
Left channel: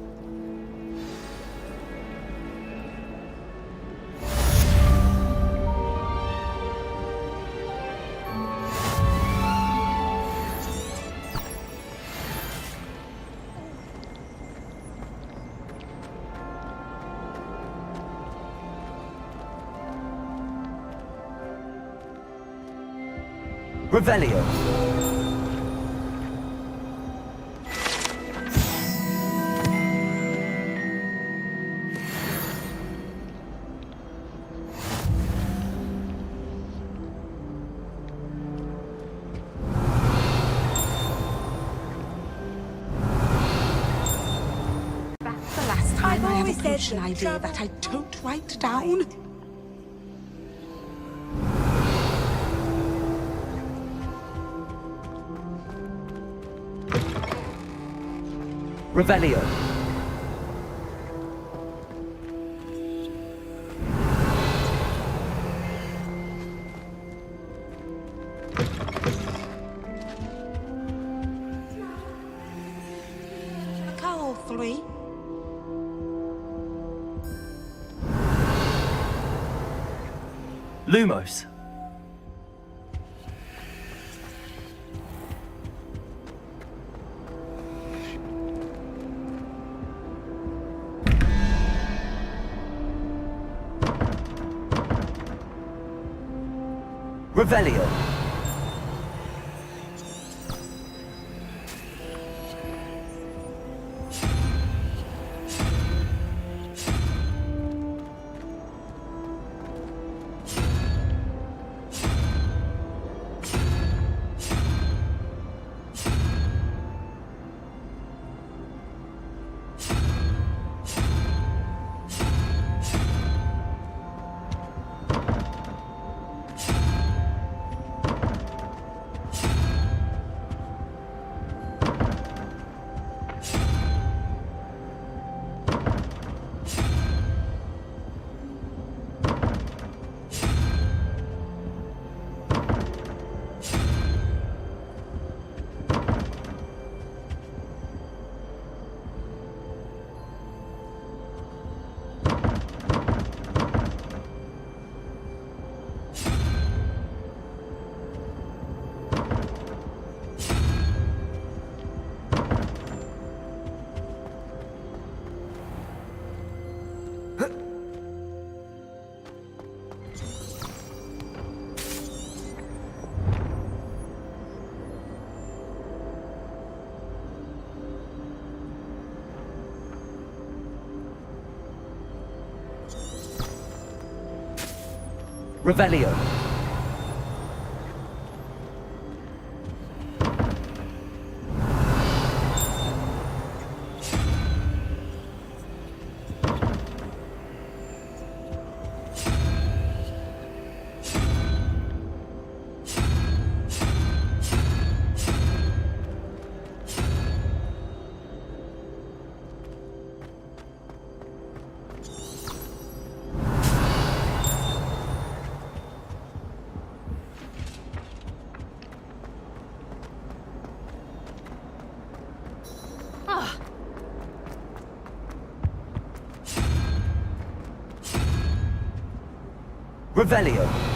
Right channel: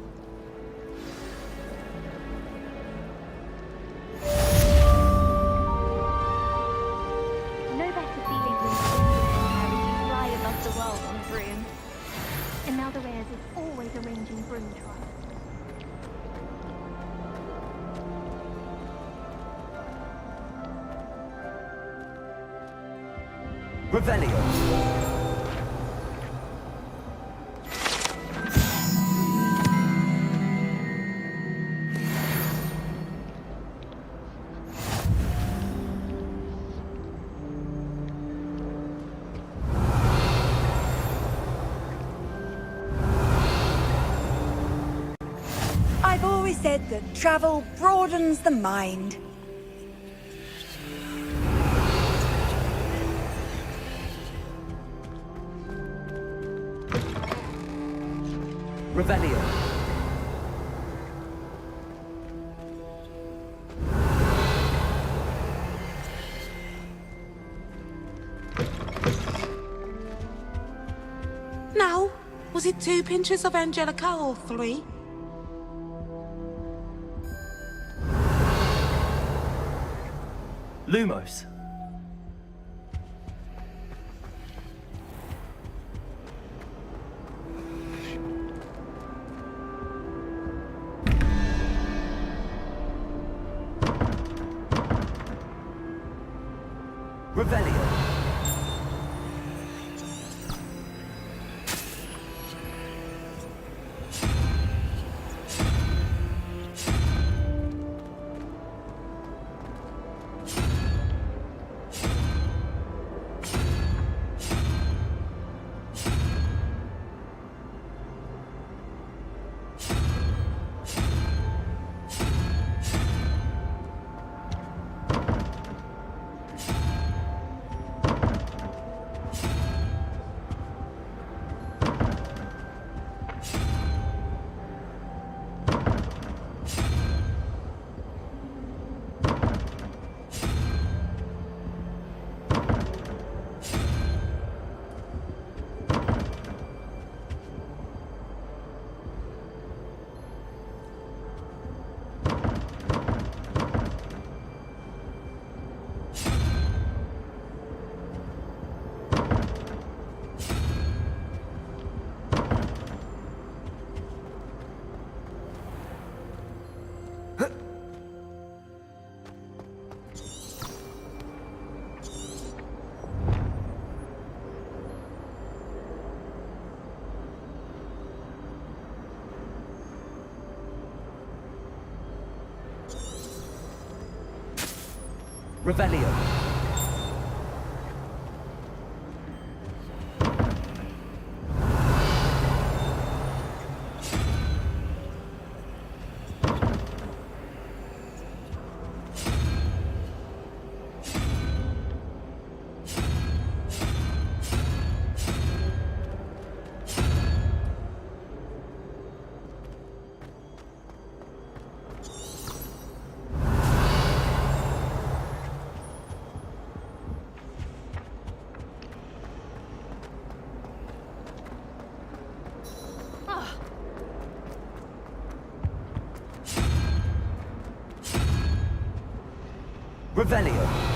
Revelio. I've always said that travel broadens the mind. Revelio. Now, was it 2 pinches of Angelica or 3? Lumos. Revelio. Revelio. Revelio.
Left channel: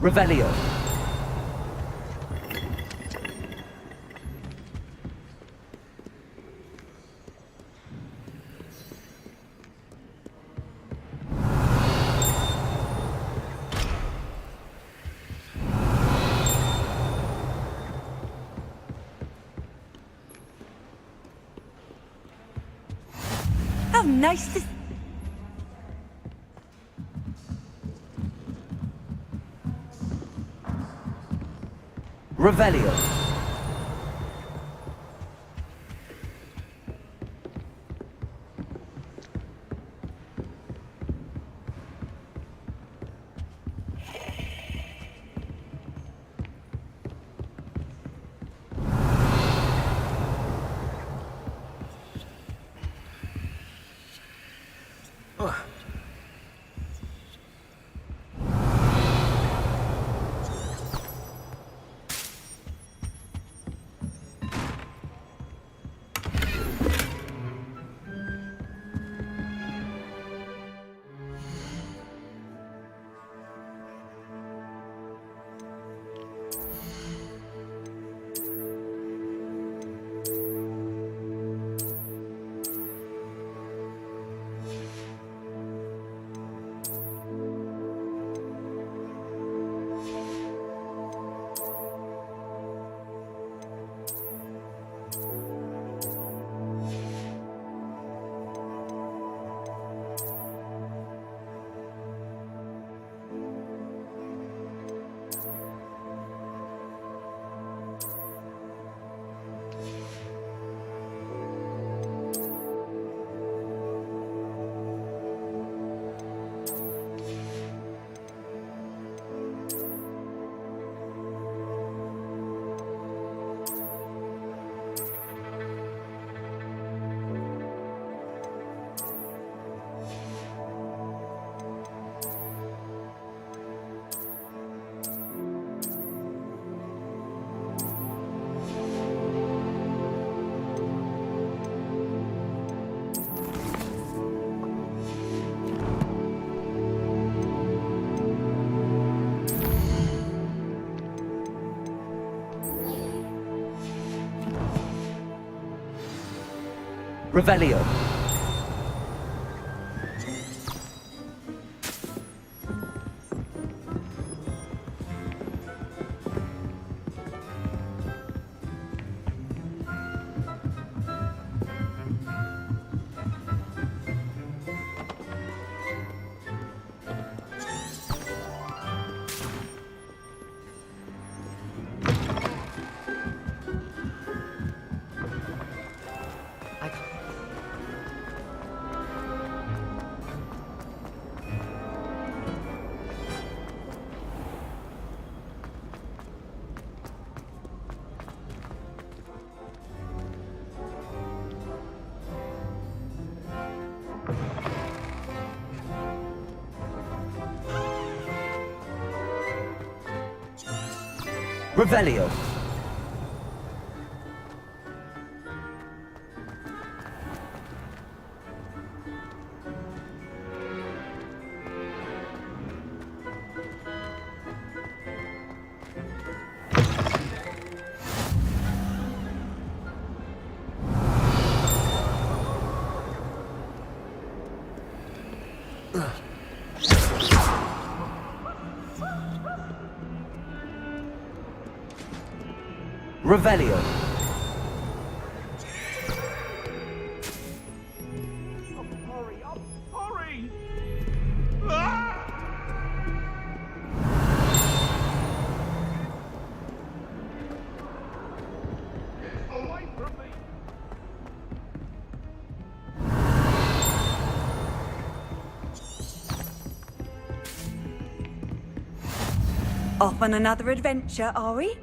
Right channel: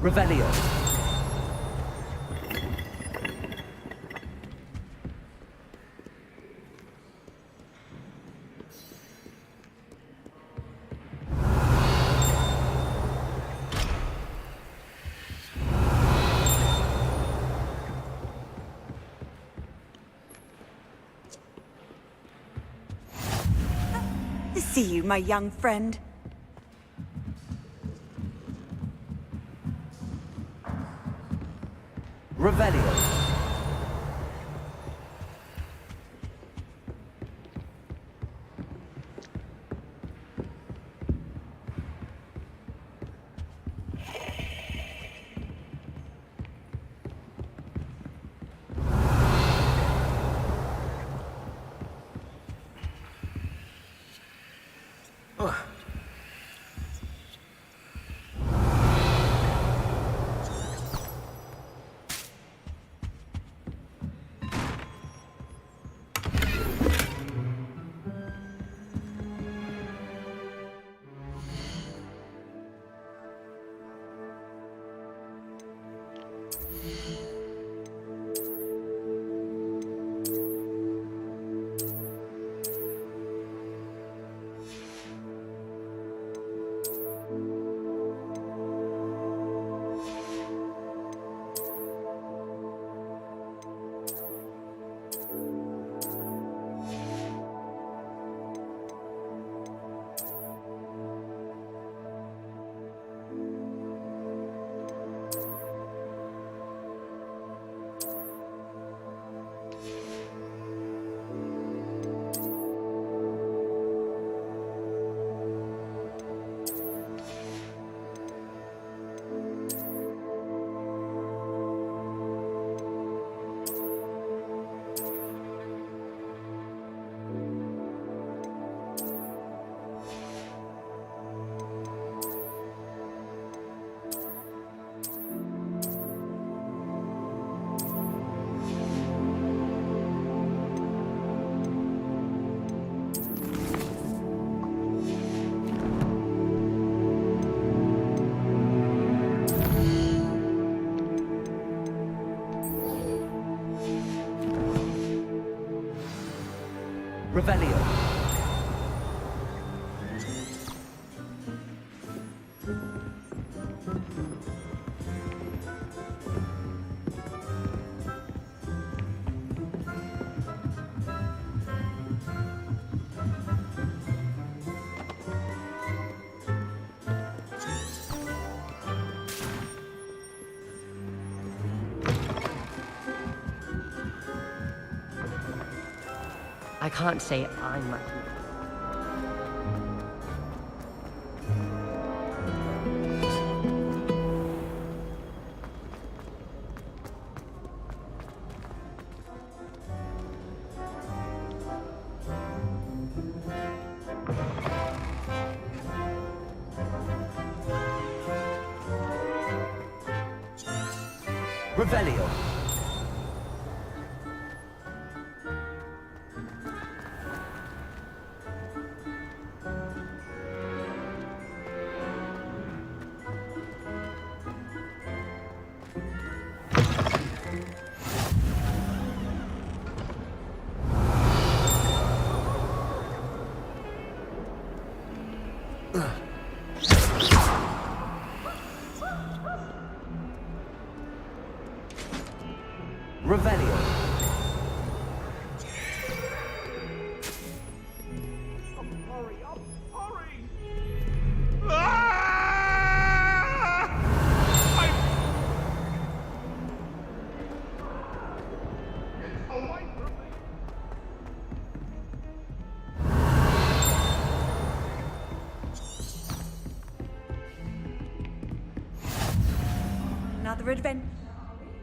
Revelio. How nice to see you, my young friend. Revelio. Revelio. I can't say I'm... Revelio. Revelio. Hurry up! Hurry! Ah! Off on another adventure, are we?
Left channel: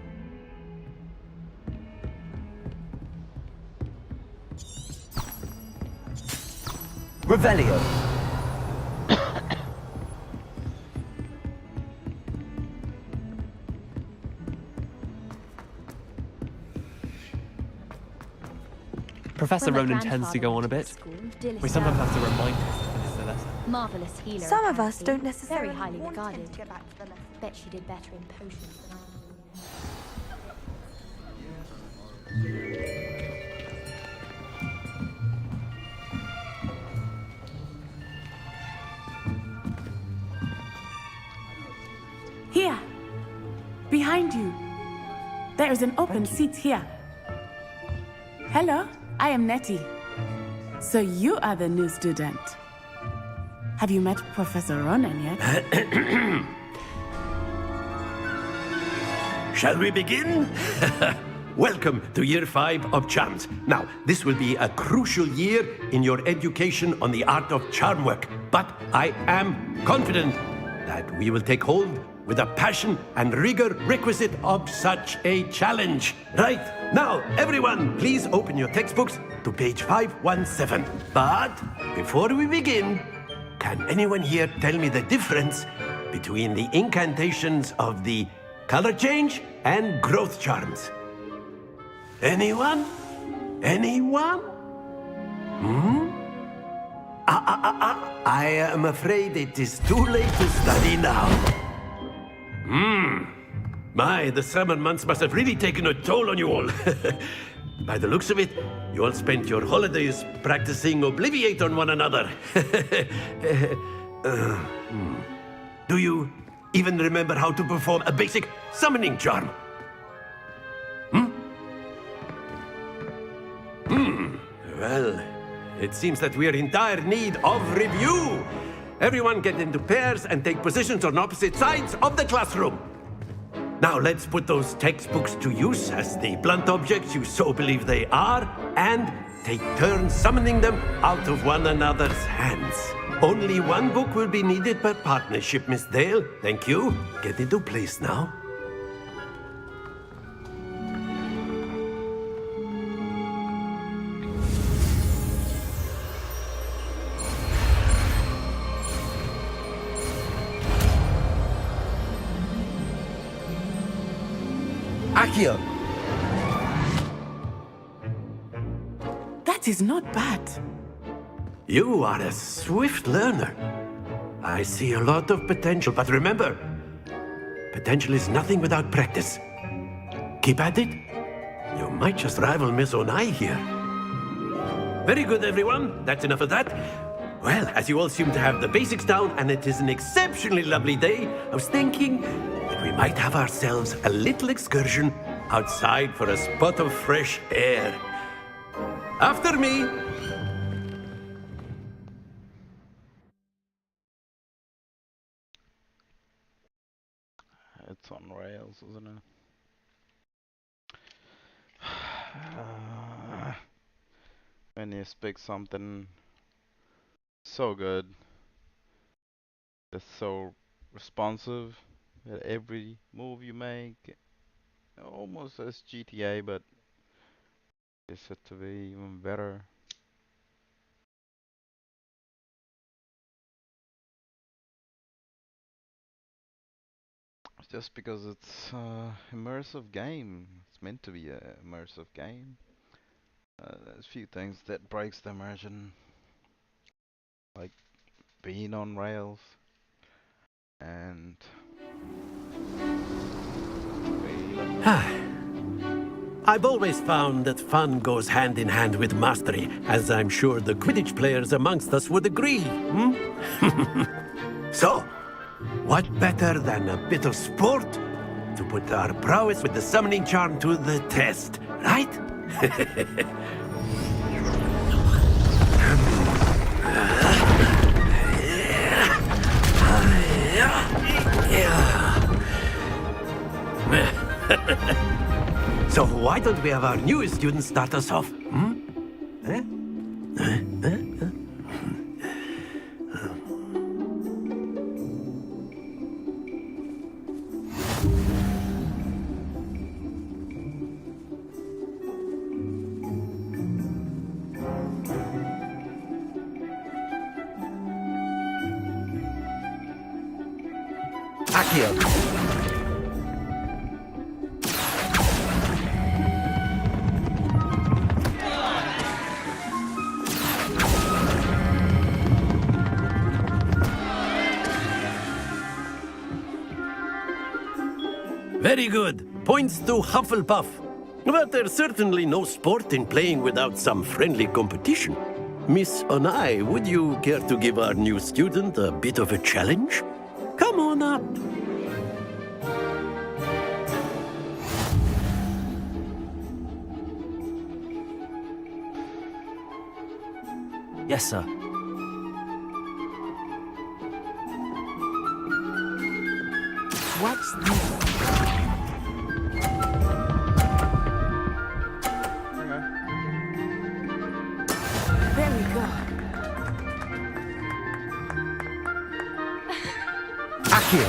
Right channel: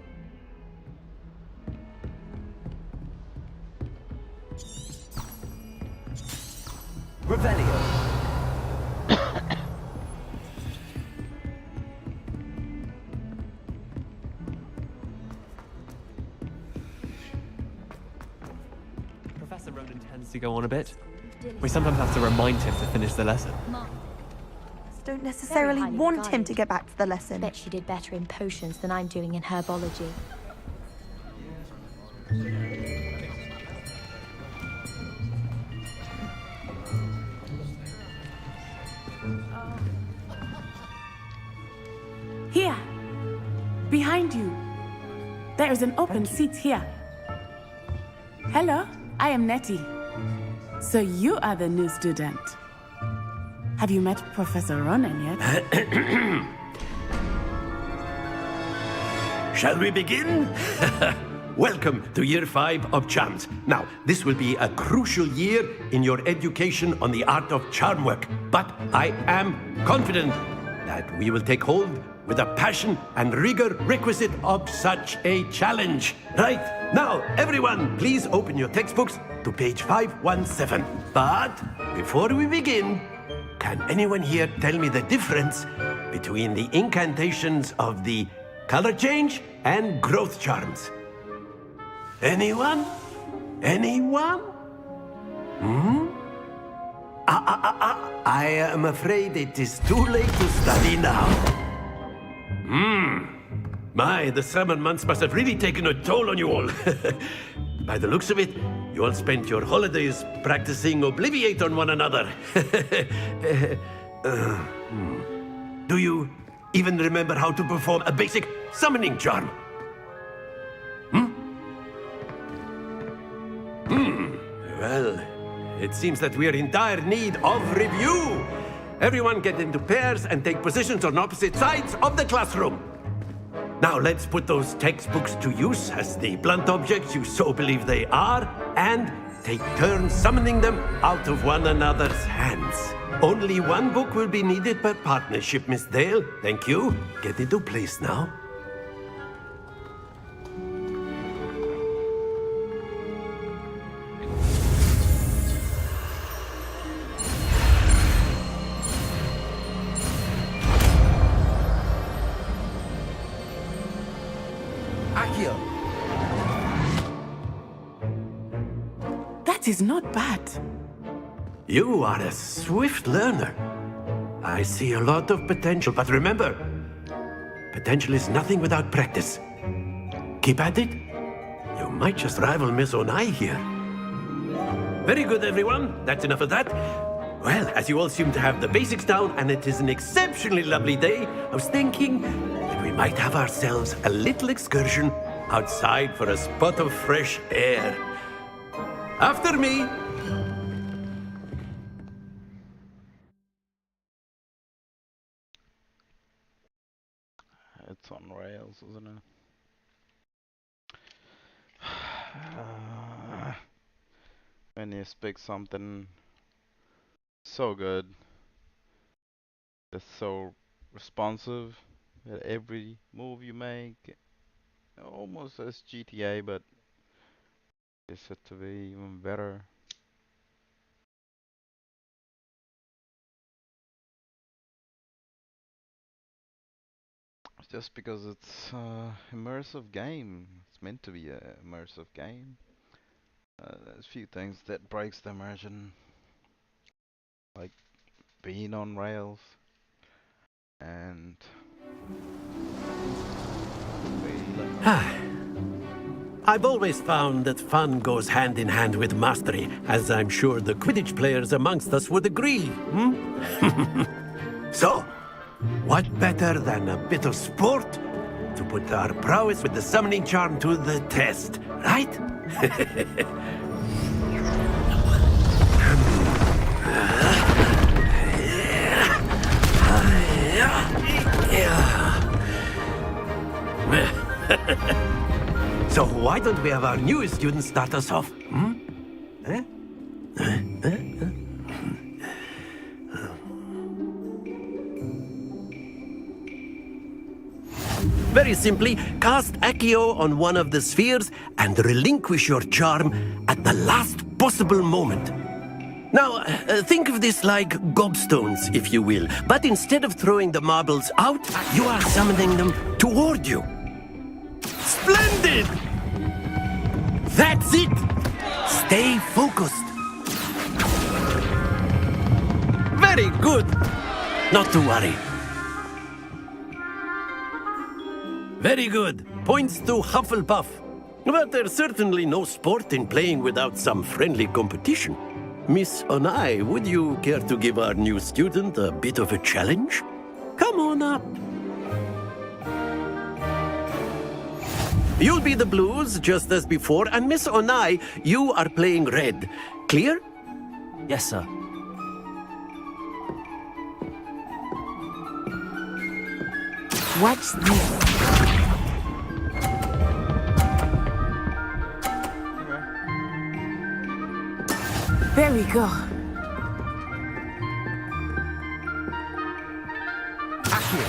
Revelio. Professor Ronan tends to go on a bit. We sometimes have to remind him to finish the lesson. Marvelous healer. Some of us don't necessarily highly want him regarded. to get back to the lesson. Bet she did better in potions than I'm doing in herbology. Here. Behind you. There is an open seat here. Hello, I am Nettie. So you are the new student. Have you met Professor Ronan yet? Shall we begin? Welcome to Year 5 of Charms. Now, this will be a crucial year in your education on the art of charm work, but I am confident that we will take hold with the passion and rigor requisite of such a challenge. Right, now, everyone, please open your textbooks to page 517. But before we begin, can anyone here tell me the difference between the incantations of the color change and growth charms? Anyone? Anyone? I am afraid it is too late to study now. My, the summer months must have really taken a toll on you all. By the looks of it, you all spent your holidays practicing Obliviate on one another. Do you even remember how to perform a basic summoning charm? Well, it seems that we are in dire need of review. Everyone get into pairs and take positions on opposite sides of the classroom. Now let's put those textbooks to use as the blunt objects you so believe they are, and take turns summoning them out of one another's hands. Only one book will be needed per partnership, Miss Dale. Thank you. Get into place now. Accio. That is not bad. You are a swift learner. I see a lot of potential, but remember, potential is nothing without practice. Keep at it. You might just rival Miss Onai here. Very good, everyone. That's enough of that. Well, as you all seem to have the basics down, and it is an exceptionally lovely day, I was thinking that we might have ourselves a little excursion outside for a spot of fresh air. After me. It's on rails, isn't it? When you speak something so good, it's so responsive at every move you make, almost as GTA, but it's set to be even better. Just because it's immersive game. It's meant to be a immersive game. There's a few things that breaks the immersion, like being on rails and I've always found that fun goes hand in hand with mastery, as I'm sure the Quidditch players amongst us would agree. So, what better than a bit of sport to put our prowess with the summoning charm to the test, right? So why don't we have our newest student start us off? Accio on one of the spheres and relinquish your charm at the last possible moment. Now, think of this like gobstones, if you will. But instead of throwing the marbles out, Accio is summoning them toward you. Splendid! That's it! Stay focused. Very good. Not to worry. Very good. Points to Hufflepuff. But there's certainly no sport in playing without some friendly competition. Miss Onai, would you care to give our new student a bit of a challenge? Come on up. You'll be the blues, just as before, and Miss Onai, you are playing red. Clear? Yes, sir. Watch this. There we go. Accio.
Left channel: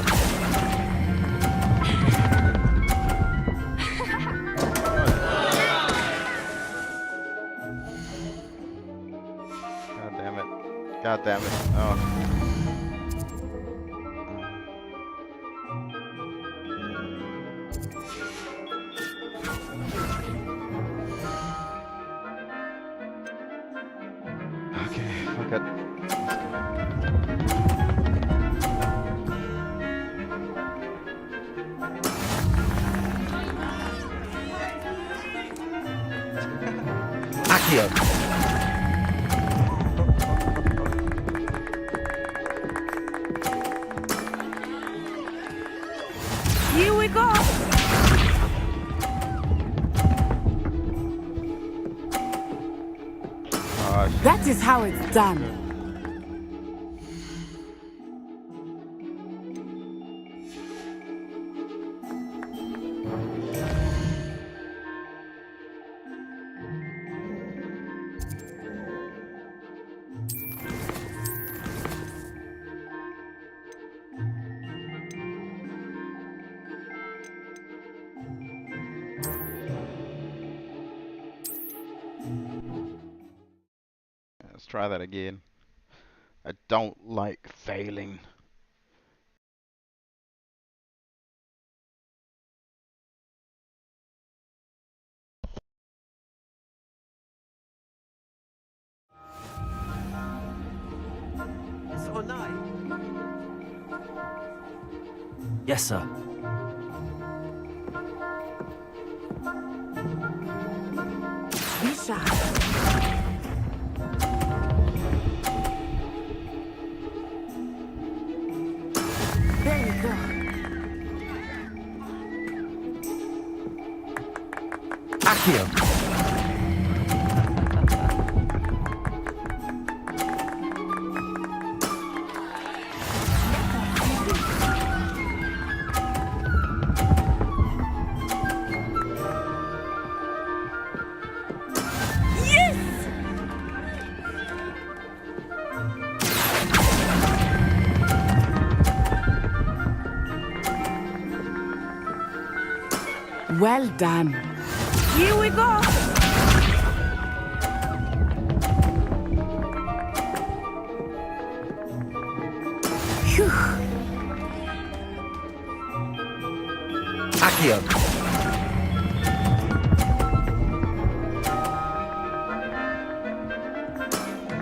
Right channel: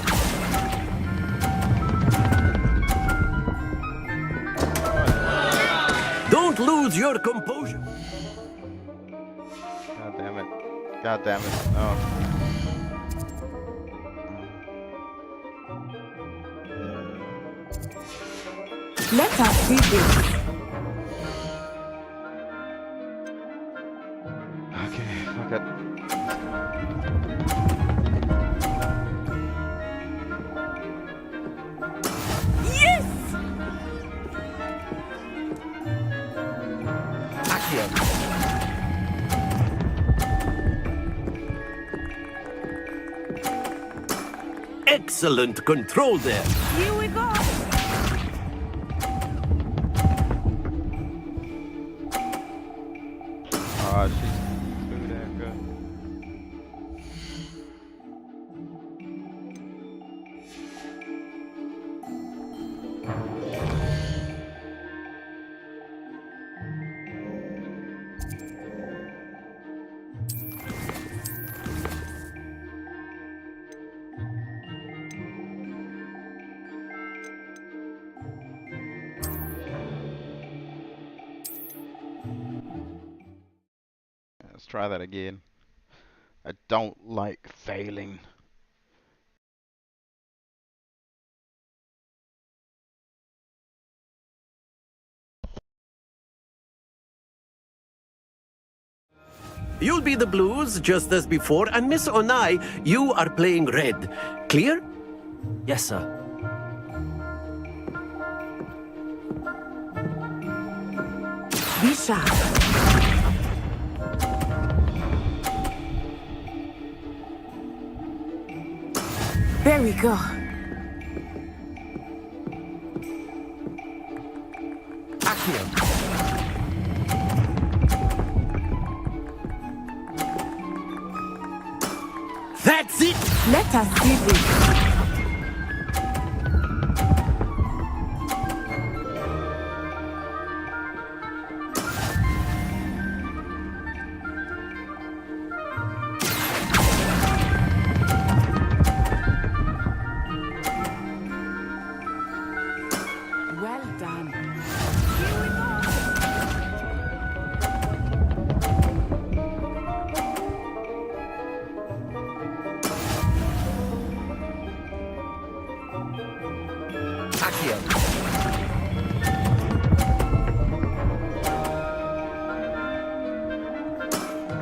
Don't lose your composure. God damn it. God damn it. Oh. Let us see this. Okay, fuck it. Yes! Accio. Excellent control there. Here we go. That is how it's done. Let's try that again. I don't like failing. You'll be the blues, just as before, and Miss Onai, you are playing red. Clear? Yes, sir. Be sharp. There we go. Accio. That's it! Let us see this. Well done. Here we go. Phew. Accio.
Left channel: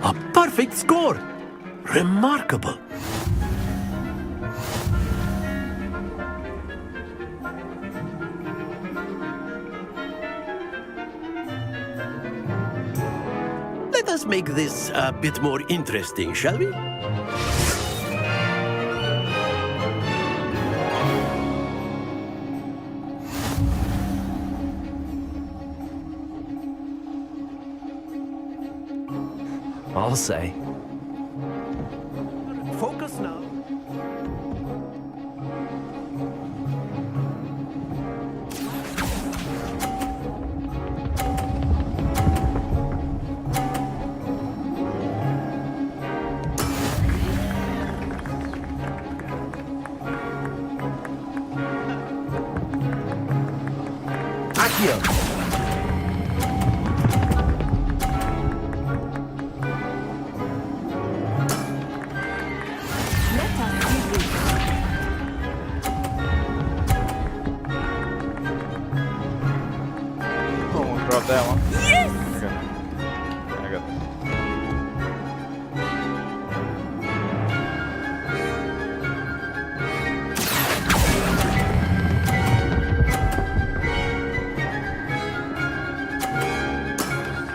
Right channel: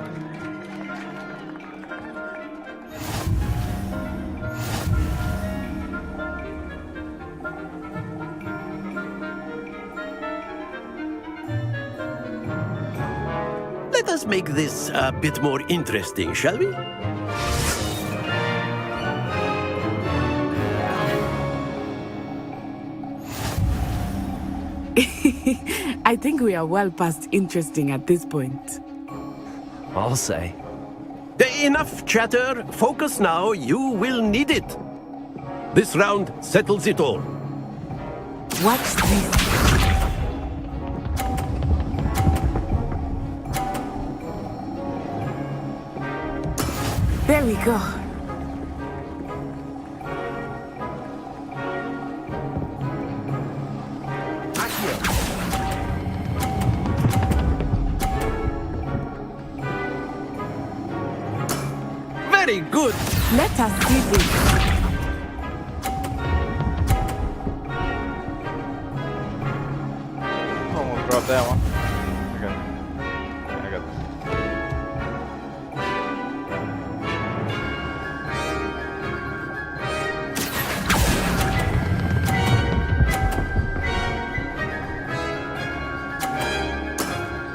A perfect score. Remarkable. Let us make this a bit more interesting, shall we? I think we are well past interesting at this point. I'll say. Enough chatter. Focus now. You will need it. This round settles it all. Watch this. There we go. Let us see this. Almost dropped that one. Okay. I got this.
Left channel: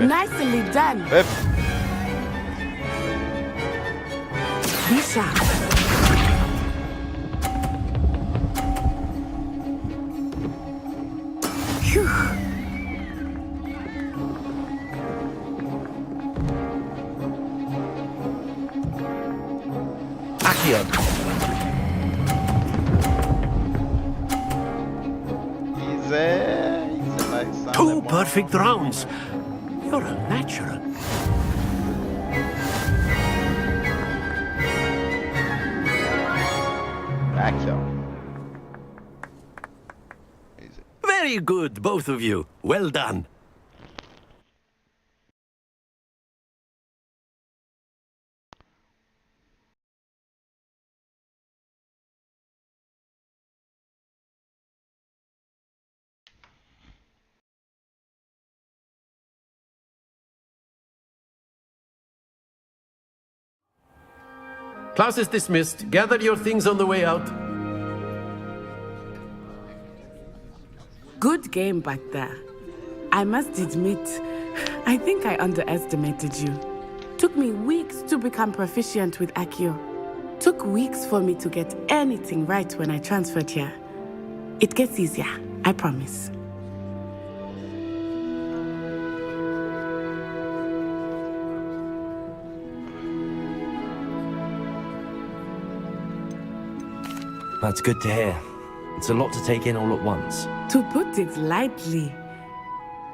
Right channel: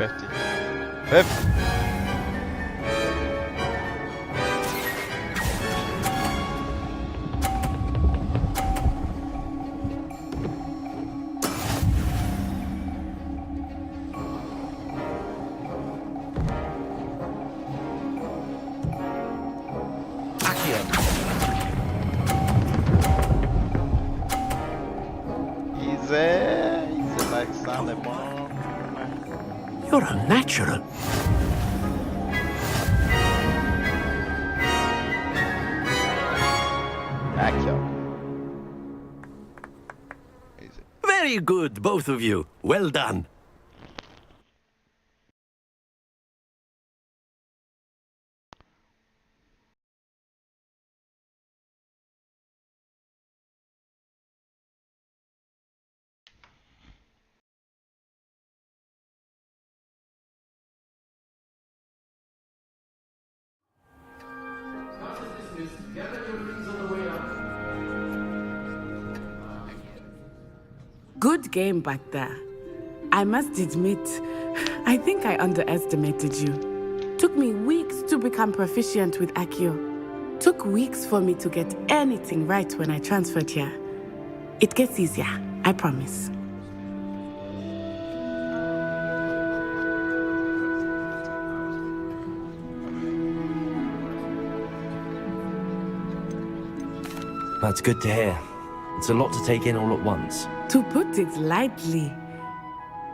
Nicely done. Fifth. Misha. Phew. Accio. Easy like Sunday Two morning. perfect rounds. You're a natural. Accio. Very good, both of you. Well done. Class is dismissed. Gather your things on the way out. Good game back there. I must admit, I think I underestimated you. Took me weeks to become proficient with Accio. Took weeks for me to get anything right when I transferred here. It gets easier, I promise. That's good to hear. It's a lot to take in all at once. To put it lightly,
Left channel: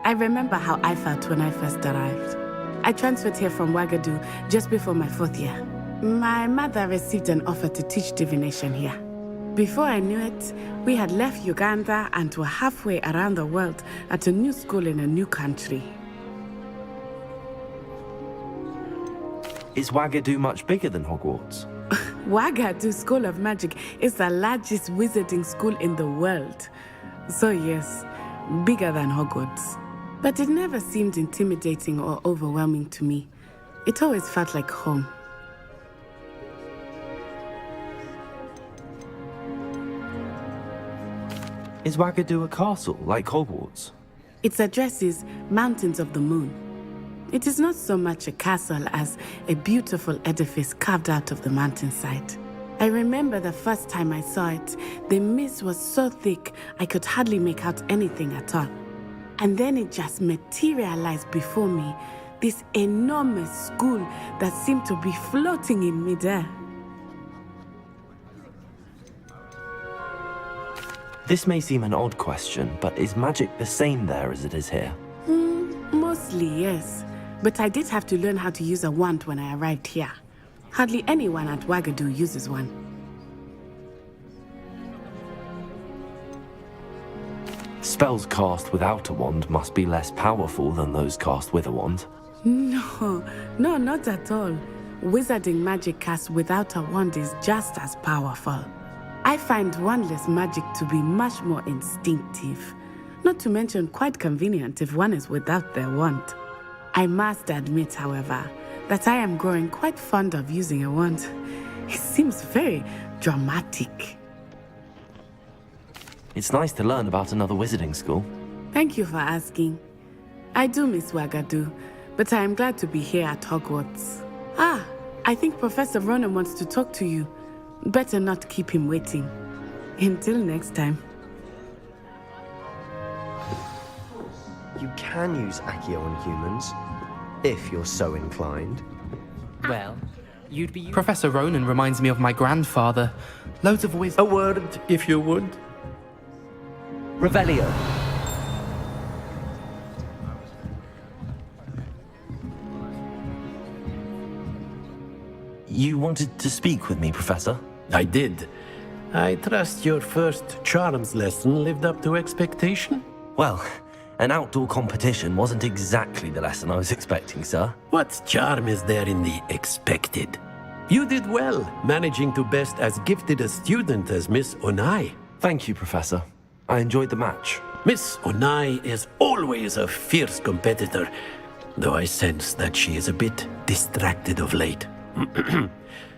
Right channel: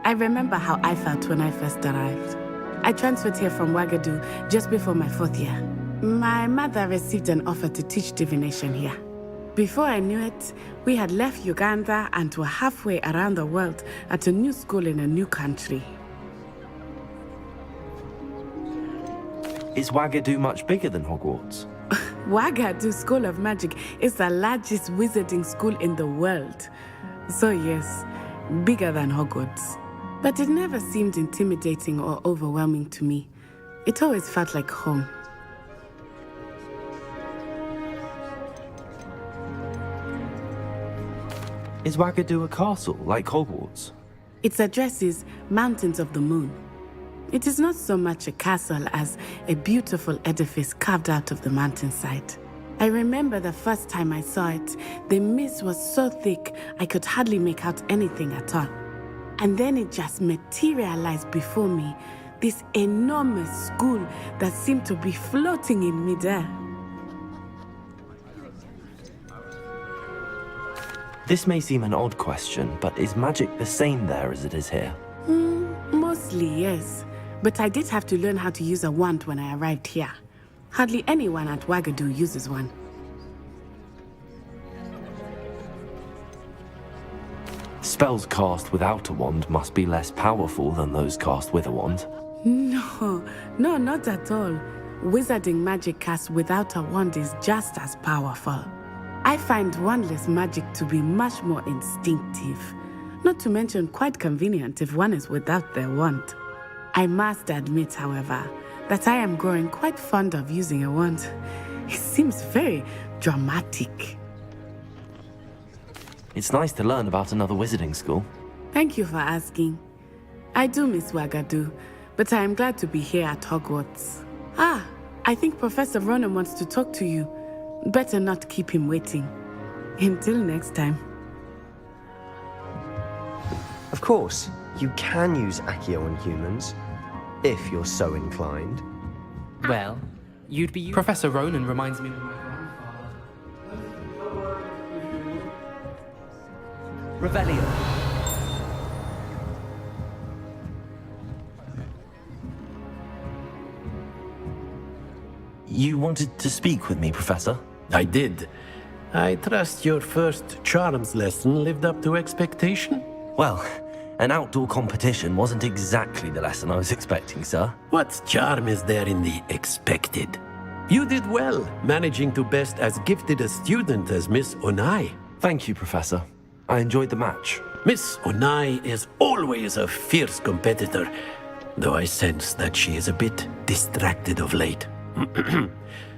I remember how I felt when I first arrived. I transferred here from Ouagadougou just before my 4th year. My mother received an offer to teach divination here. Before I knew it, we had left Uganda and were halfway around the world at a new school in a new country. Is Ouagadougou much bigger than Hogwarts? Ouagadougou School of Magic is the largest wizarding school in the world. So yes, bigger than Hogwarts. But it never seemed intimidating or overwhelming to me. It always felt like home. Is Ouagadougou a castle, like Hogwarts? Its address is Mountains of the Moon. It is not so much a castle as a beautiful edifice carved out of the mountainside. I remember the first time I saw it, the mist was so thick I could hardly make out anything at all. And then it just materialized before me, this enormous school that seemed to be floating in midair. This may seem an odd question, but is magic the same there as it is here? Mostly, yes. But I did have to learn how to use a wand when I arrived here. Hardly anyone at Ouagadougou uses one. Spells cast without a wand must be less powerful than those cast with a wand. No, not at all. Wizarding magic cast without a wand is just as powerful. I find wandless magic to be much more instinctive. Not to mention quite convenient if one is without their wand. I must admit, however, that I am growing quite fond of using a wand. It seems very dramatic. It's nice to learn about another wizarding school. Thank you for asking. I do miss Ouagadougou, but I am glad to be here at Hogwarts. I think Professor Ronan wants to talk to you. Better not keep him waiting. Until next time. Of course, you can use Accio on humans, if you're so inclined. Well, you'd be... Professor Ronan reminds me of my grandfather. Loads of wisdom. A word, if you would. Revelio. You wanted to speak with me, Professor? I did. I trust your first charms lesson lived up to expectation? Well, an outdoor competition wasn't exactly the lesson I was expecting, sir. What charm is there in the expected? You did well, managing to best as gifted a student as Miss Onai. Thank you, Professor. I enjoyed the match. Miss Onai is always a fierce competitor, though I sense that she is a bit distracted of late.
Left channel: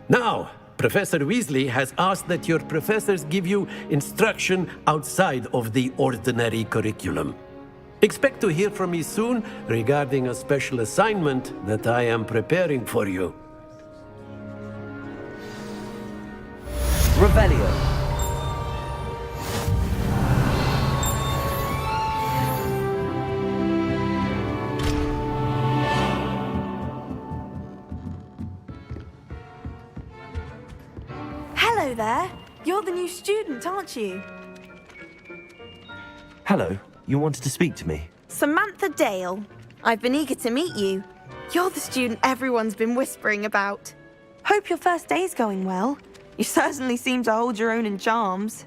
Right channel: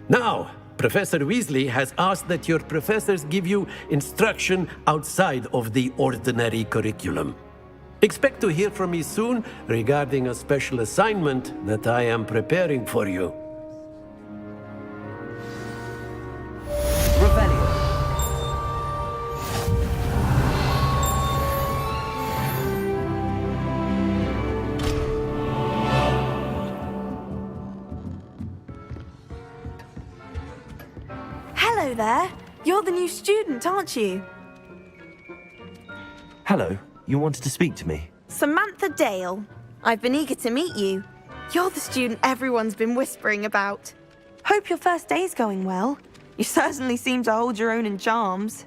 Now, Professor Weasley has asked that your professors give you instruction outside of the ordinary curriculum. Expect to hear from me soon regarding a special assignment that I am preparing for you. Revelio. Hello there. You're the new student, aren't you? Hello. You wanted to speak to me? Samantha Dale. I've been eager to meet you. You're the student everyone's been whispering about. Hope your first day's going well. You certainly seem to hold your own in charms.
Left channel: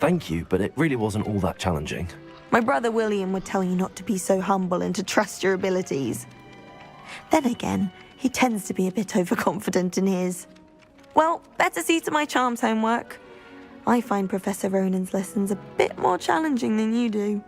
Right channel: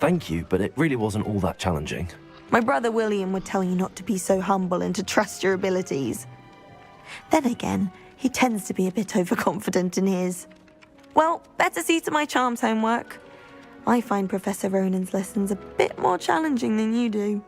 Thank you, but it really wasn't all that challenging. My brother William would tell you not to be so humble and to trust your abilities. Then again, he tends to be a bit overconfident in his. Well, better see to my charms homework. I find Professor Ronan's lessons a bit more challenging than you do.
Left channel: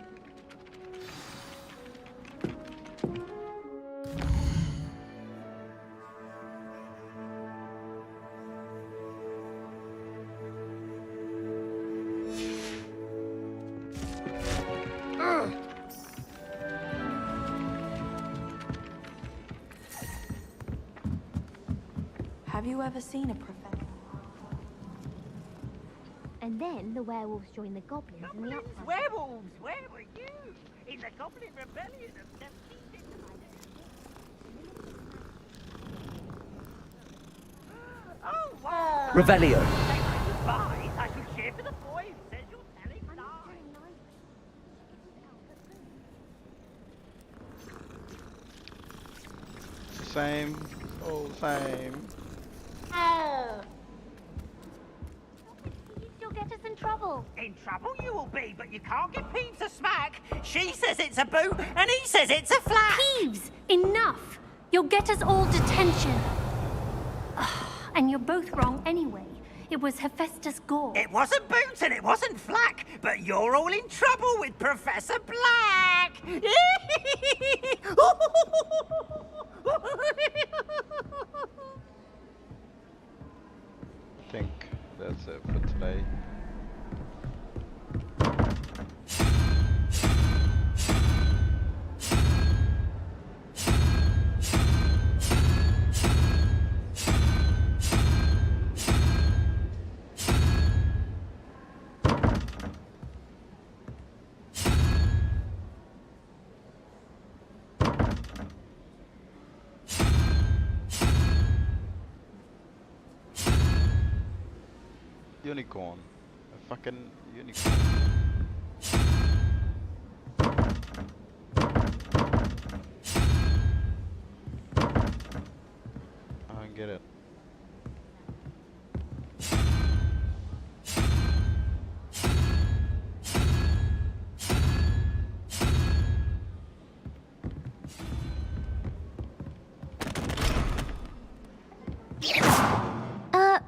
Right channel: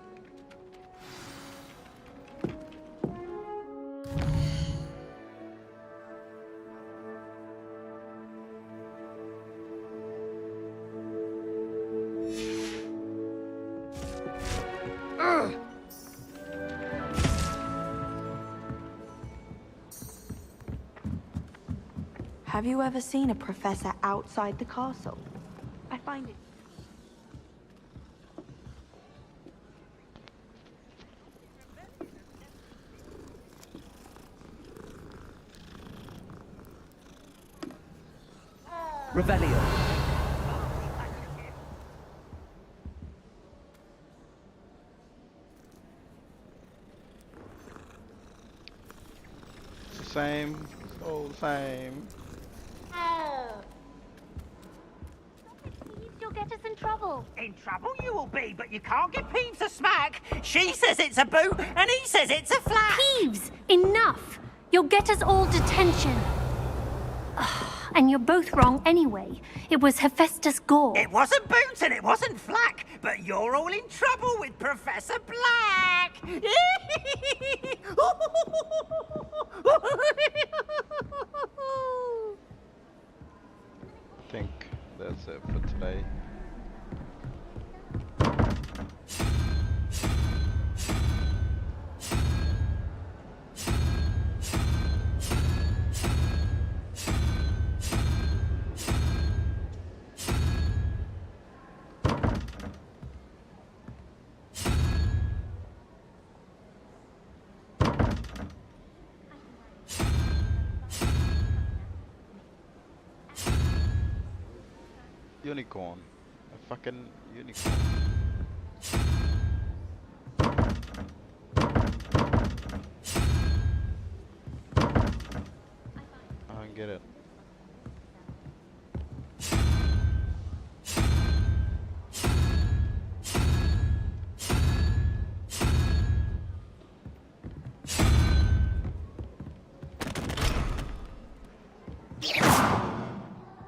Have you ever seen a professor outside the castle? I find it. And then the werewolves join the goblins in the upper. Werewolves! Where were you? It's a goblin rebellion of 17... Oh, wow! Revelio. Fine, are you here for the boy who says you're telling lies? It's the same. It's all the same. Oh. Stop it, Peeves. You'll get us in trouble. In trouble you will be, but you can't give Peeves a smack. She says it's a boot, and he says it's a flat. Peeves, enough. You'll get us all detention. And you're both wrong anyway. It was Hephaestus Gore. It wasn't Boots and it wasn't Flack, but you're all in trouble with Professor Black. I think that's it for today. Unicorn. A fucking unicorn. I don't get it.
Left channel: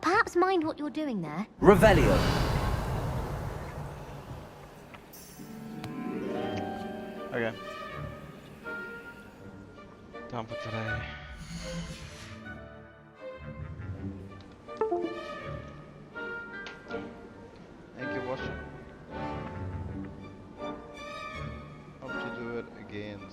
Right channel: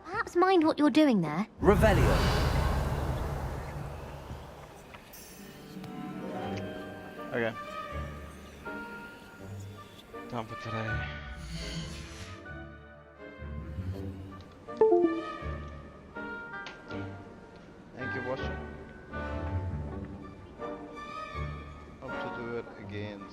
Perhaps mind what you're doing there. Revelio. Okay. Done for today. Thank you for watching. Hope to do it again soon.